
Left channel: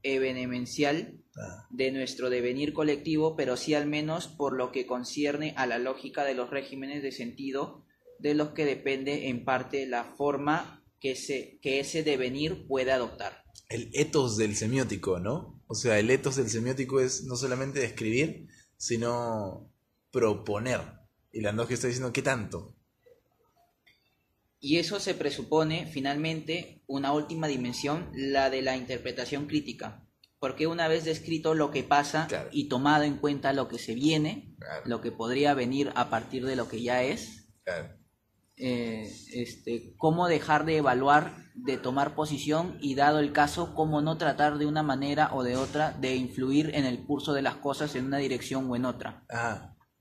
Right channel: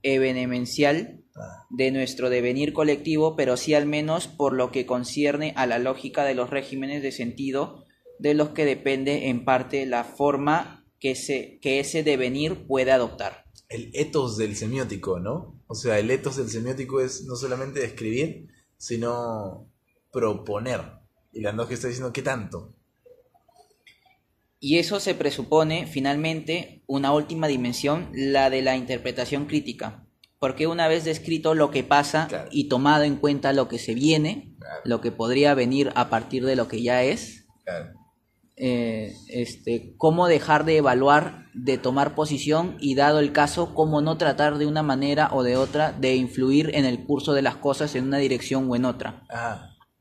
evenencial de nuestro devenir colectivo, pero sí al menos por lo que concierne a la lógica de los regímenes de sentido de los que depende en parte la forma que ese devenir puede adoptar. El etos del semiótico, ¿no? O sea, el etos del semiótico es no solamente describir, sino proponer. Y Landowski está diciendo, ¿qué tanto? Y eso se presupone, finalmente, una última dimensión, la de la interpretación crítica. Porque una vez descrito lo que pasa, Claro. y tomado en cuenta lo que se viene, Claro. lo que podría venir a partir de lo que ya es, Claro. cómo dejar de evaluar, de tomar posición y, dado el caso, cómo no tratar de una manera o de otra de influir en el curso de las cosas en una dirección o en otra.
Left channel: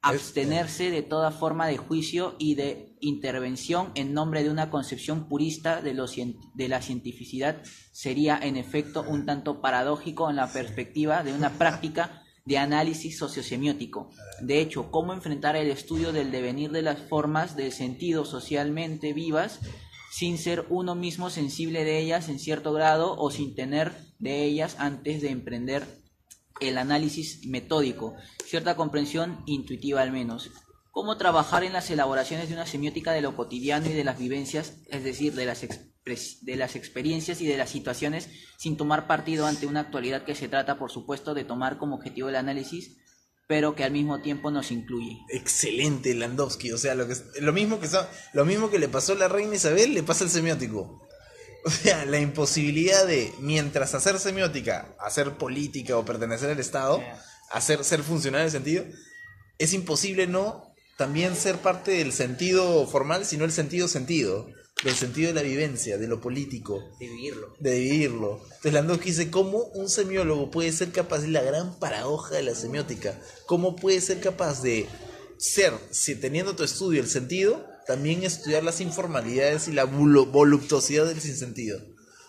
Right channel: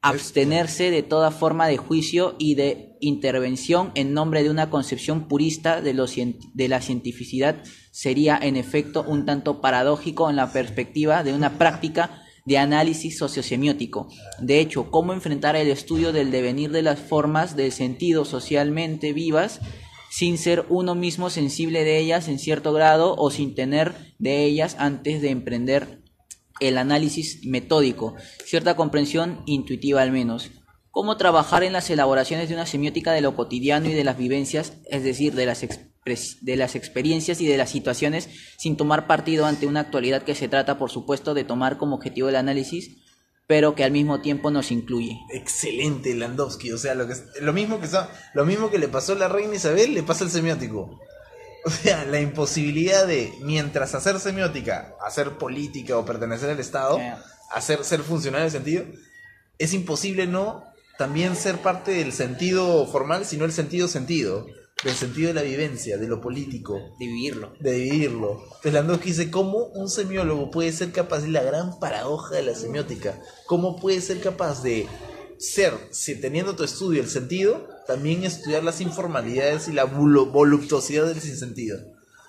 Abstenerse de toda forma de juicio y de intervención en nombre de una concepción purista de la cientificidad sería en efecto un tanto paradójico en la perspectiva de una práctica de análisis sociosemiótico. De hecho, cómo enfrentar el estudio del devenir de las formas del sentido socialmente vivas sin ser uno mismo sensible de ellas en cierto grado o sin tener de ellas antes de emprender el análisis metódico, cierta comprensión intuitiva al menos. Cómo trabajar en las elaboraciones de una semiótica de lo cotidiano y de las vivencias, es decir, de las experiencias y de las situaciones, sin tomar partido ante una actualidad que se trata, por supuesto, de tomar como objetivo el análisis, pero que al mismo tiempo nos incluye. Excelente, Landowski. O sea, lo mismo que le pasó a la reina Isabel, le pasa al semiótico. O sea, la imposibilidad de, mientras hacer semiótica, hacer política o pertenecer al Estado, ser funcionario del sentido, es imposible no también ser parte del sentido formal, sino el sentido, del sentido de la vivencia, de lo político. De vivirlo. Entonces Landowski dice, ¿cómo un semiólogo puede ser capaz, de la gran paradoja de la semiótica, cómo puede ser capaz de ser, si teniendo tu estudio el sentido, también estudiar las informalidades y la voluptuosidad del sinsentido,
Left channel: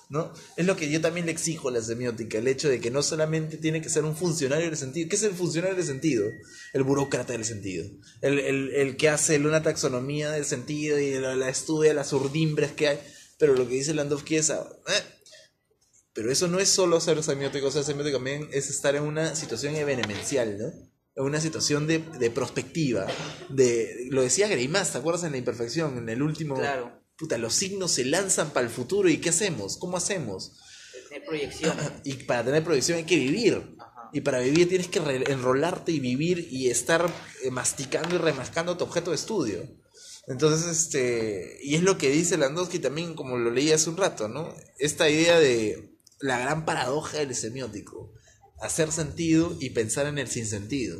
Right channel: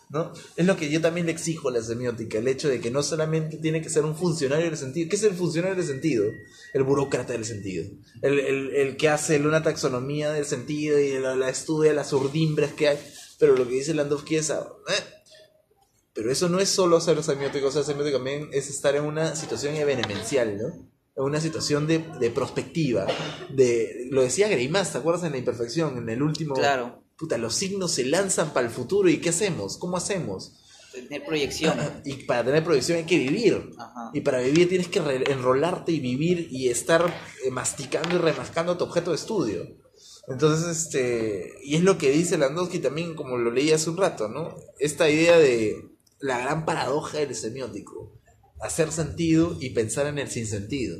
¿no? Es lo que yo también le exijo a la semiótica, el hecho de que no solamente tiene que ser un funcionario del sentido. ¿Qué es el funcionario del sentido? El burócrata del sentido, el que hace una taxonomía del sentido y la estudia las urdimbres que hay. Pero lo que dice Landowski es, pero eso no es solo ser semiótico. O sea, semiótico también es estar en una situación evenemencial, ¿no? En una situación de prospectiva, lo decía Greimas, ¿te acuerdas en La Imperfección? En el último, claro. Puta, los signos se lanzan para el futuro, ¿y qué hacemos? ¿Cómo hacemos? Tener proyección. Y para tener proyección hay que vivir. Ajá. Y para vivir tienes que enrolarte y vivir y estar masticando y remascando tu objeto de estudio. Entonces, y es lo que dice Landowski también, como lo leí hace un rato, ¿no? Esta idea de la gran paradoja del semiótico. Hacer sentido y pensar en el sinsentido.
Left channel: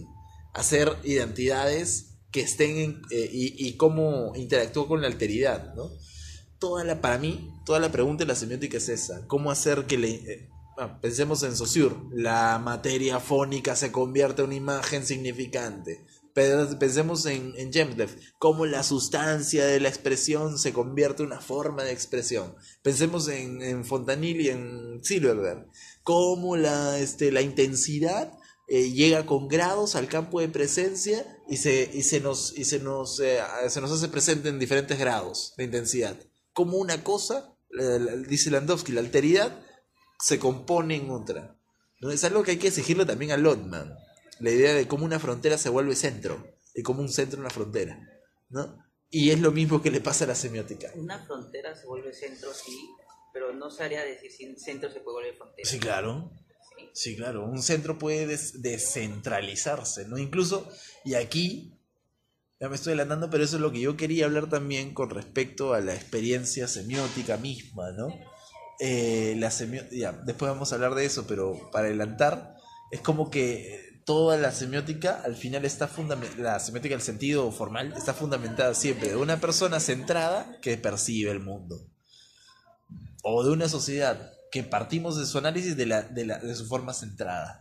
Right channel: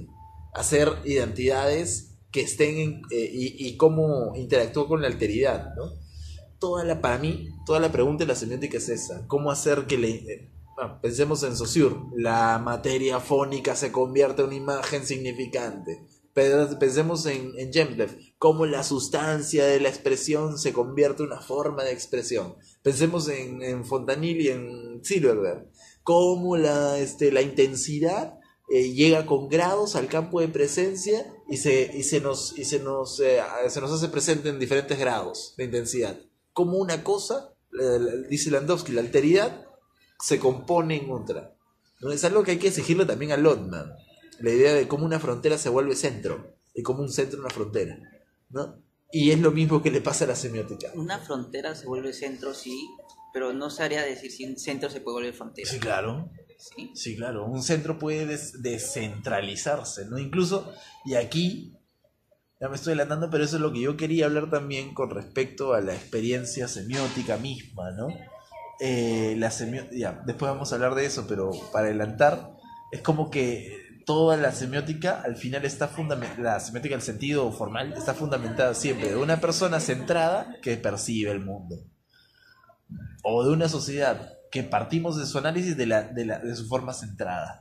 Hacer identidades que estén y cómo interactúa con la alteridad, ¿no? Para mí, toda la pregunta de la semiótica es esa. ¿Cómo hacer que pensemos en Saussure, la materia fónica se convierta en una imagen significante? Pensemos en Jemdlev, cómo la sustancia de la expresión se convierte en una forma de expresión. Pensemos en Fontanille y en Silverberg, cómo la intensidad llega con grados al campo de presencia y se nos hace presente en diferentes grados de intensidad. Como una cosa, dice Landowski, la alteridad se compone en otra, ¿no? Es algo que hay que exigirle también a Lotman, la idea de cómo una frontera se vuelve centro y cómo un centro una frontera, ¿no? Y es lo mismo que le pasa a la semiótica. Una frontera se vuelve centro, sí, pero no sabría decir si un centro se puede volver frontera. Sí, claro. Sí, claro. Un centro puede descentralizarse, ¿no? Incluso, y aquí, ya me estoy adelantando, pero eso es lo que yo quería hablar también con respecto a la experiencia semiótica misma, ¿no? Después vamos a hablar de eso, pero para adelantar, es como que toda la semiótica al final la semiótica en el sentido formal está fundamentada siempre de una persona centrada que percibe el mundo, o de una sociedad que partimos de su análisis de su forma centrada.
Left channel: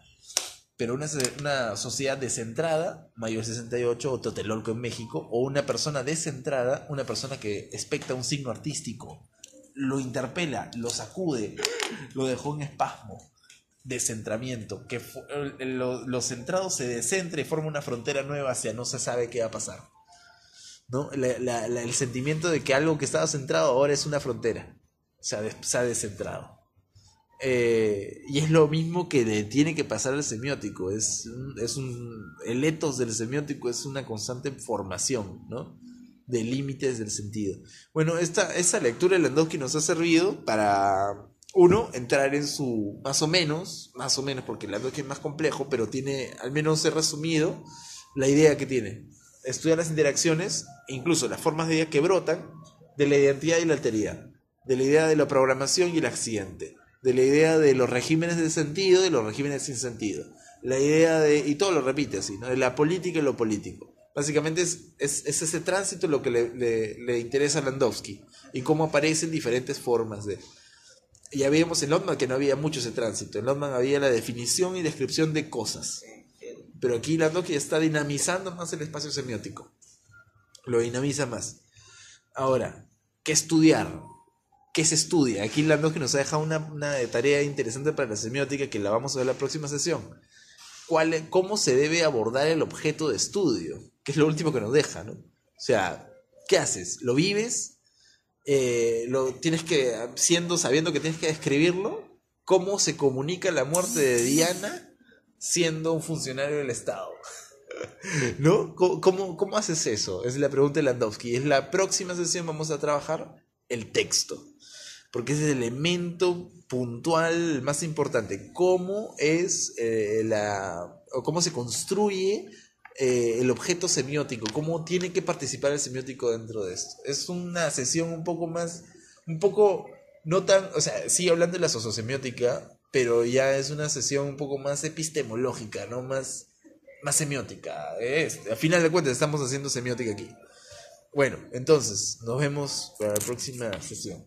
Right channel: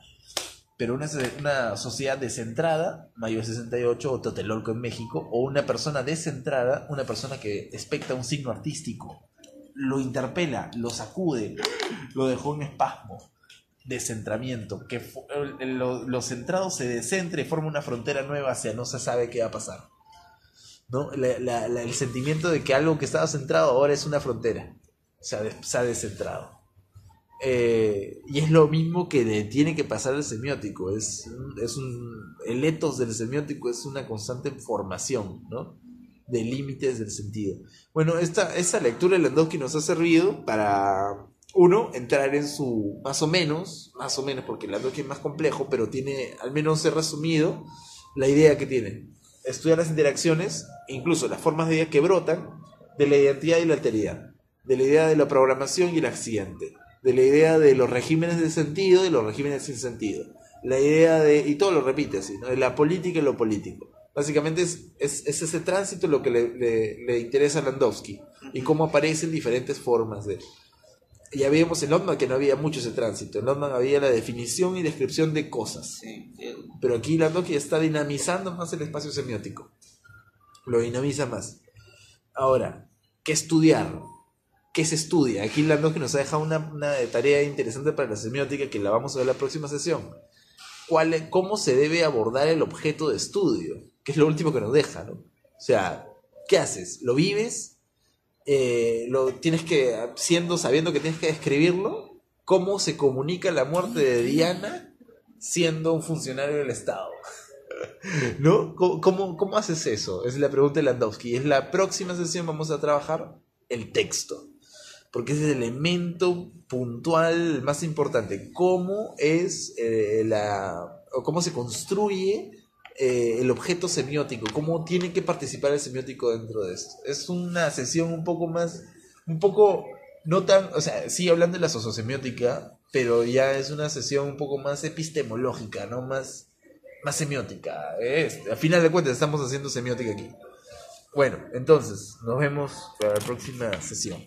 Pero una sociedad descentrada, Mayo 68 o Totelolco en México, o una persona descentrada, una persona que expecta un signo artístico, lo interpela, lo sacude, lo dejó en espasmo, descentramiento, que lo centrado se descentra y forma una frontera nueva hacia no se sabe qué va a pasar, ¿no? El sentimiento de que algo que estaba centrado ahora es una frontera, se ha descentrado. Y es lo mismo que le tiene que pasar al semiótico. El etos del semiótico es una constante formación, ¿no? De límites del sentido. Bueno, esa lectura de Landowski nos ha servido para, uno, entrar en su, más o menos, porque Landowski es más complejo, pero tiene, al menos he resumido la idea que tiene. Estudiar las interacciones, incluso las formas de idea que brotan de la identidad y la alteridad, de la idea de la programación y el accidente, de la idea de los regímenes de sentido y los regímenes sin sentido, la idea y todo lo repite así, ¿no? De la política y lo político. Básicamente es ese tránsito lo que le interesa a Landowski y cómo aparecen diferentes formas de... Ya vimos en Lotman que no había mucho ese tránsito. En Lotman había la definición y descripción de cosas, pero aquí Landowski está dinamizando más el espacio semiótico, lo dinamiza más. Ahora, ¿qué estudiar? ¿Qué se estudia? Aquí Landowski nos ha dejado una tarea interesante para la semiótica que la vamos a ver en la próxima sesión. ¿Cómo se debe abordar el objeto de estudio? Que es lo último que nos deja, ¿no? O sea, ¿qué haces? ¿Lo vives? lo tienes que, sabiendo que tienes que describirlo, cómo se comunica la muerte de Diana siendo un funcionario del Estado. ¿No? ¿Cómo haces eso? Es la pregunta de Landowski. Es la próxima sesión, vamos a trabajar el texto. Porque es el elemento puntual más importante. ¿Cómo es o cómo se construye el objeto semiótico? ¿Cómo tiene que participar el semiótico dentro de esto? Es una sesión no tan, o sea, sigue hablando de la sociosemiótica, pero ya es una sesión un poco más epistemológica, ¿no? Más semiótica. A final de cuentas estamos haciendo semiótica aquí. Bueno, entonces, nos vemos para la próxima sesión.